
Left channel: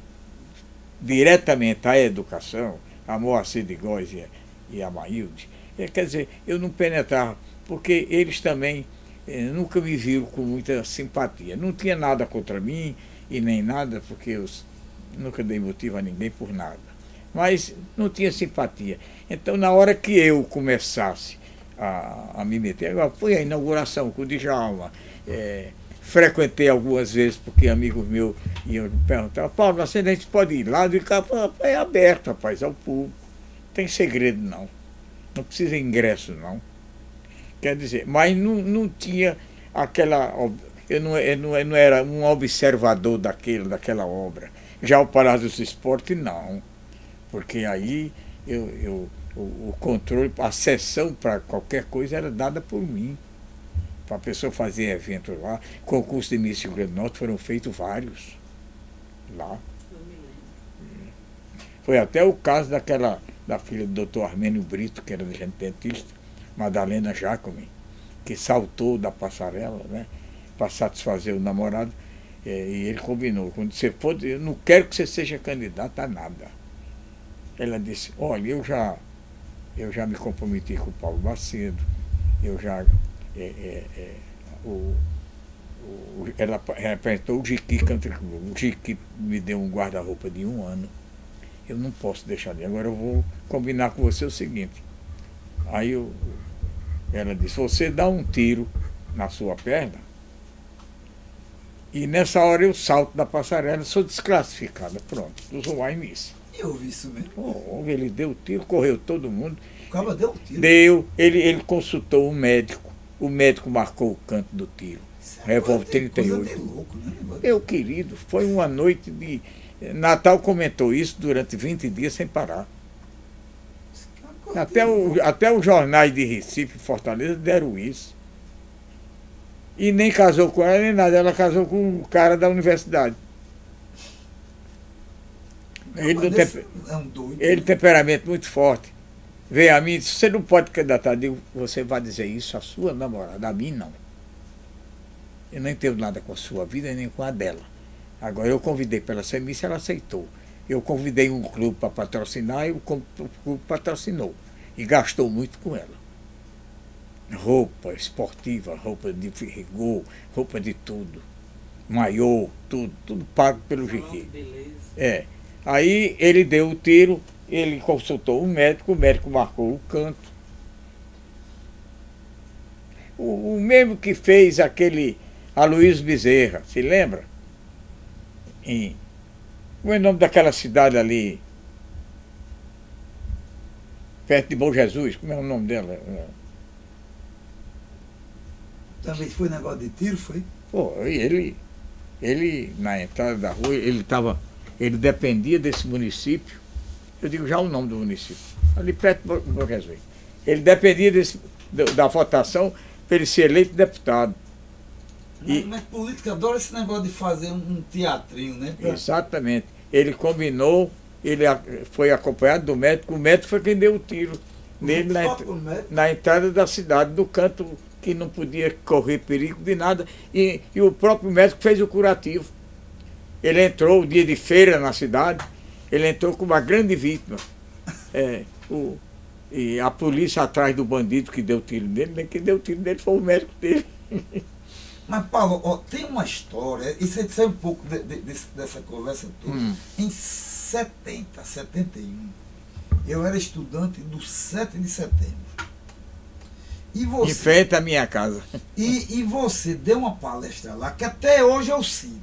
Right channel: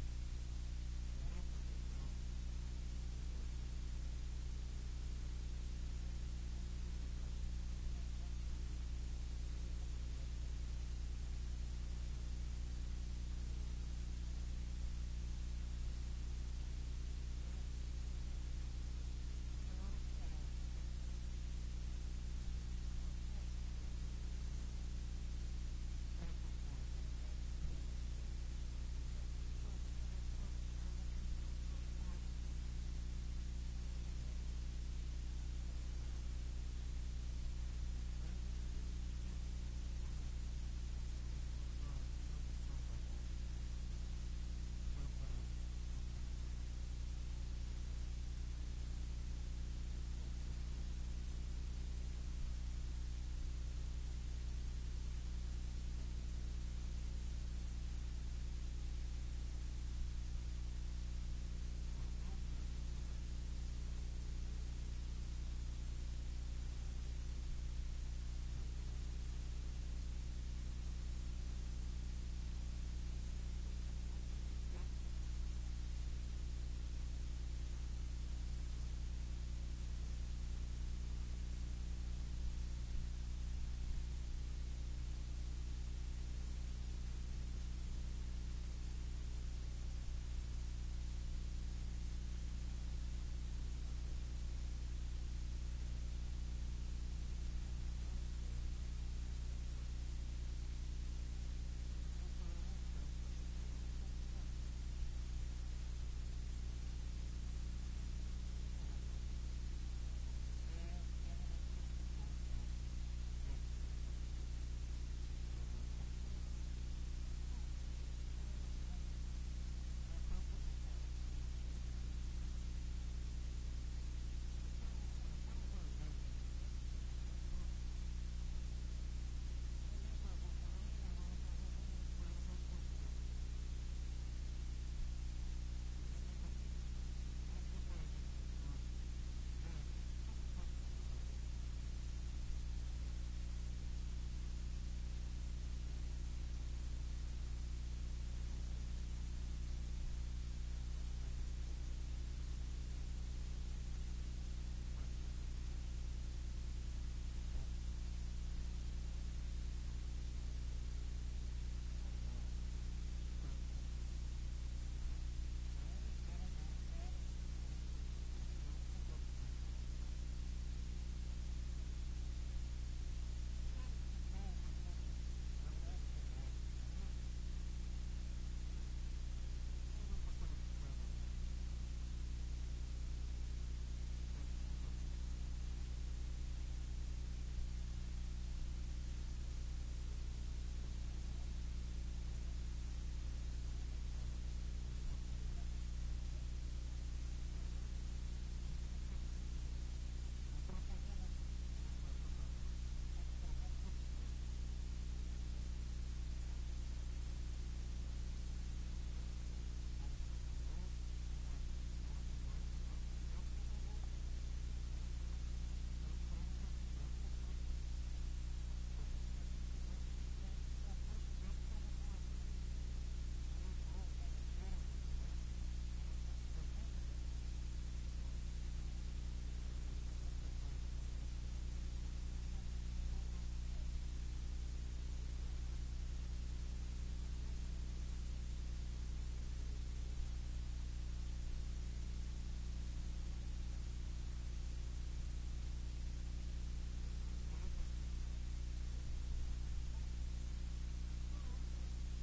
diretamente à educação, a Moacir de Góes e a Maílde, quer dizer, eu não penetrava, porque eles também nunca me viram com muita simpatia. Não tinha nada contra mim e nem nada, porque eu nunca dei motivo a ninguém por nada. Mas não tinha simpatia. Então, na hora que eu começasse a me meter, agora foi a inauguração com o Djalma, frequentei algumas vezes, porque amigos meus iam perguntar: Paulo, a gente pode ir lá? É aberto, rapaz, ao público. Não tem segredo, não. Não precisa ingresso, não. Quer dizer, mas não tinha aquela. Eu não era um observador daquela obra. Já o Palácio dos Esportes, não. Porque aí o controle, a sessão para qualquer coisa era dada por mim. Para a pessoa fazer eventos lá, concurso de Miss Rio Grande do Norte foram feitos vários lá. Foi até o caso da filha do Dr. Armênio Brito, que era dentista, Madalena Jacome, que saltou da passarela, né, para satisfazer o namorado, e ele combinou: quando você for, eu não quero que você seja candidata a nada. Ela disse: olha, eu já me comprometi com o Paulo Macedo, eu já. Ela apresentou o Jiqui Country Club. O Jiqui me deu um guarda-roupa de 1 ano. Eu não posso deixar de. Agora eu vou combinar com você o seguinte. Aí ela disse: você dá um tiro na sua perna e nessa hora eu salto da passarela, sou desclassificada. Pronto, usou mais nisso. Eu vi isso mesmo. Ele deu o tiro, correu todo mundo. O cara deu um tiro. Deu, ele consultou um médico. O médico marcou o canto do tiro. Revólver 38. Louco, né? Meu querido, foi uma noite de. Natal comentou isso durante 20 dias sem parar. Até os jornais de Recife e Fortaleza deram isso. E nem casou com ela nem nada, ela casou com um cara da universidade. Ele, Mas não desse tem, é um doido. ele tem temperamento muito forte. Veio a mim e disse, você não pode candidatar. Eu digo, você vai dizer isso à sua namorada, a mim não. Eu não entendo nada com a sua vida nem com a dela. Agora eu convidei para ela ser Miss, ela aceitou. Eu convidei um clube para patrocinar e o clube patrocinou. E gastou muito com ela. Roupa esportiva, roupa de rigor, roupa de tudo. Maiô, tudo pago pelo GQ. É. Aí ele deu o tiro, ele consultou o médico marcou o canto. O mesmo que fez aquele Aloysio Bezerra, se lembra? Como é o nome daquela cidade ali? Perto de Bom Jesus, como é o nome dela? Também foi negócio de tiro, foi? Pô, ele na entrada da rua, ele dependia desse município, eu digo já o nome do município, ali perto de Bom Jesus. Ele dependia da votação para ele ser eleito deputado. Mas política adora esse negócio de fazer um teatrinho, né? Exatamente. Ele combinou, ele foi acompanhado do médico, o médico foi quem deu o tiro nele na entrada da cidade, do canto que não podia correr perigo de nada, e o próprio médico fez o curativo. Ele entrou o dia de feira na cidade, ele entrou com uma grande vítima. E a polícia atrás do bandido que deu tiro nele, nem quem deu tiro nele foi o médico dele. Mas, Paulo, ó, tem uma história, isso aí sai um pouco dessa conversa toda. Em 71, eu era estudante do 7 de setembro. E você, em frente à minha casa. E você deu uma palestra lá, que até hoje eu cito,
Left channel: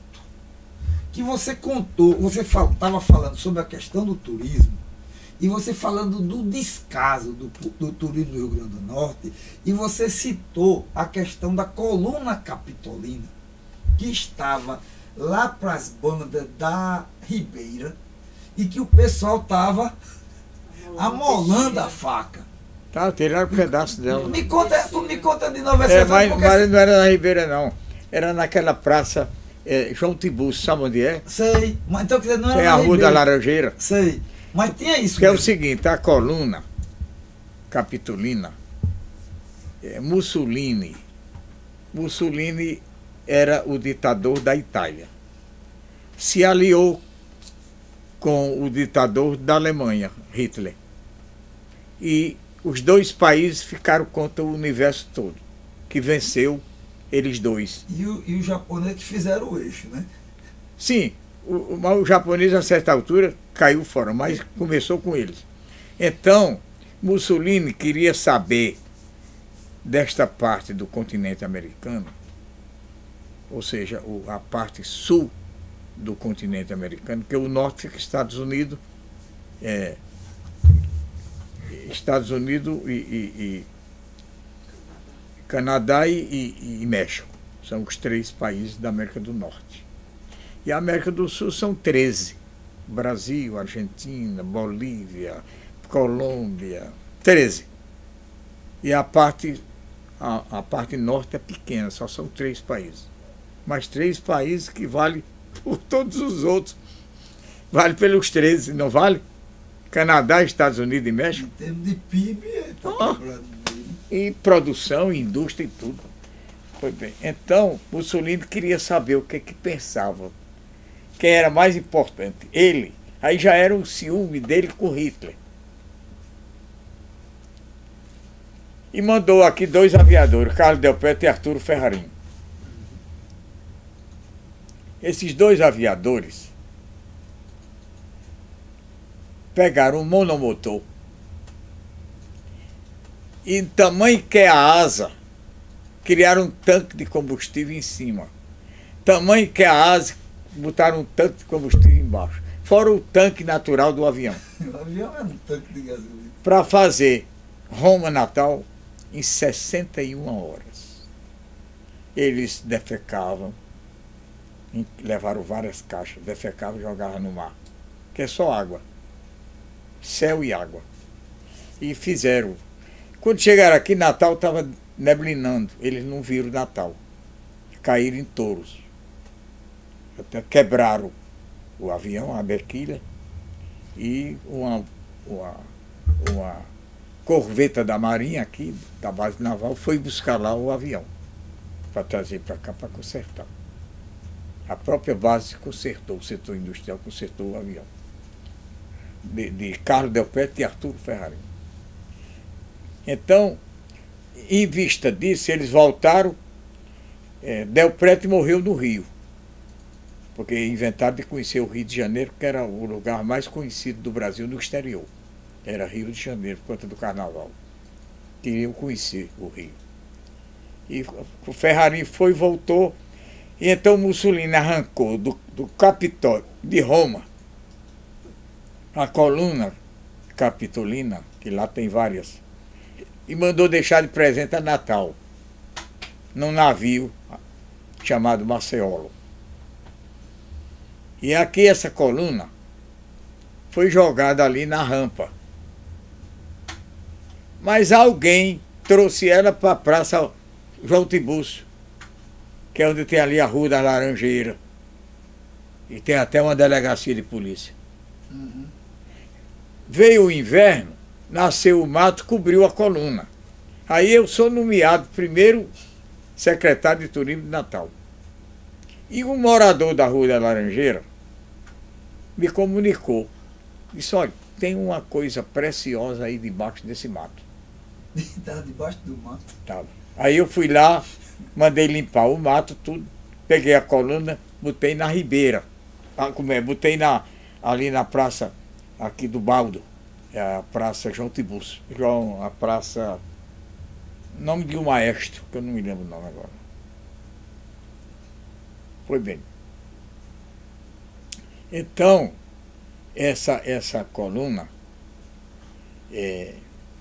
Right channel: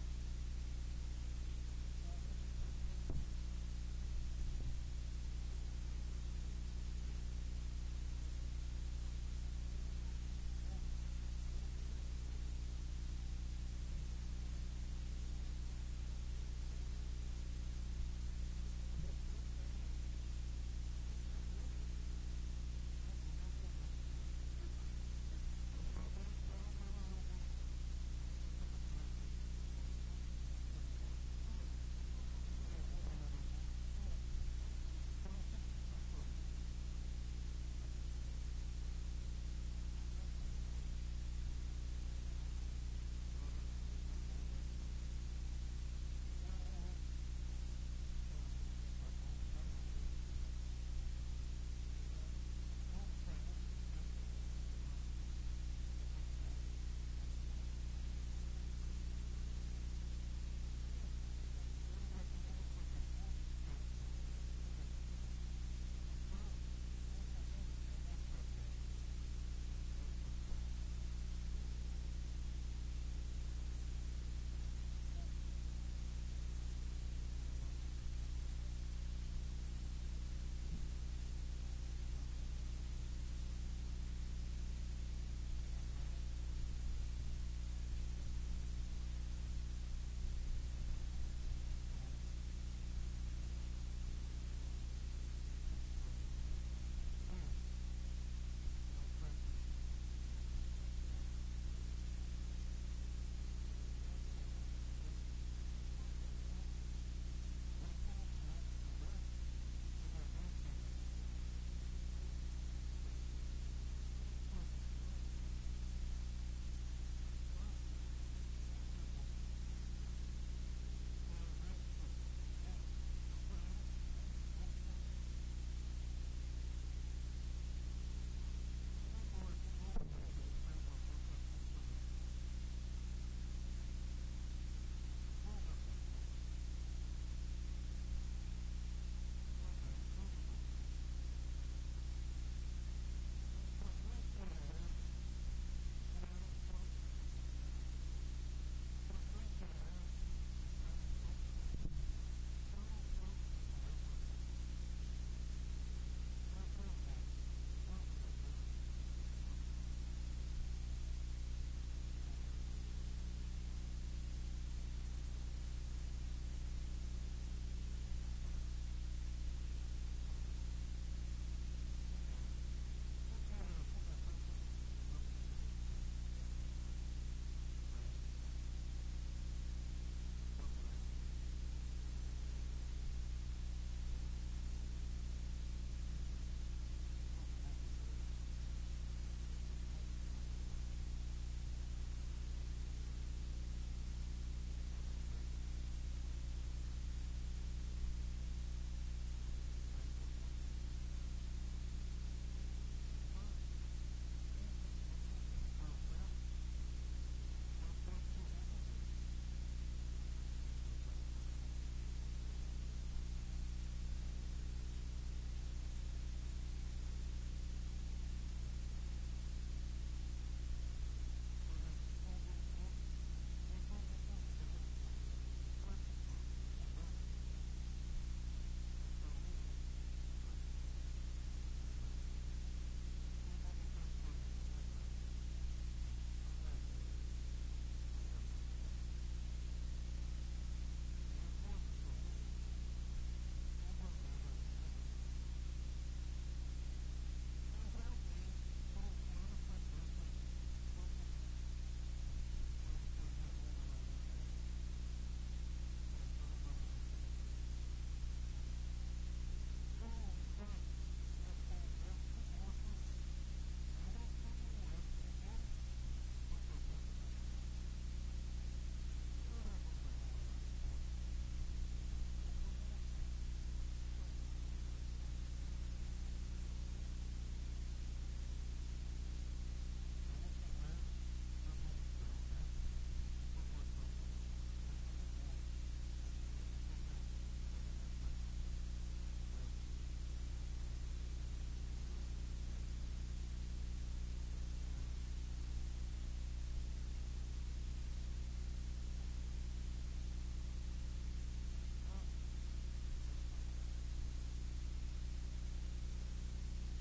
que você contou, você estava falando sobre a questão do turismo, e você falando do descaso do turismo do Rio Grande do Norte, e você citou a questão da coluna capitolina, que estava lá para as bandas da Ribeira, e que o pessoal estava amolando a faca. Tá, tiraram um pedaço dela. Me conta de novo essa mas não era na Ribeira, não. Era naquela praça João Tiburcio, sabe onde é? Sei, mas então quer dizer, não era Tem na a Rua Ribeira. da Laranjeira. Sei, mas tinha isso. Que é o mesmo. seguinte, a coluna capitolina, Mussolini era o ditador da Itália. Se aliou com o ditador da Alemanha, Hitler. E os dois países ficaram contra o universo todo, que venceu eles dois. E os japoneses que fizeram o eixo, né? Sim, o japonês a certa altura caiu fora, mas começou com eles. Então, Mussolini queria saber desta parte do continente americano, ou seja, a parte sul do continente americano, que o norte fica Estados Unidos, e Canadá e México. São os 3 países da América do Norte. E a América do Sul são 13. Brasil, Argentina, Bolívia, Colômbia, 13. E a parte norte é pequena, só são 3 países. Mas 3 países que valem por todos os outros. Vale pelos 13, não vale? Canadá, Estados Unidos e México. Em termos de PIB, E produção, indústria e tudo. Foi bem. Então, Mussolini queria saber o que pensava. Quem era mais importante? Ele. Aí já era um ciúme dele com Hitler. E mandou aqui 2 aviadores, Carlos Delpetro e Arturo Ferrarim. Esses 2 aviadores pegaram um monomotor e tamanho que é a asa, criaram um tanque de combustível em cima. Tamanho que é a asa, botaram um tanque de combustível embaixo. Fora o tanque natural do avião. O avião era um tanque de gasolina. Para fazer Roma-Natal em 61 horas. Eles defecavam, levaram várias caixas, defecavam e jogavam no mar. Que é só água. Céu e água. E fizeram. Quando chegaram aqui, Natal estava neblinando. Eles não viram Natal. Caíram em touros. Até quebraram o avião, a bequilha, e uma corveta da Marinha aqui, da base naval, foi buscar lá o avião para trazer para cá para consertar. A própria base consertou, o setor industrial consertou o avião. De Carlos Delpete e Arturo Ferrarini. Então, em vista disso, eles voltaram. Delpete morreu no Rio, porque inventaram de conhecer o Rio de Janeiro, que era o lugar mais conhecido do Brasil no exterior. Era Rio de Janeiro, por conta do carnaval. Queriam conhecer o Rio. E o Ferrarini foi e voltou. E então Mussolini arrancou do Capitólio de Roma a coluna capitolina, que lá tem várias, e mandou deixar de presente a Natal, num navio chamado Marceolo. E aqui essa coluna foi jogada ali na rampa. Mas alguém trouxe ela para a Praça João Tiburcio, que é onde tem ali a Rua das Laranjeiras. E tem até uma delegacia de polícia. Uhum. Veio o inverno, nasceu o mato, cobriu a coluna. Aí eu sou nomeado primeiro secretário de Turismo de Natal. E um morador da Rua da Laranjeira me comunicou. Disse, olha, tem uma coisa preciosa aí debaixo desse mato. Estava debaixo do mato. Tava. Aí eu fui lá, mandei limpar o mato, tudo, peguei a coluna, botei na ribeira. Botei ali na praça aqui do Baldo, a Praça João Tiburcio. A praça, nome de um maestro, que eu não me lembro o nome agora. Foi bem. Então, essa coluna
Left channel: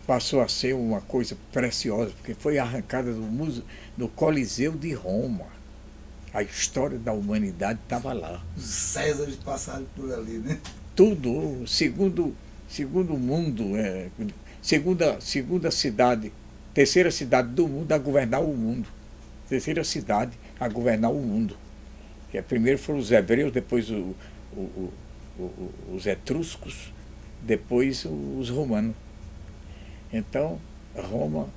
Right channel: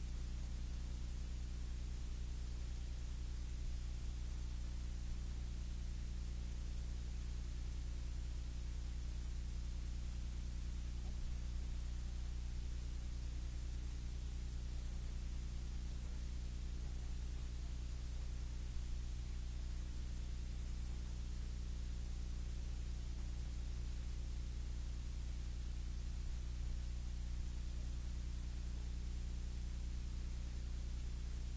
passou a ser uma coisa preciosa, porque foi arrancada do Coliseu de Roma. A história da humanidade estava lá. Os Césares passaram por ali, né? Tudo, segundo mundo, segunda cidade, terceira cidade do mundo a governar o mundo. Terceira cidade a governar o mundo. Que primeiro foram os hebreus, depois os etruscos, depois os romanos. Então, Roma,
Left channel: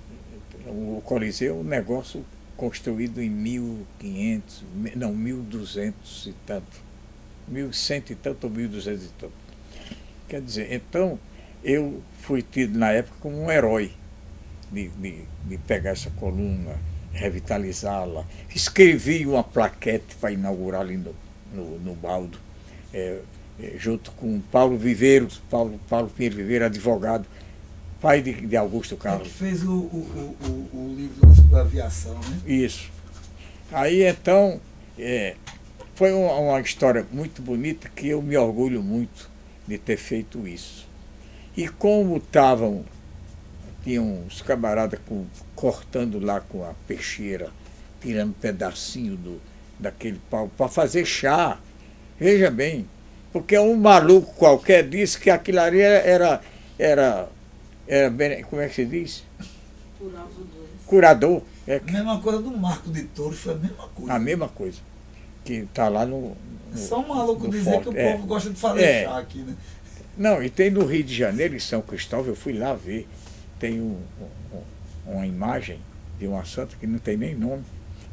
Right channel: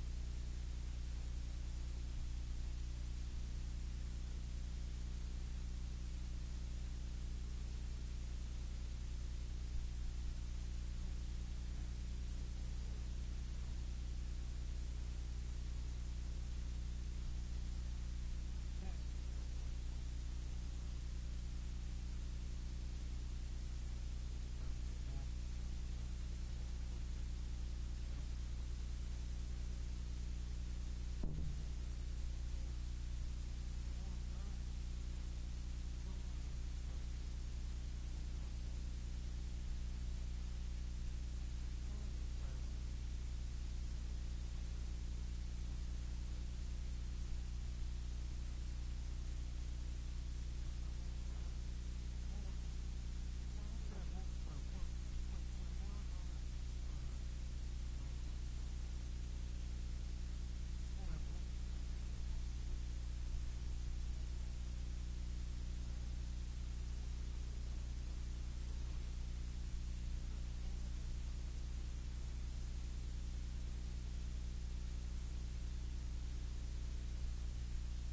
o Coliseu, um negócio construído em 1200 e tanto. 1100 e tanto ou 1200 e tanto. Quer dizer, então, eu fui tido na época como um herói de pegar essa coluna, revitalizá-la. Escrevi uma plaquete para inaugurar ali no Baldo, junto com Paulo Viveiros, Paulo Pinheiro Viveiro, advogado, pai de Augusto Carlos. Que fez o livro sobre a aviação, né? Isso. Aí então, foi uma história muito bonita que eu me orgulho muito de ter feito isso. E como tinham uns camaradas cortando lá com a peixeira, tirando um pedacinho daquele pau para fazer chá. Veja bem, porque um maluco qualquer disse que aquilo ali era como é que se diz? Curador. A mesma coisa do Marco de Touro, foi a mesma coisa. A mesma coisa. Que está lá só um maluco dizer forte. Que o povo gosta de fazer chá aqui, né? Não, e tem no Rio de Janeiro, em São Cristóvão, eu fui lá ver. Tem uma imagem de uma santa que não tem nem nome,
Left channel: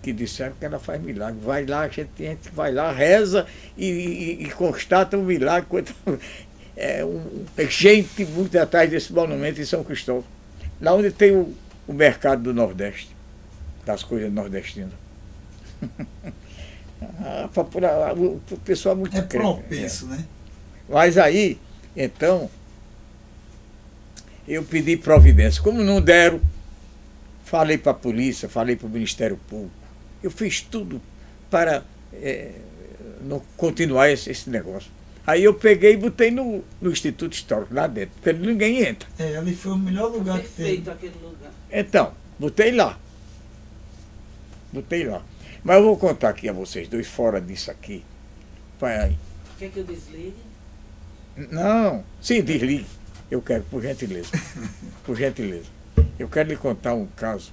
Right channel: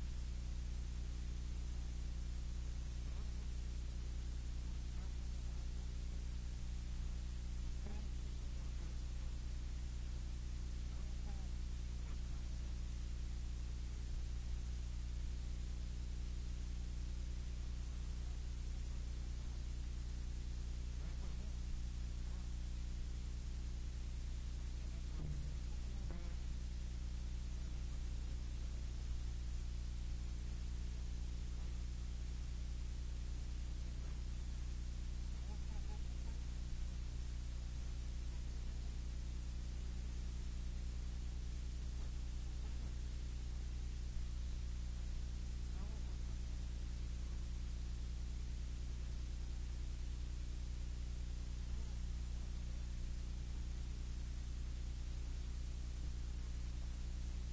que disseram que ela faz milagre. Vai lá, a gente vai lá, reza e constata um milagre. Gente muito atrás desse monumento em São Cristóvão. Lá onde tem o mercado do Nordeste, das coisas nordestinas. O pessoal muito crente. Propenso, né? Mas aí, então, eu pedi providência. Como não deram, falei para a polícia, falei para o Ministério Público. Eu fiz tudo para não continuar esse negócio. Aí eu peguei e botei no Instituto Histórico, lá dentro, porque ninguém entra. Ali foi o melhor lugar que teve. Aquele lugar. Então, botei lá. Mas eu vou contar aqui a vocês dois, fora disso aqui. Quer que eu desligue? Não, sim, desligue. Eu quero, por gentileza. Por gentileza. Eu quero lhe contar um caso